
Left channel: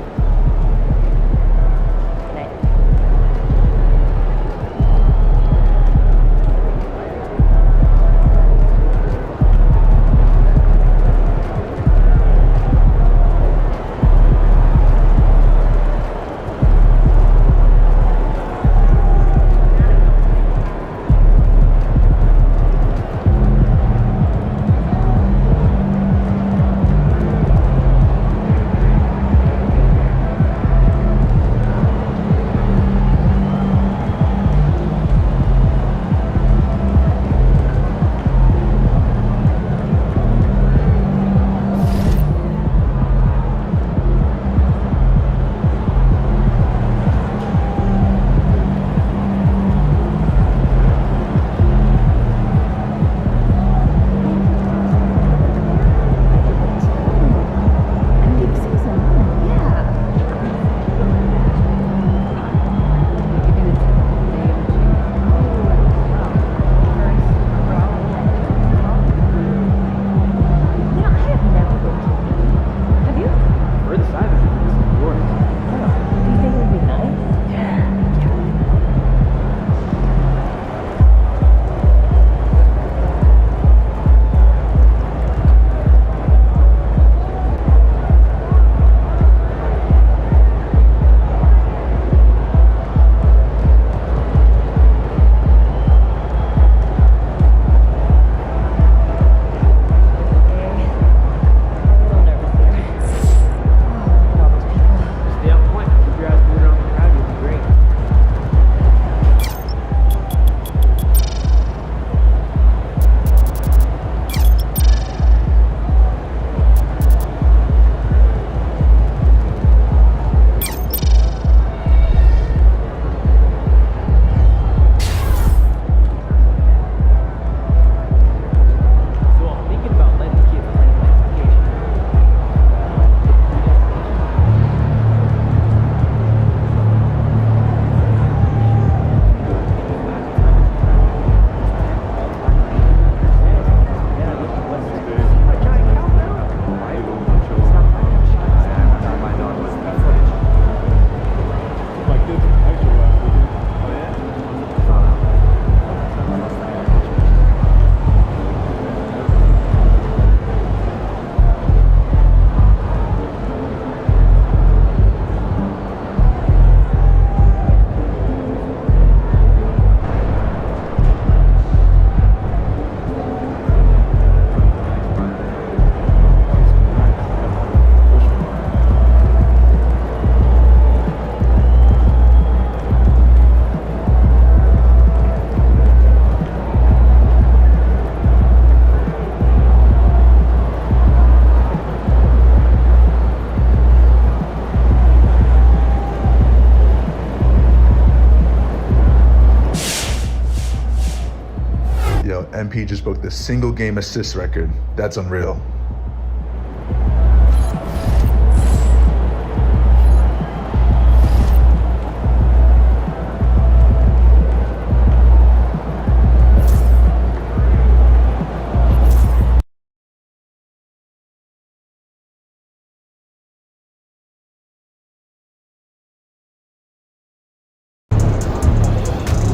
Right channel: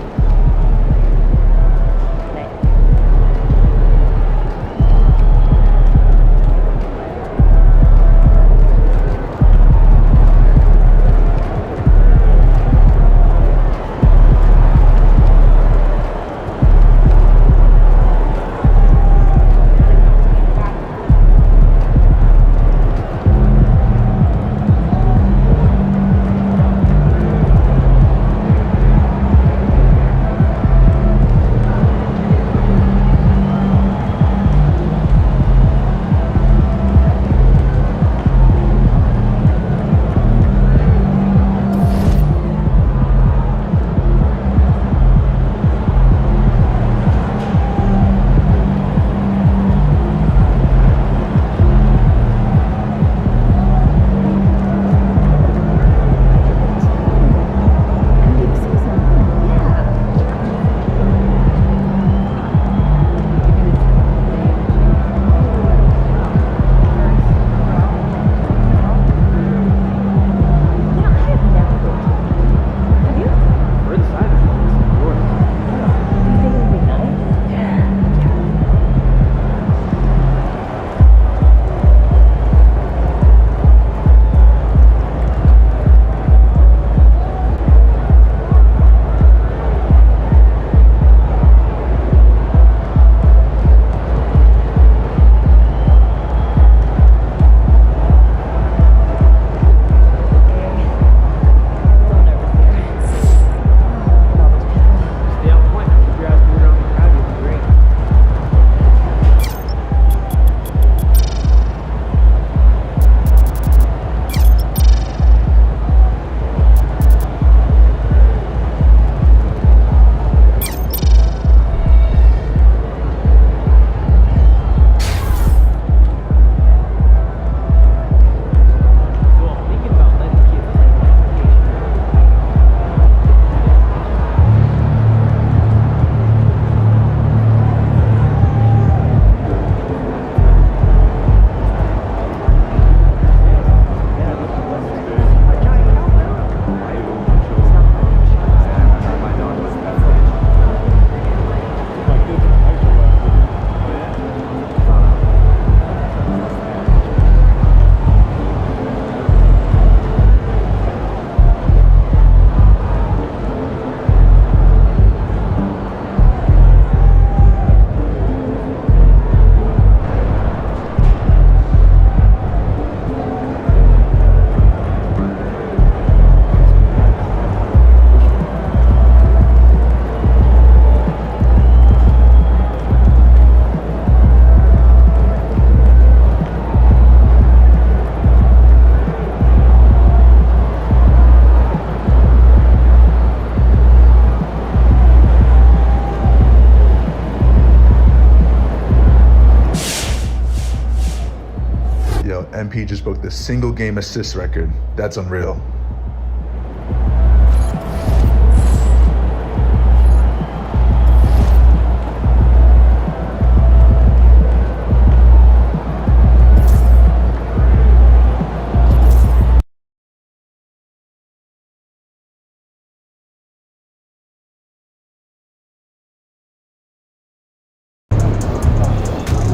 MP just broke the single game assist record. That's unreal.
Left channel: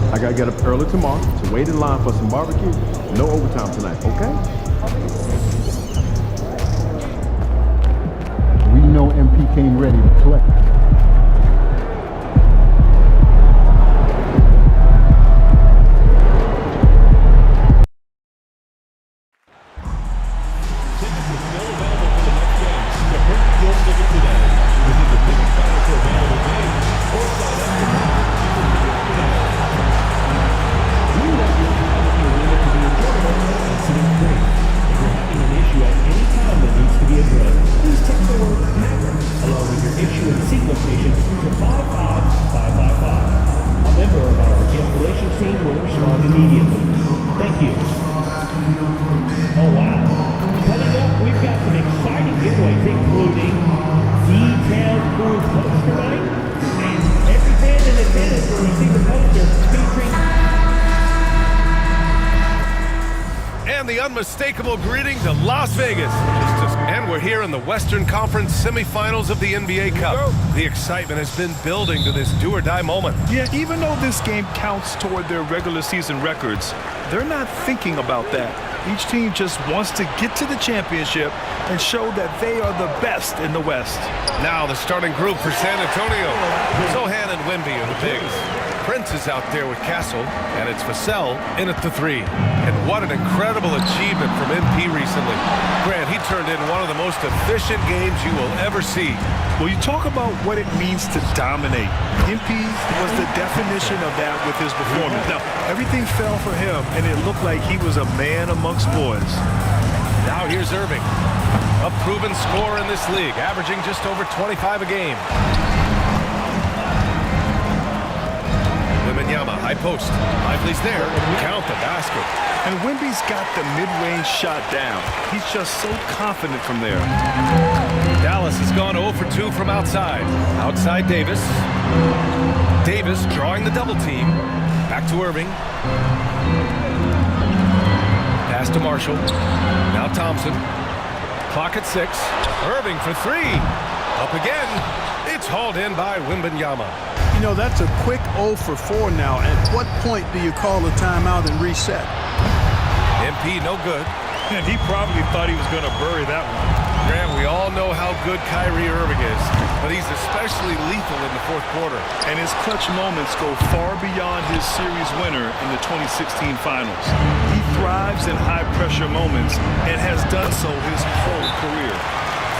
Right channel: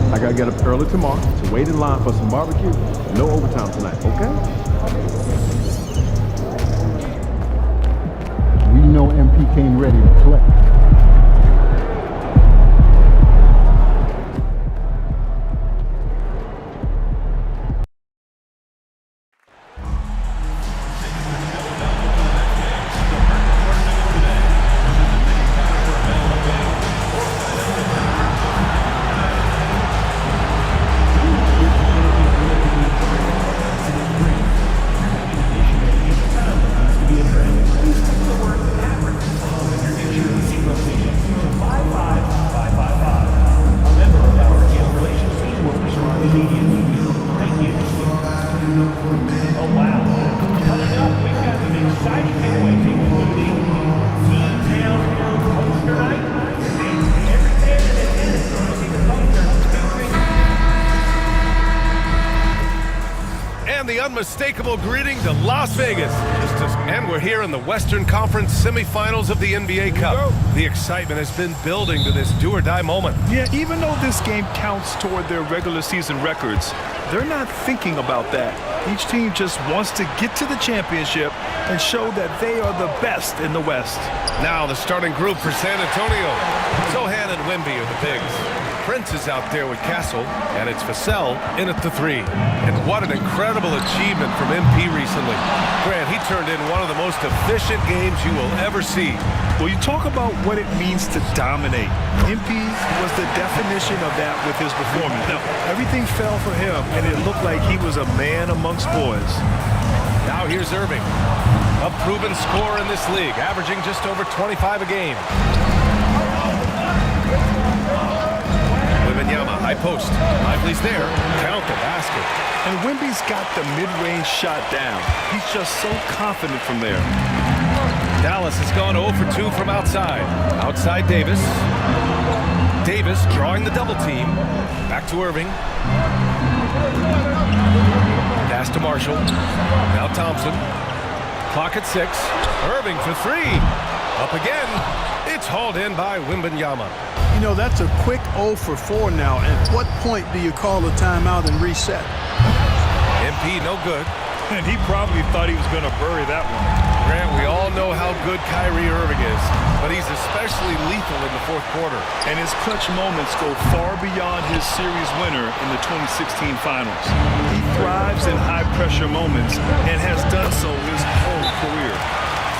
I gotta get up early tomorrow to wait in line for some barbecue. No overtime tonight, okay? We know MP came ready to play. The unmistakable greeting to Las Vegas. And we're here in the Western Conference semifinals of the NBA Cup. The excitement has been building to this do-or-die moment. Yeah, even though this game counts toward their regular season records, they're not thinking about that. Each team just wants to get to the championship and show that they are the best in the West. Now the starting group for San Antonio. Zohan and Wemby are the bigs. Prince is out there with Castle, and it's Vassell in at the 3. And what an incredible achievement from MP recently. Grant, he turned in one of the most efficient games you will ever see. Well, you talk about what it means to dominate. MP was the definition of that with his performance. Now, everything fell for him, and it looked like he was a man amongst boys. Now here's Irving, a proven scorer in this league, averaging just over 25 a game. Wembanyama, high post. Lively's there. Count the basket. And Wemby's got the mid-range shot down. He's just so confident from there. Dallas has gone 0 for 2 from outside. Outside Davis. Davis drawing the double team. Back to Irving. Pass to Marshall. Now Thompson. Clock at 6. Irving for 3. Up again. It's hauled in by Wembanyama. You know, that's a quick 0 for 4 now. At what point do you call a timeout and reset? MP no good. And he probably thought he was going to bury that one. Grant, we all know how good Kyrie Irving is, but he's especially lethal in the fourth quarter. And his clutch moments go far beyond his series winner in the 2016 finals. He thrives in high-pressure moments and has done so his whole career.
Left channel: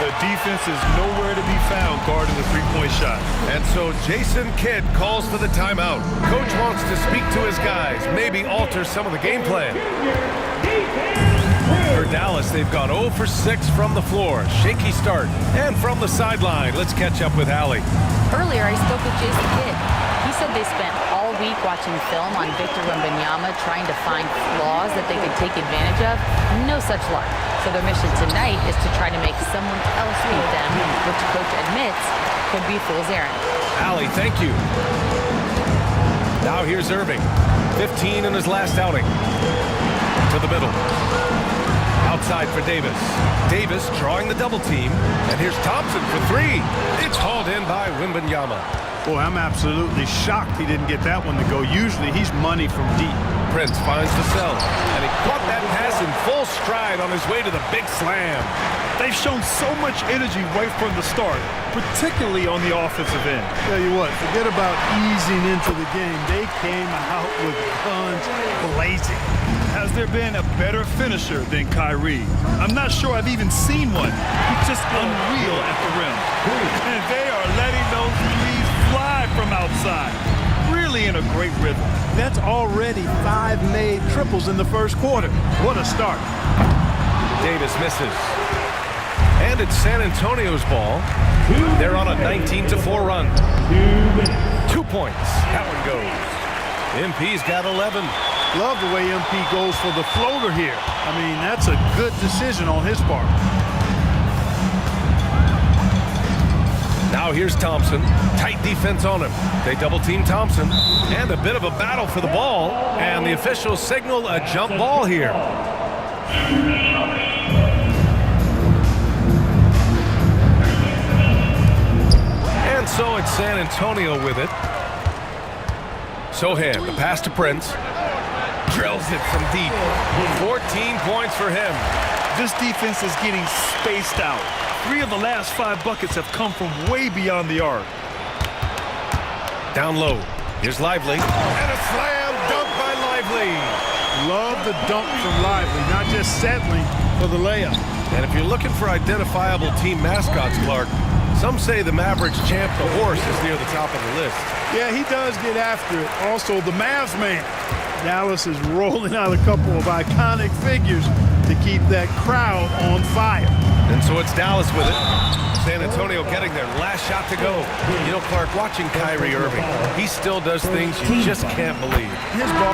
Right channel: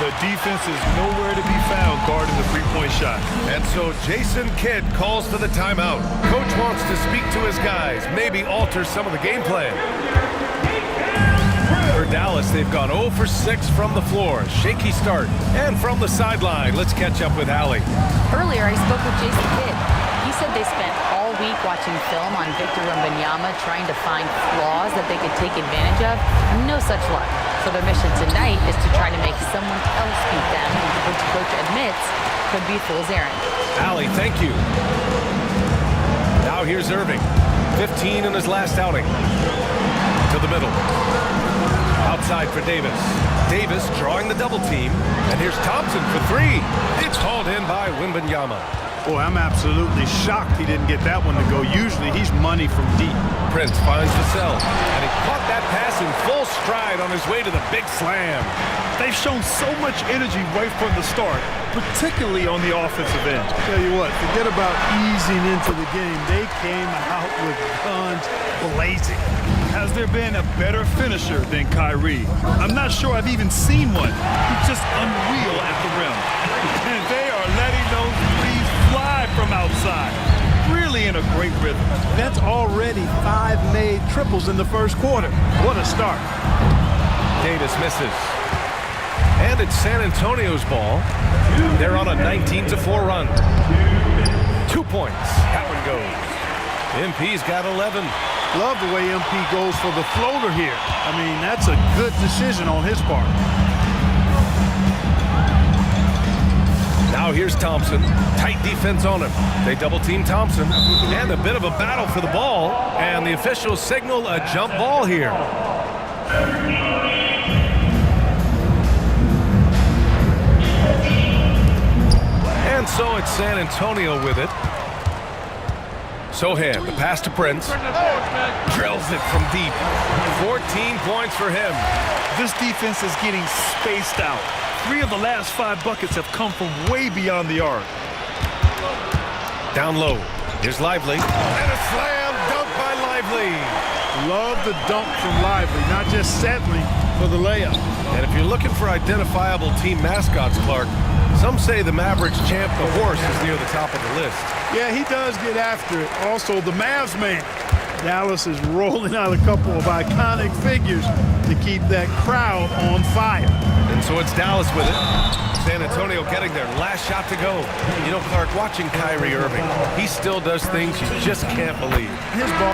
The defense is nowhere to be found guarding the three-point shot. And so Jason Kidd calls for the timeout. Coach wants to speak to his guys, maybe alter some of the game plan. For Dallas, they've gone 0 for 6 from the floor. Shaky start. And from the sideline, let's catch up with Allie. Earlier, I spoke with Jason Kidd. He said they spent all week watching film on Victor Wembanyama, trying to find flaws that they could take advantage of. No such luck. So their mission tonight is to try to make someone else beat them, which coach admits could be a fool's errand. Allie, thank you. Now here's Irving. 15 in his last outing. To the middle. Outside for Davis. Davis drawing the double team. And here's Thompson for 3. It's hauled in by Wembanyama. Boy, I'm absolutely shocked he didn't get that one to go. Usually he's money from deep. Prince finds Vassell, and he caught that pass in full stride on his way to the big slam. They've shown so much energy right from the start, particularly on the offensive end. Tell you what, forget about easing into the game. They came out with guns blazing. Has there been a better finisher than Kyrie? I'm not sure I've even seen one. He's just unreal at the rim. And they are letting those threes fly from outside. Really in a great rhythm. That's already 5 made triples in the first quarter. What a start. Davis misses. And it's San Antonio's ball. They're on a 19-4 run. 2 points. That one goes. MP's got 11. Love the way MP goes for the floater here. I mean, that's a good decision on his part. Now here's Thompson. Tight defense on him. They double-team Thompson. And a bit of a battle for the ball. And the officials signal a jump ball here. And so it's San Antonio with it. Sohan, the pass to Prince. Drills it from deep. 14 points for him. This defense is getting spaced out. 3 of the last 5 buckets have come from way beyond the arc. Down low. Here's Lively. And a slam dunk by Lively. Love the dunk from Lively, not just settling for the layup. And if you're looking for identifiable team mascots, Clark, some say the Mavericks champ, the horse, is near the top of the list. Yeah, he does get after it. Also, the Mavs man. Dallas is rolling out a couple of iconic figures to keep that crowd on fire. And so it's Dallas with it. San Antonio getting their last shot to go. You know, Clark, watching Kyrie Irving, he still does things you just can't believe. His ball.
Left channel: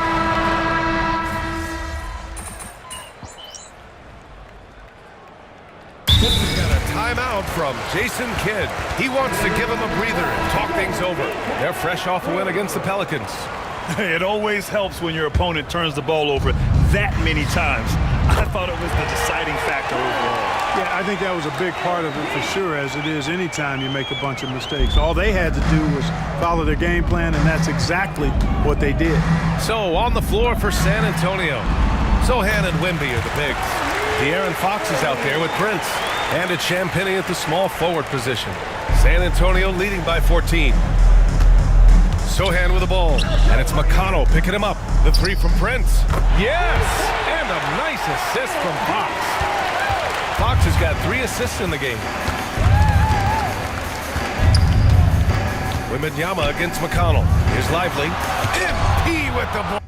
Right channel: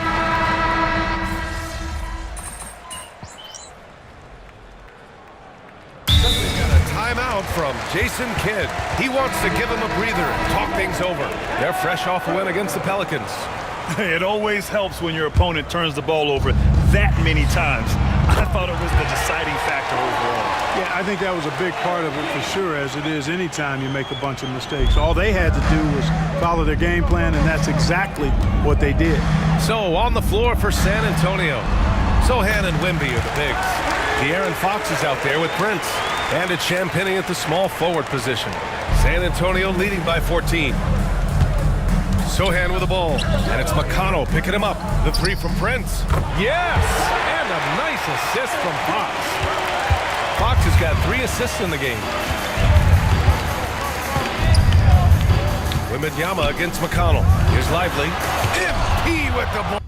We've got a timeout from Jason Kidd. He wants to give him a breather and talk things over. They're fresh off a win against the Pelicans. It always helps when your opponent turns the ball over that many times. I thought it was the deciding factor overall. Yeah, I think that was a big part of it for sure, as it is anytime you make a bunch of mistakes. All they had to do was follow their game plan, and that's exactly what they did. So on the floor for San Antonio, Sohan and Wemby are the bigs. De'Aaron Fox is out there with Prince. And it's Champagnie at the small forward position. San Antonio leading by 14. Sohan with the ball, and it's McConnell picking him up. The 3 from Prince. Yes! And a nice assist from Fox. Fox has got 3 assists in the game. Wembanyama against McConnell. Here's Lively. MP with the ball.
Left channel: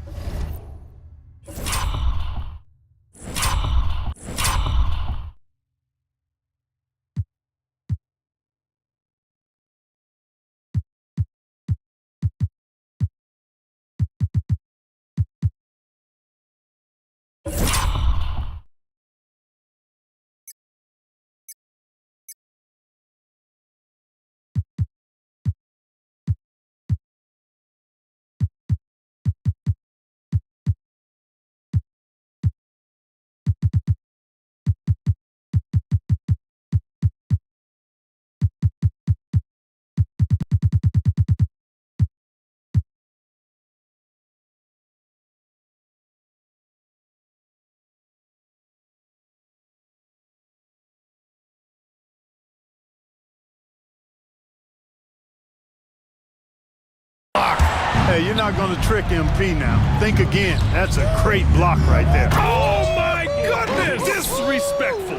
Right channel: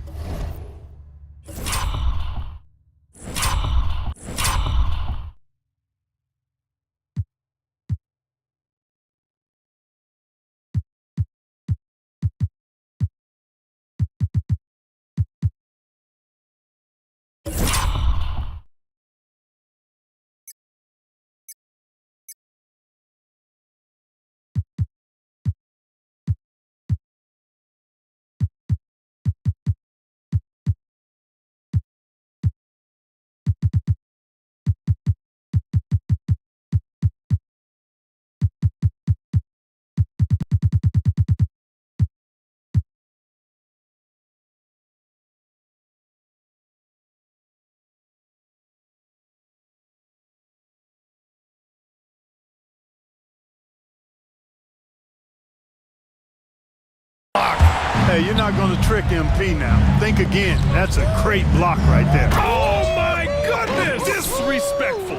Hey, you're not going to trick MP now. Think again. That's a great block right there. Oh, my goodness! Disrespectful.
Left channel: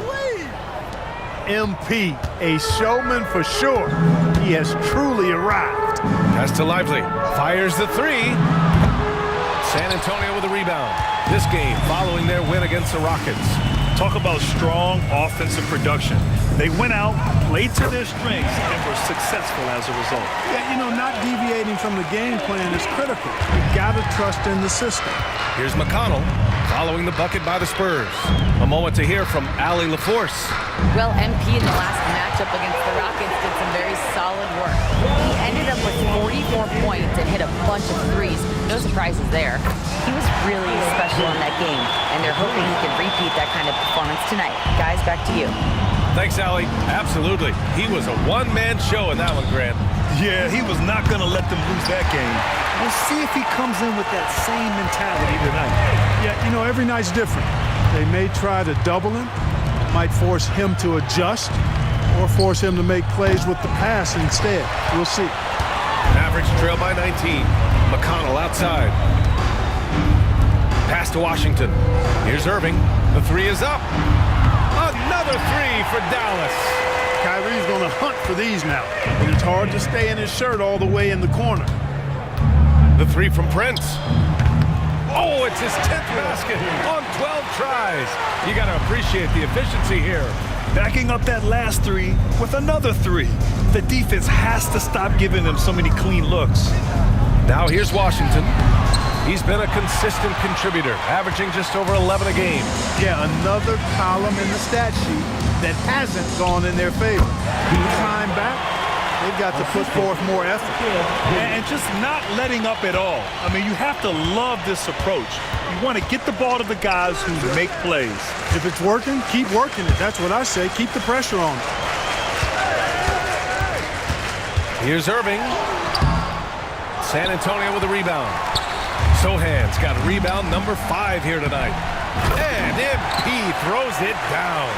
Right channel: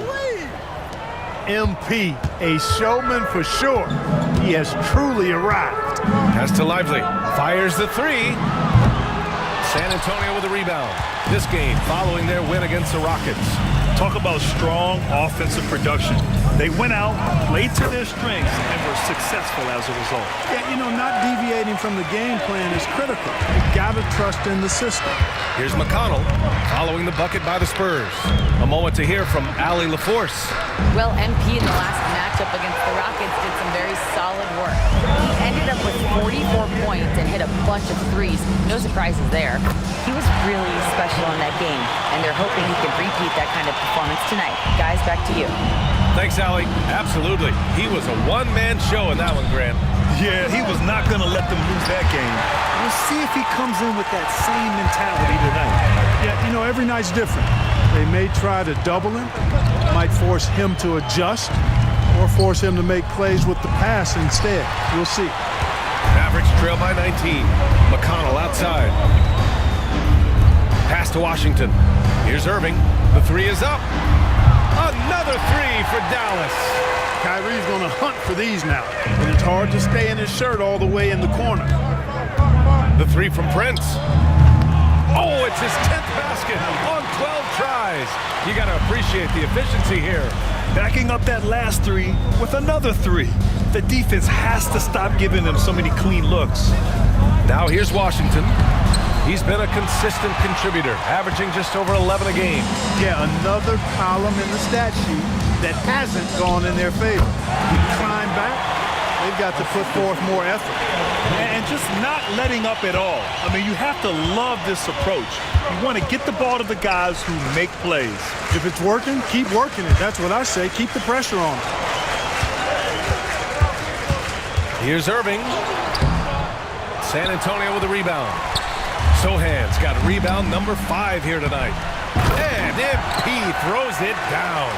MP, a showman for sure. He has truly arrived. Pass to Lively. Fires the 3. San Antonio with a rebound. This game following their win against the Rockets. Talk about strong offensive production. They went out, played to their strengths, and were successful as a result. Yeah, you know, not deviating from the game plan is critical. You got to trust in the system. Here's McConnell following the bucket by the Spurs. A moment to hear from Allie LaForce. Well, MP in the last matchup against the Rockets did some very solid work. He ended up with 44 points and hit a bunch of threes. No surprises there. He was really special in that game, and they're hoping he can repeat that kind of performance tonight. Guys, back to you. Thanks, Allie. Absolutely. He was a one-man show in that one, Grant. Yeah, he was not going to let them lose that game. We'll see if he comes in with that same mentality tonight. Yeah, you know, every night's different. They may try to double him, might force him to adjust, or force him to make plays with the pass instead. We'll see. Mavericks trail by 19. McConnell outside. Pass to Washington. Here's Irving. The 3 is up. Another 3 for Dallas. Kyrie's going to hunt for these now, and it's hard to stay in his shirt all the way in the corner. The 3 from Prince. Oh, it's his 10th basket on 12 tries. You got to appreciate the efficiency here. Backing up that last 3 with another 3. The defense has to stop giving them so many clean looks. Now here's Washington. He's been a consistent contributor, averaging just over 11 a game. Yeah, another column in the stat sheet that hasn't gone in their favor. You climb back, they've got to put forth more effort. And just not letting up at all. I mean, you have to love this approach. You want to get the ball to the guys who make plays. If it's working, keep working it. That's what I say. Keep the pressure on them. Here's Irving. San Antonio with a rebound. Sohan's got rebound number 5 here tonight. And MP throws it down.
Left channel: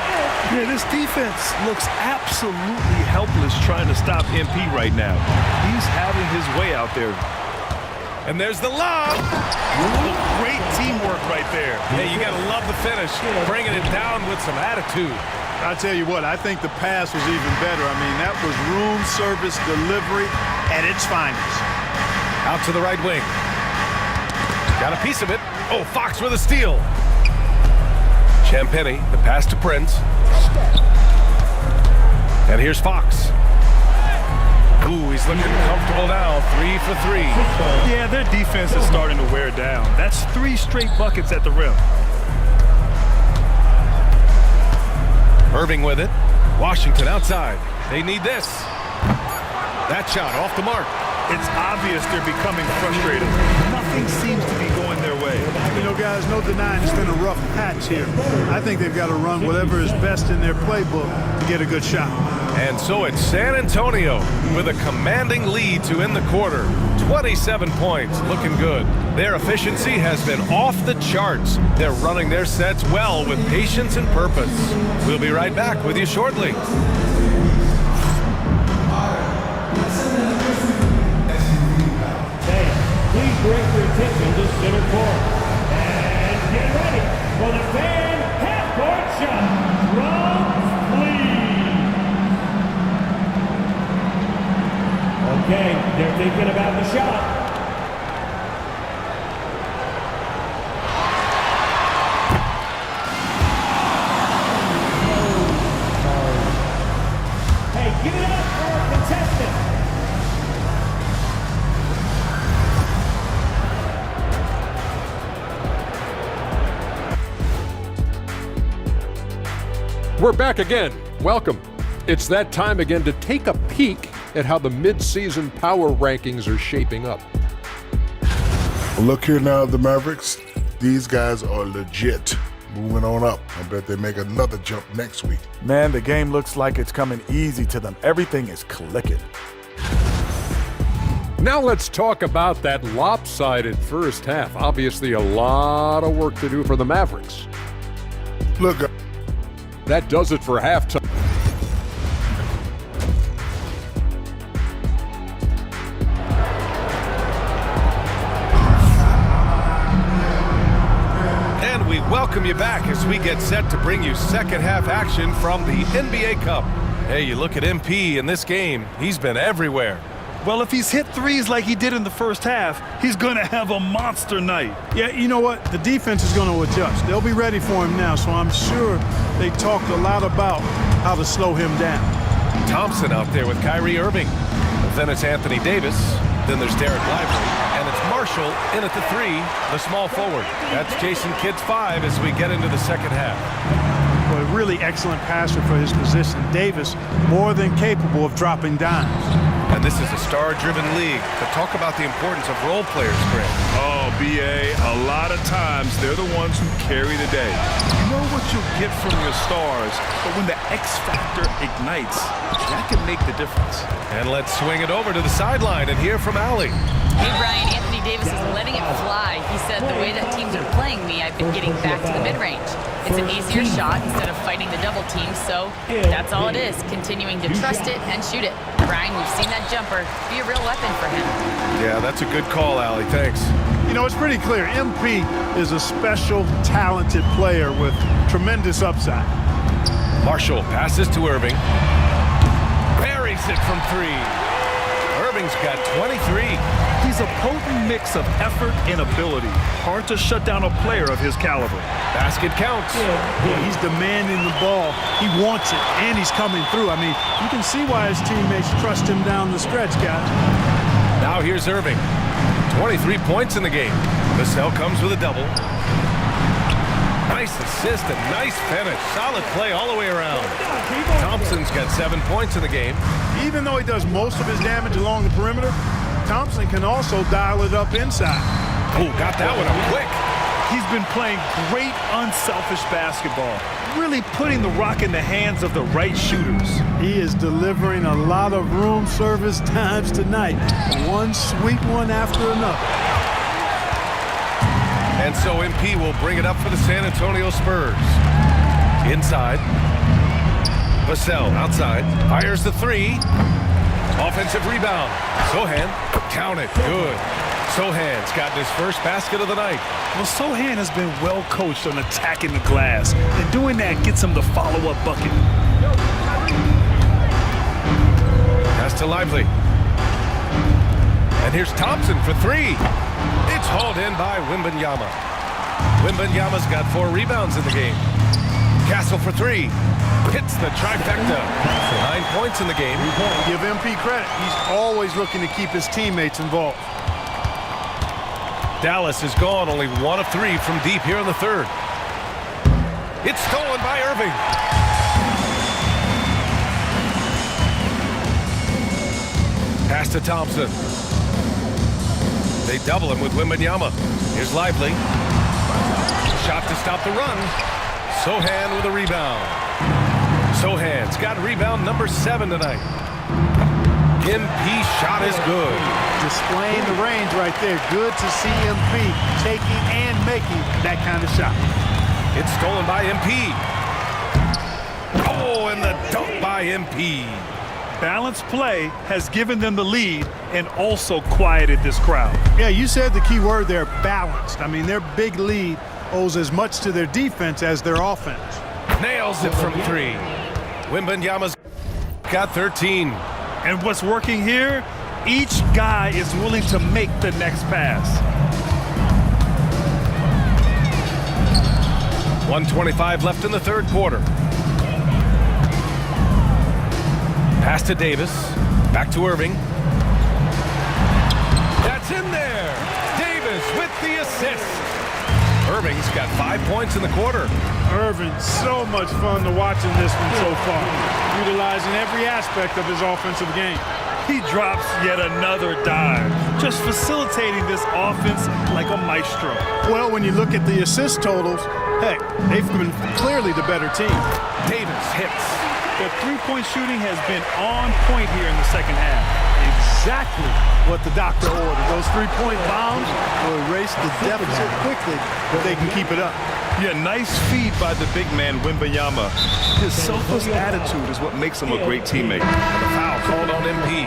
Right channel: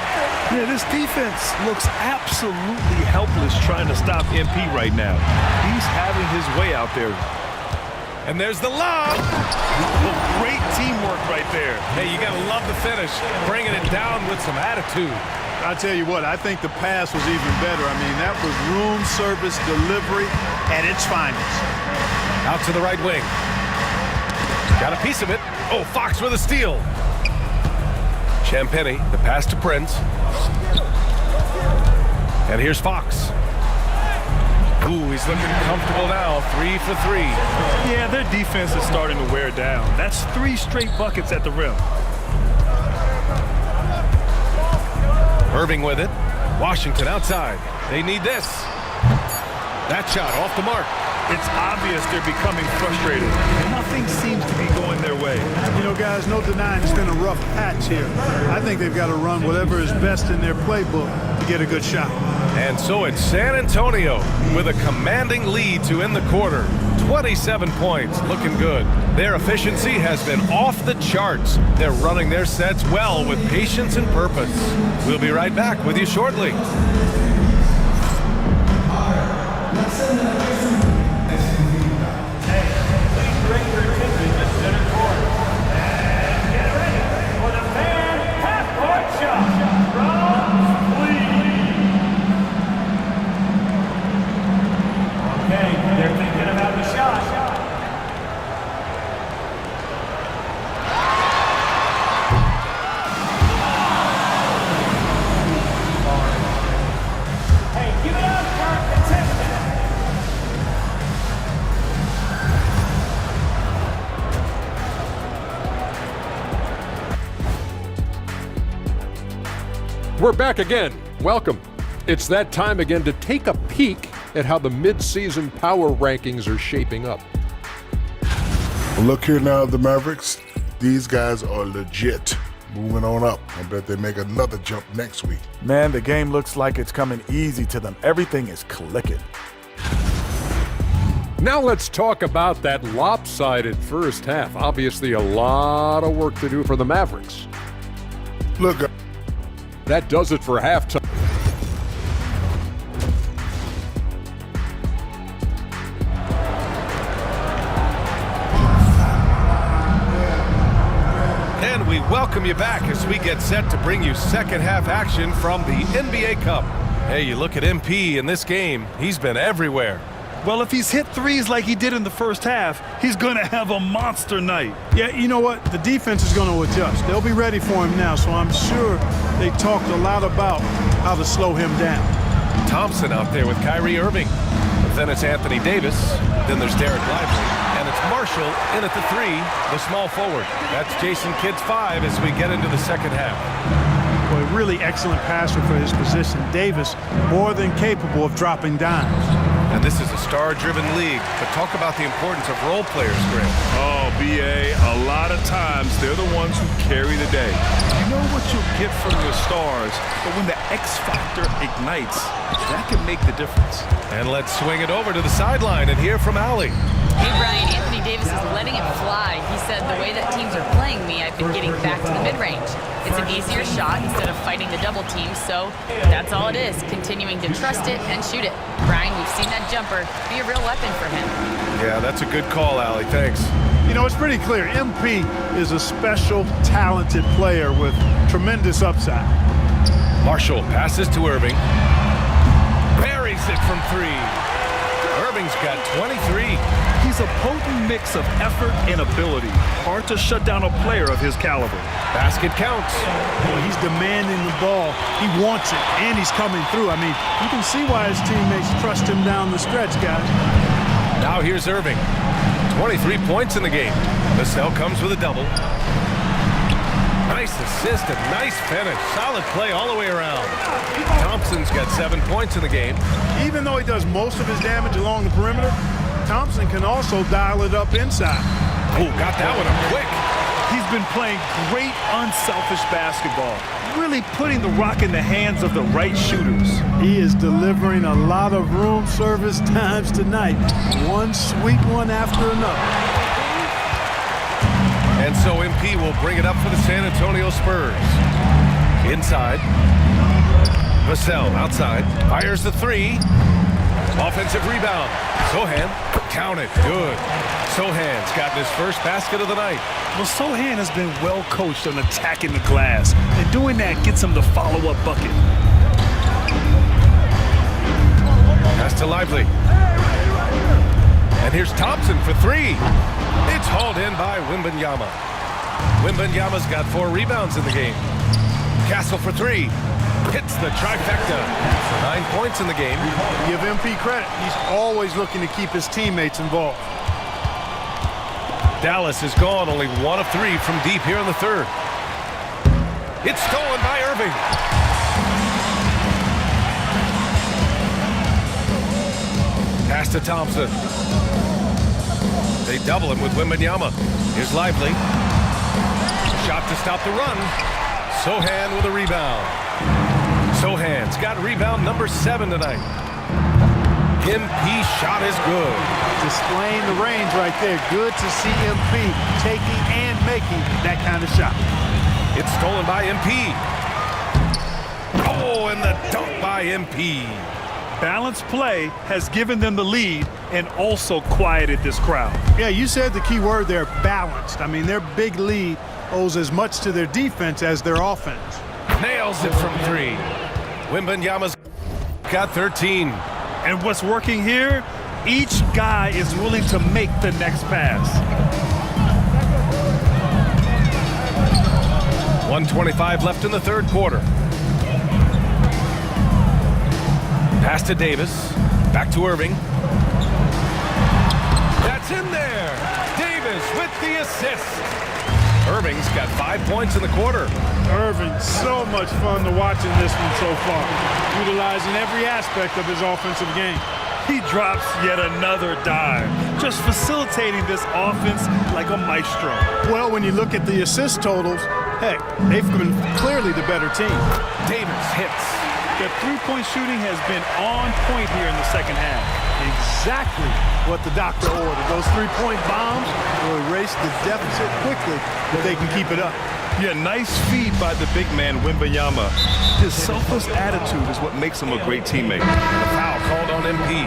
Yeah, this defense looks absolutely helpless trying to stop MP right now. He's having his way out there. And there's the lob. Oh, great teamwork right there. Hey, you got to love the finish. Bringing it down with some attitude. I tell you what, I think the pass was even better. I mean, that was room service delivery at its finest. Out to the right wing. Got a piece of it. Oh, Fox with a steal. Champagny, the pass to Prince. And here's Fox. Ooh, he's looking comfortable now. 3 for 3. Yeah, their defense is starting to wear down. That's 3 straight buckets at the rim. Irving with it. Washington outside. They need this. That shot off the mark. It's obvious they're becoming frustrated. Nothing seems to be going their way. You know, guys, no denying it's been a rough patch here. I think they've got to run whatever is best in their playbook to get a good shot. And so it's San Antonio with a commanding lead to end the quarter. 27 points, looking good. Their efficiency has been off the charts. They're running their sets well with patience and purpose. We'll be right back with you shortly. Please direct your attention to center court. And get ready for the fan half-court shot. Drums, please. Okay, they're thinking about the shot. Hey, give it up for our contestant. We're back again. Welcome. It's that time again to take a peek at how the mid-season power rankings are shaping up. Look here now, the Mavericks. These guys are legit. Moving on up. I bet they make another jump next week. Man, the game looks like it's coming easy to them. Everything is clicking. Now let's talk about that lopsided first half. Obviously a lot of work to do for the Mavericks. Look, that does it for halftime. And we welcome you back as we get set to bring you second half action from the NBA Cup. Hey, you look at MP in this game, he's been everywhere. Well, if he's hit threes like he did in the first half, he's going to have a monster night. Yeah, you know what? The defense is going to adjust. They'll be ready for him now, so I'm sure they talked a lot about how to slow him down. Thompson out there with Kyrie Irving. Then it's Anthony Davis. Then there's Derek Lively. And it's Marshall in at the 3, the small forward. That's Jason Kidd's 5 as we get into the second half. Boy, really excellent passer for his position. Davis, more than capable of dropping dimes. And this is a star-driven league, but talk about the importance of role players, Grant. Oh, B.A., a lot of times they're the ones who carry the day. You know what you'll get from your stars, but when the X factor ignites, that can make the difference. And let's swing it over to the sideline and hear from Allie. Hey, Brian, Anthony Davis is letting it fly. He said, the way that teams are playing me, I've been getting back to the mid-range. It's an easier shot instead of fighting the double team, so that's all it is, continuing to trust it and shoot it. Brian, we've seen that jumper be a real weapon for him. Yeah, that's a good call, Allie. Thanks. You know, it's pretty clear. MP is a special, talented player with tremendous upside. Marshall passes to Irving. Buries it from 3. Irving's got 23. He's a potent mix of effort and ability. Hard to shut down a player of his caliber. Basket counts. Boy, he's demanding the ball. He wants it, and he's coming through. I mean, you can see why his teammates trust him down the stretch, guys. Now here's Irving. 23 points in the game. Vassell comes with a double. Nice assist and nice finish. Solid play all the way around. Thompson's got 7 points in the game. Even though he does most of his damage along the perimeter, Thompson can also dial it up inside. Oh, got that one up quick. He's been playing great unselfish basketball, really putting the rock in the hands of the right shooters. He is delivering a lot of room service times tonight. One sweet one after another. And so MP will bring it up for the San Antonio Spurs. Inside. Vassell outside. Fires the three. Offensive rebound. Sohan. Count it. Good. Sohan's gotten his first basket of the night. Well, Sohan has been well coached on attacking the glass, and doing that gets him the follow-up bucket. Pass to Lively. And here's Thompson for three. It's hauled in by Wembanyama. Wembanyama's got 4 rebounds in the game. Castle for three. Hits the trifecta. 9 points in the game. Give MP credit. He's always looking to keep his teammates involved. Dallas is gone, only 1 of 3 from deep here in the third. It's stolen by Irving. Pass to Thompson. They double him with Wembanyama. Here's Lively. Shot to stop the run. Sohan with a rebound. Sohan's got rebound number 7 tonight. MP shot is good. Displaying the range right there. Good to see MP taking and making that kind of shot. It's stolen by MP. Oh, and the dunk by MP. Balanced play has given them the lead and also quieted this crowd. Yeah, you said the key word there, balanced. I mean, their big lead owes as much to their defense as their offense. Nails it from 3. Wembanyama's got 13. And what's working here? Each guy is willing to make the next pass. 1:25 left in the third quarter. Pass to Davis. Back to Irving. That's in there. Davis with the assist. Irving's got 5 points in the quarter. Irving, so much fun to watch in this one so far, utilizing every aspect of his offensive game. He drops yet another dime, just facilitating this offense like a maestro. Well, when you look at the assist totals, heck, they've been clearly the better team. Davis hits. Their three-point shooting has been on point here in the second half. Exactly what the doctor ordered. Those three-point bombs will erase the deficit quickly if they can keep it up. Yeah, nice feed by the big man, Wembanyama. His selfless attitude is what makes him a great teammate. And a foul called on MP.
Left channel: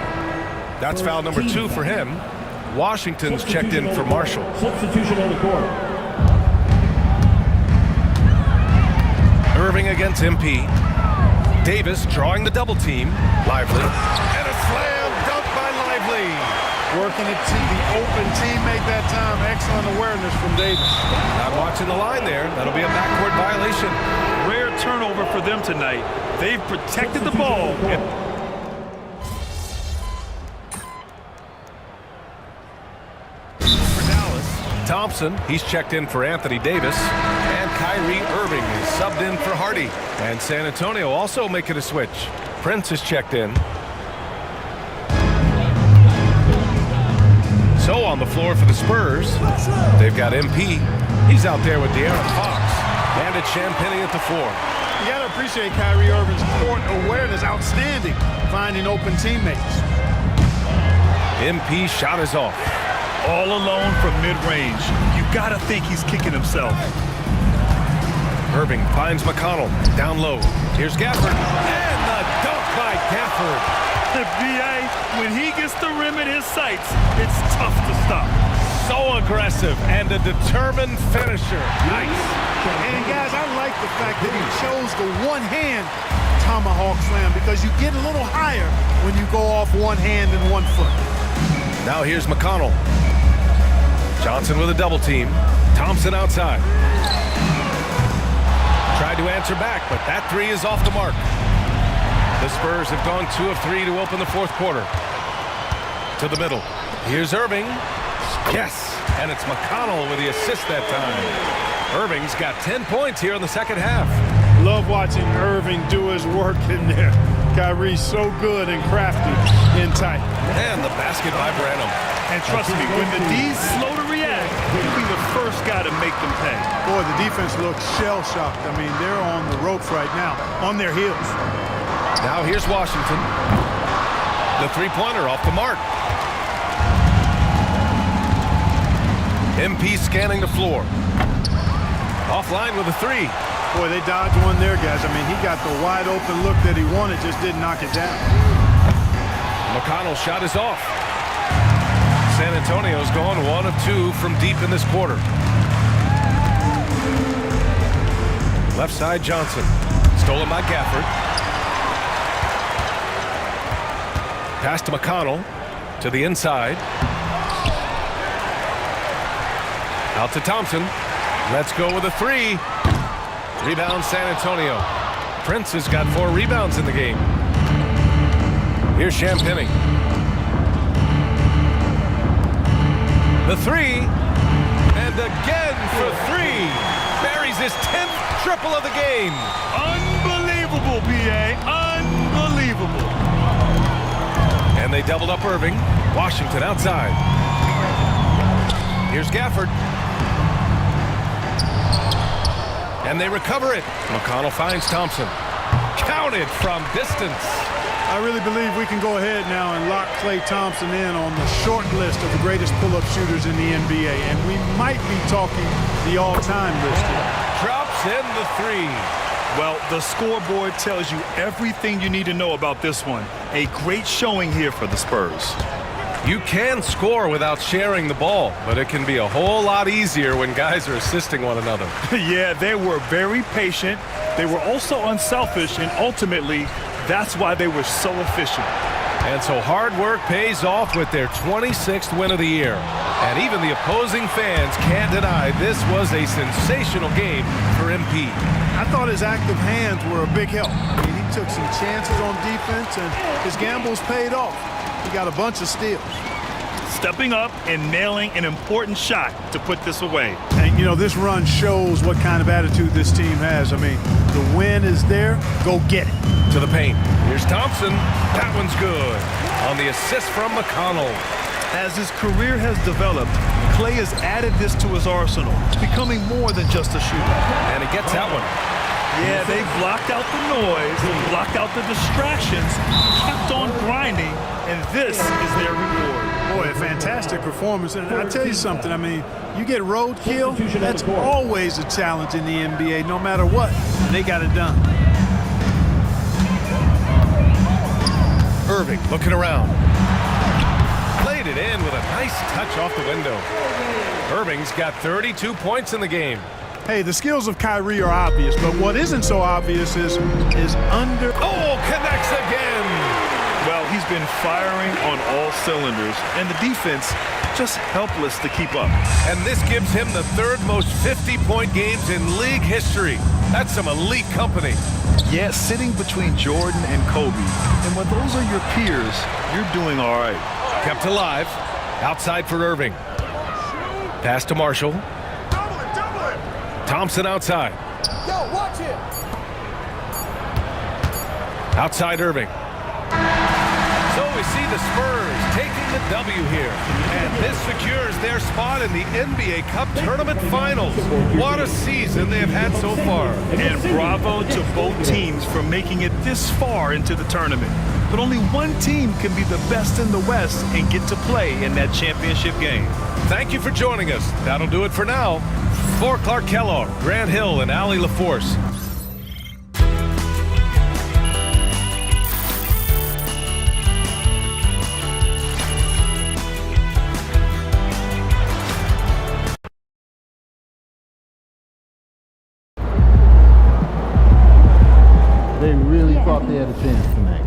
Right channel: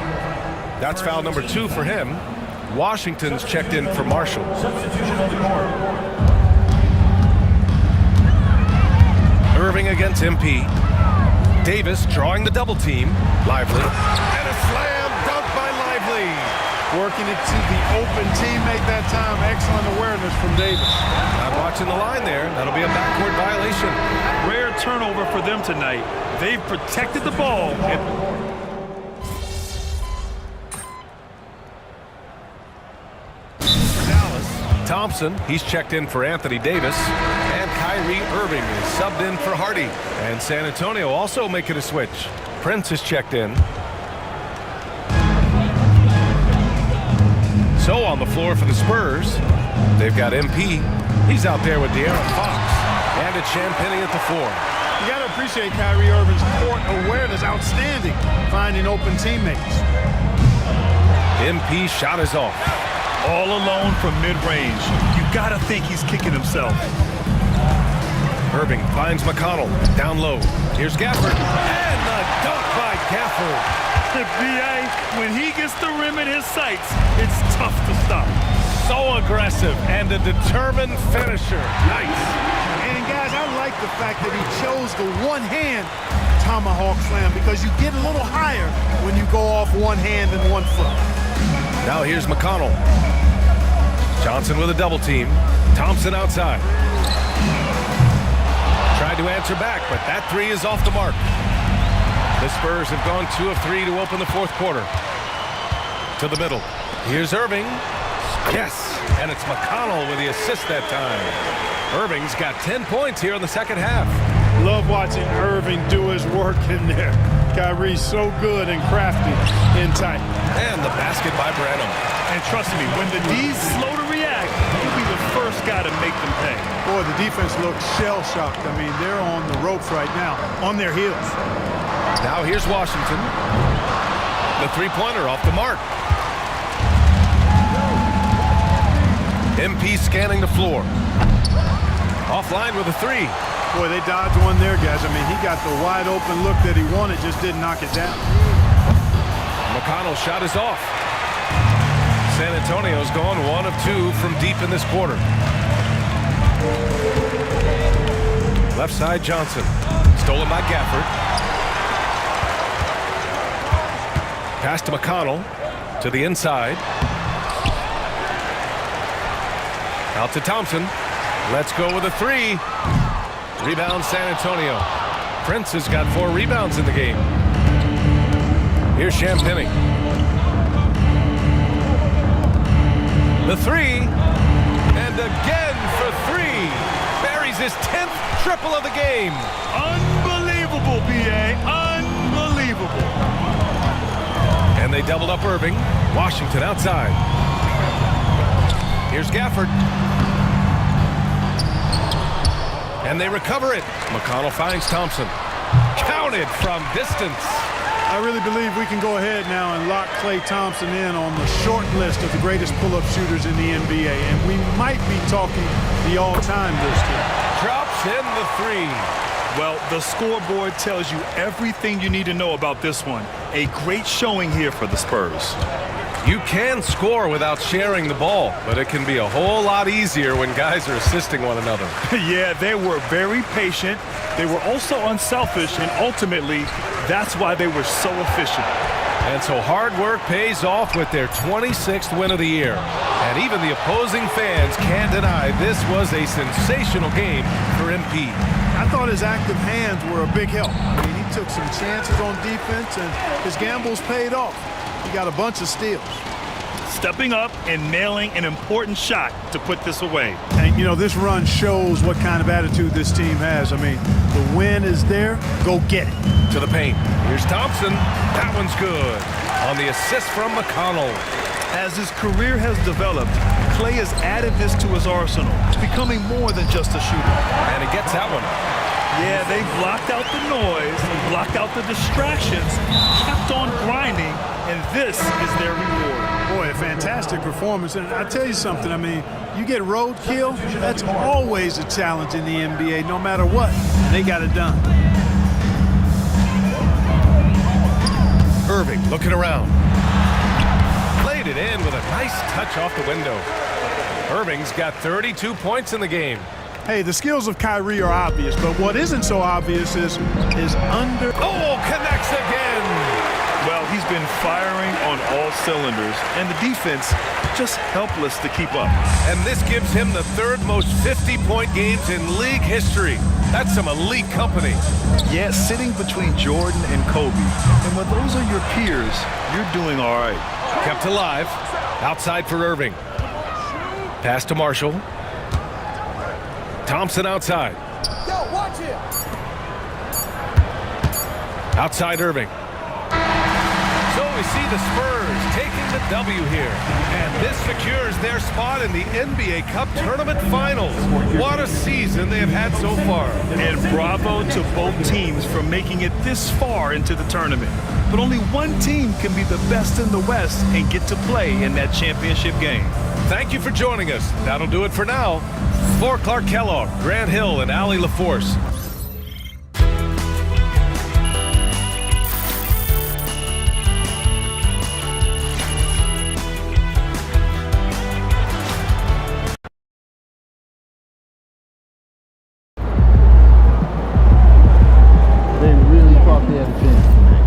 That's foul number 2 for him. Washington's checked in for Marshall. Substitution on the court. Irving against MP. Davis drawing the double team. Lively. And a slam dunk by Lively. Working it to the open teammate that time. Excellent awareness from Davis. Not watching the line there. That'll be a backcourt violation. Rare turnover for them tonight. They've protected the ball. For Dallas, Thompson, he's checked in for Anthony Davis. And Kyrie Irving is subbed in for Hardy. And San Antonio also making a switch. Prince is checked in. So on the floor for the Spurs, they've got MP. He's out there with De'Aaron Fox. And it's Champagnie at the 4. You got to appreciate Kyrie Irving's court awareness. Outstanding. Finding open teammates. MP shot is off. All alone from mid-range. You got to think he's kicking himself. Irving finds McConnell. Down low. Here's Gafford. And the dunk by Gafford. The BA, when he gets the rim in his sights, it's tough to stop. So aggressive and a determined finisher. Nice. And guys, I like the fact that he chose the one-hand tomahawk slam because you get a little higher when you go off one hand and 1 foot. Now here's McConnell. Johnson with a double team. Thompson outside. Tried to answer back, but that 3 is off the mark. The Spurs have gone 2 of 3 to open the fourth quarter. To the middle. Here's Irving. Yes, and it's McConnell with the assist that time. Irving's got 10 points here in the second half. Love watching Irving do his work in there. Kyrie's so good and crafty in tight. And the basket by Branham. And trust me, when the D's slow to react, he'll be the first guy to make them pay. Boy, the defense looks shell-shocked. I mean, they're on the ropes right now, on their heels. Now here's Washington. The three-pointer off the mark. MP scanning the floor. Offline with a three. Boy, they dodged one there, guys. I mean, he got the wide-open look that he wanted, just didn't knock it down. McConnell's shot is off. San Antonio's gone 1 of 2 from deep in this quarter. Left side, Johnson. Stolen by Gafford. Pass to McConnell. To the inside. Out to Thompson. Let's go with a three. Rebound San Antonio. Prince has got 4 rebounds in the game. Here's Champagny. The three. And again for 3. Buries his 10th triple of the game. Unbelievable, B.A. Unbelievable. And they doubled up Irving. Washington outside. Here's Gafford. And they recover it. McConnell finds Thompson. Counted from distance. I really believe we can go ahead now and lock Klay Thompson in on the short list of the greatest pull-up shooters in the NBA. And we might be talking the all-time list here. Drops in the three. Well, the scoreboard tells you everything you need to know about this one. A great showing here for the Spurs. You can score without sharing the ball, but it can be a whole lot easier when guys are assisting one another. Yeah, they were very patient. They were also unselfish, and ultimately, that's why they were so efficient. And so hard work pays off with their 26th win of the year. And even the opposing fans can't deny this was a sensational game for MP. I thought his active hands were a big help. I mean, he took some chances on defense, and his gambles paid off. He got a bunch of steals. Stepping up and nailing an important shot to put this away. And, you know, this run shows what kind of attitude this team has. I mean, the win is there. Go get it. To the paint. Here's Thompson. That one's good. On the assist from McConnell. As his career has developed, Klay has added this to his arsenal, becoming more than just a shooter. And he gets that one. Yeah, they blocked out the noise, blocked out the distractions, kept on grinding, and this is their reward. Boy, a fantastic performance. And I tell you something, I mean, you get roadkill, that's always a challenge in the NBA, no matter what. And they got it done. Irving looking around. Played it in with a nice touch off the window. Irving's got 32 points in the game. Hey, the skills of Kyrie are obvious, but what isn't so obvious is under... Oh, connects again! Well, he's been firing on all cylinders, and the defense just helpless to keep up. And this gives him the 3rd most 50-point games in league history. That's some elite company. Yeah, sitting between Jordan and Kobe. And when those are your peers, you're doing all right. Kept alive. Outside for Irving. Pass to Marshall. Thompson outside. Yo, watch him. Outside Irving. So we see the Spurs taking the W here. And this secures their spot in the NBA Cup Tournament Finals. What a season they have had so far. And bravo to both teams for making it this far into the tournament. But only one team can be the best in the West and get to play in that championship game. Thank you for joining us. That'll do it for now. For Clark Kellogg, Grant Hill, and Allie LaForce. They really thought they had a chance tonight.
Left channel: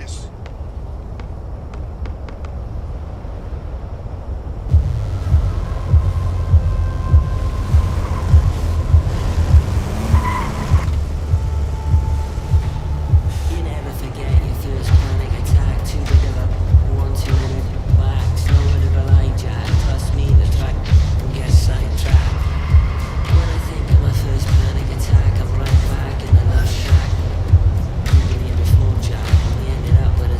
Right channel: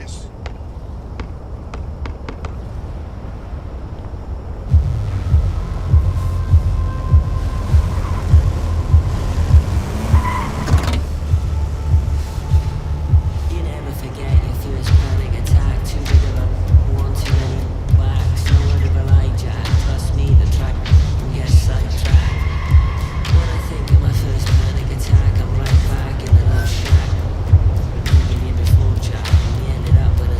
this. You never forget your first panic attack. Too big of a 1 2 minute wax. No word of a lie, Jack. Trust me, the track can get sidetracked. When I think of my first panic attack, I'm right back in the love shack. We've been here before, Jack, and we ended up with a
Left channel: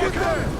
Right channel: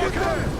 get there.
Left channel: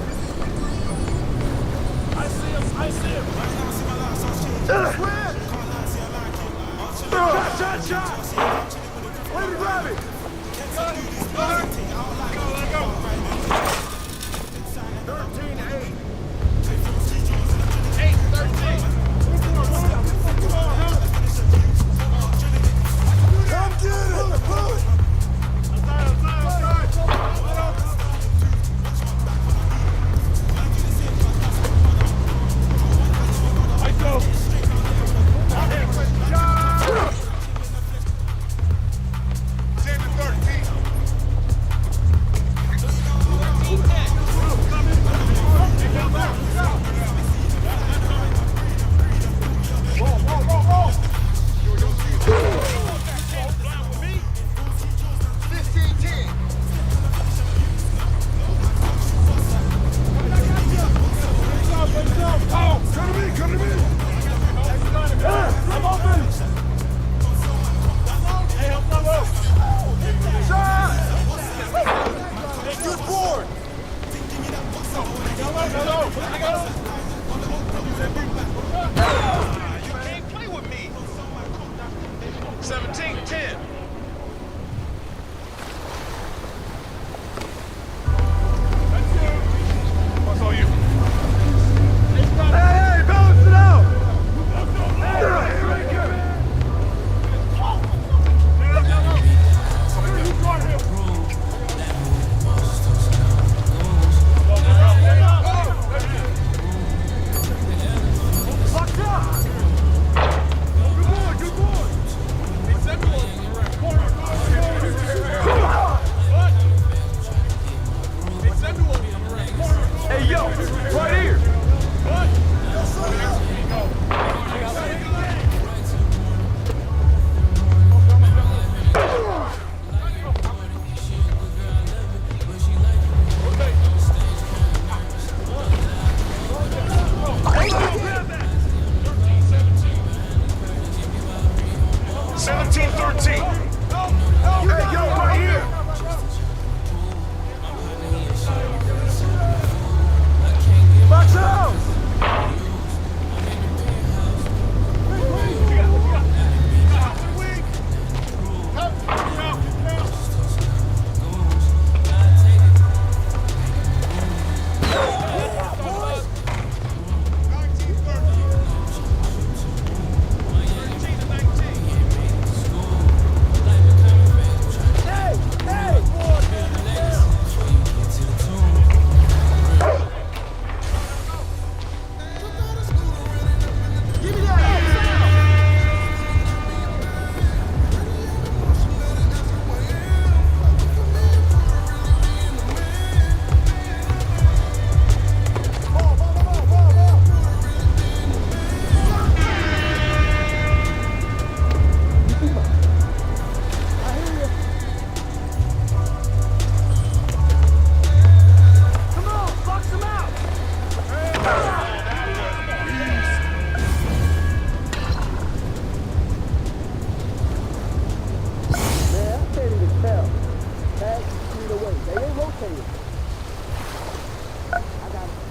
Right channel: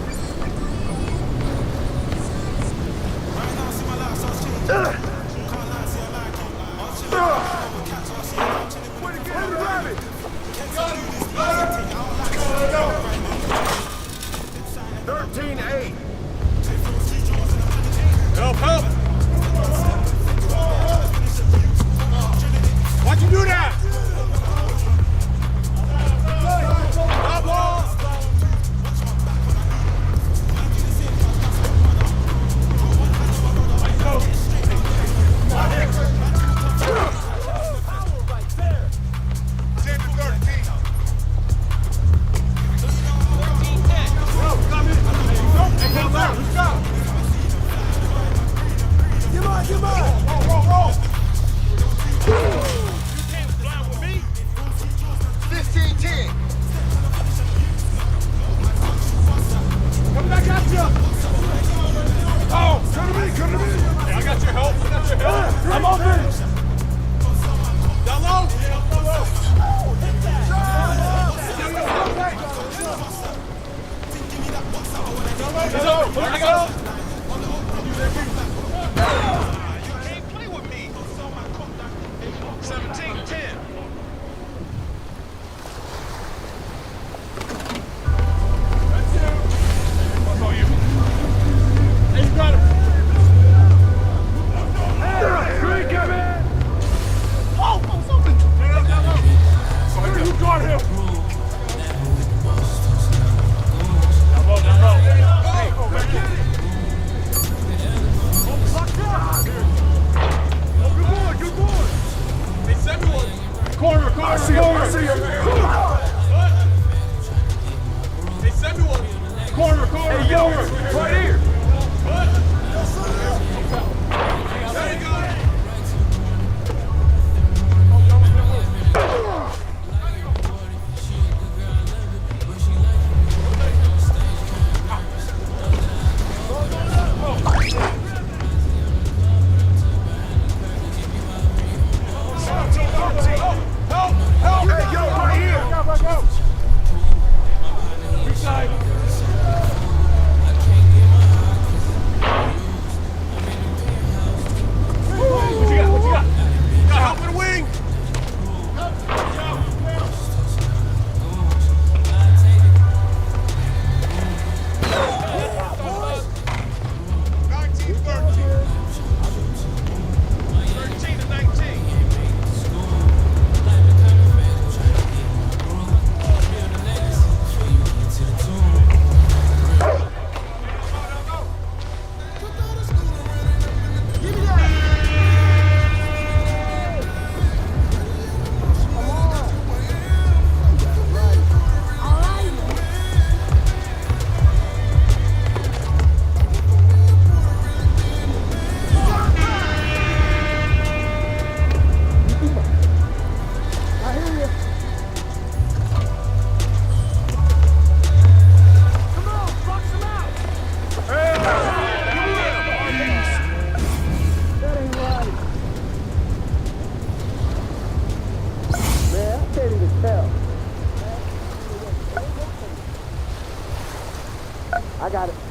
I got it.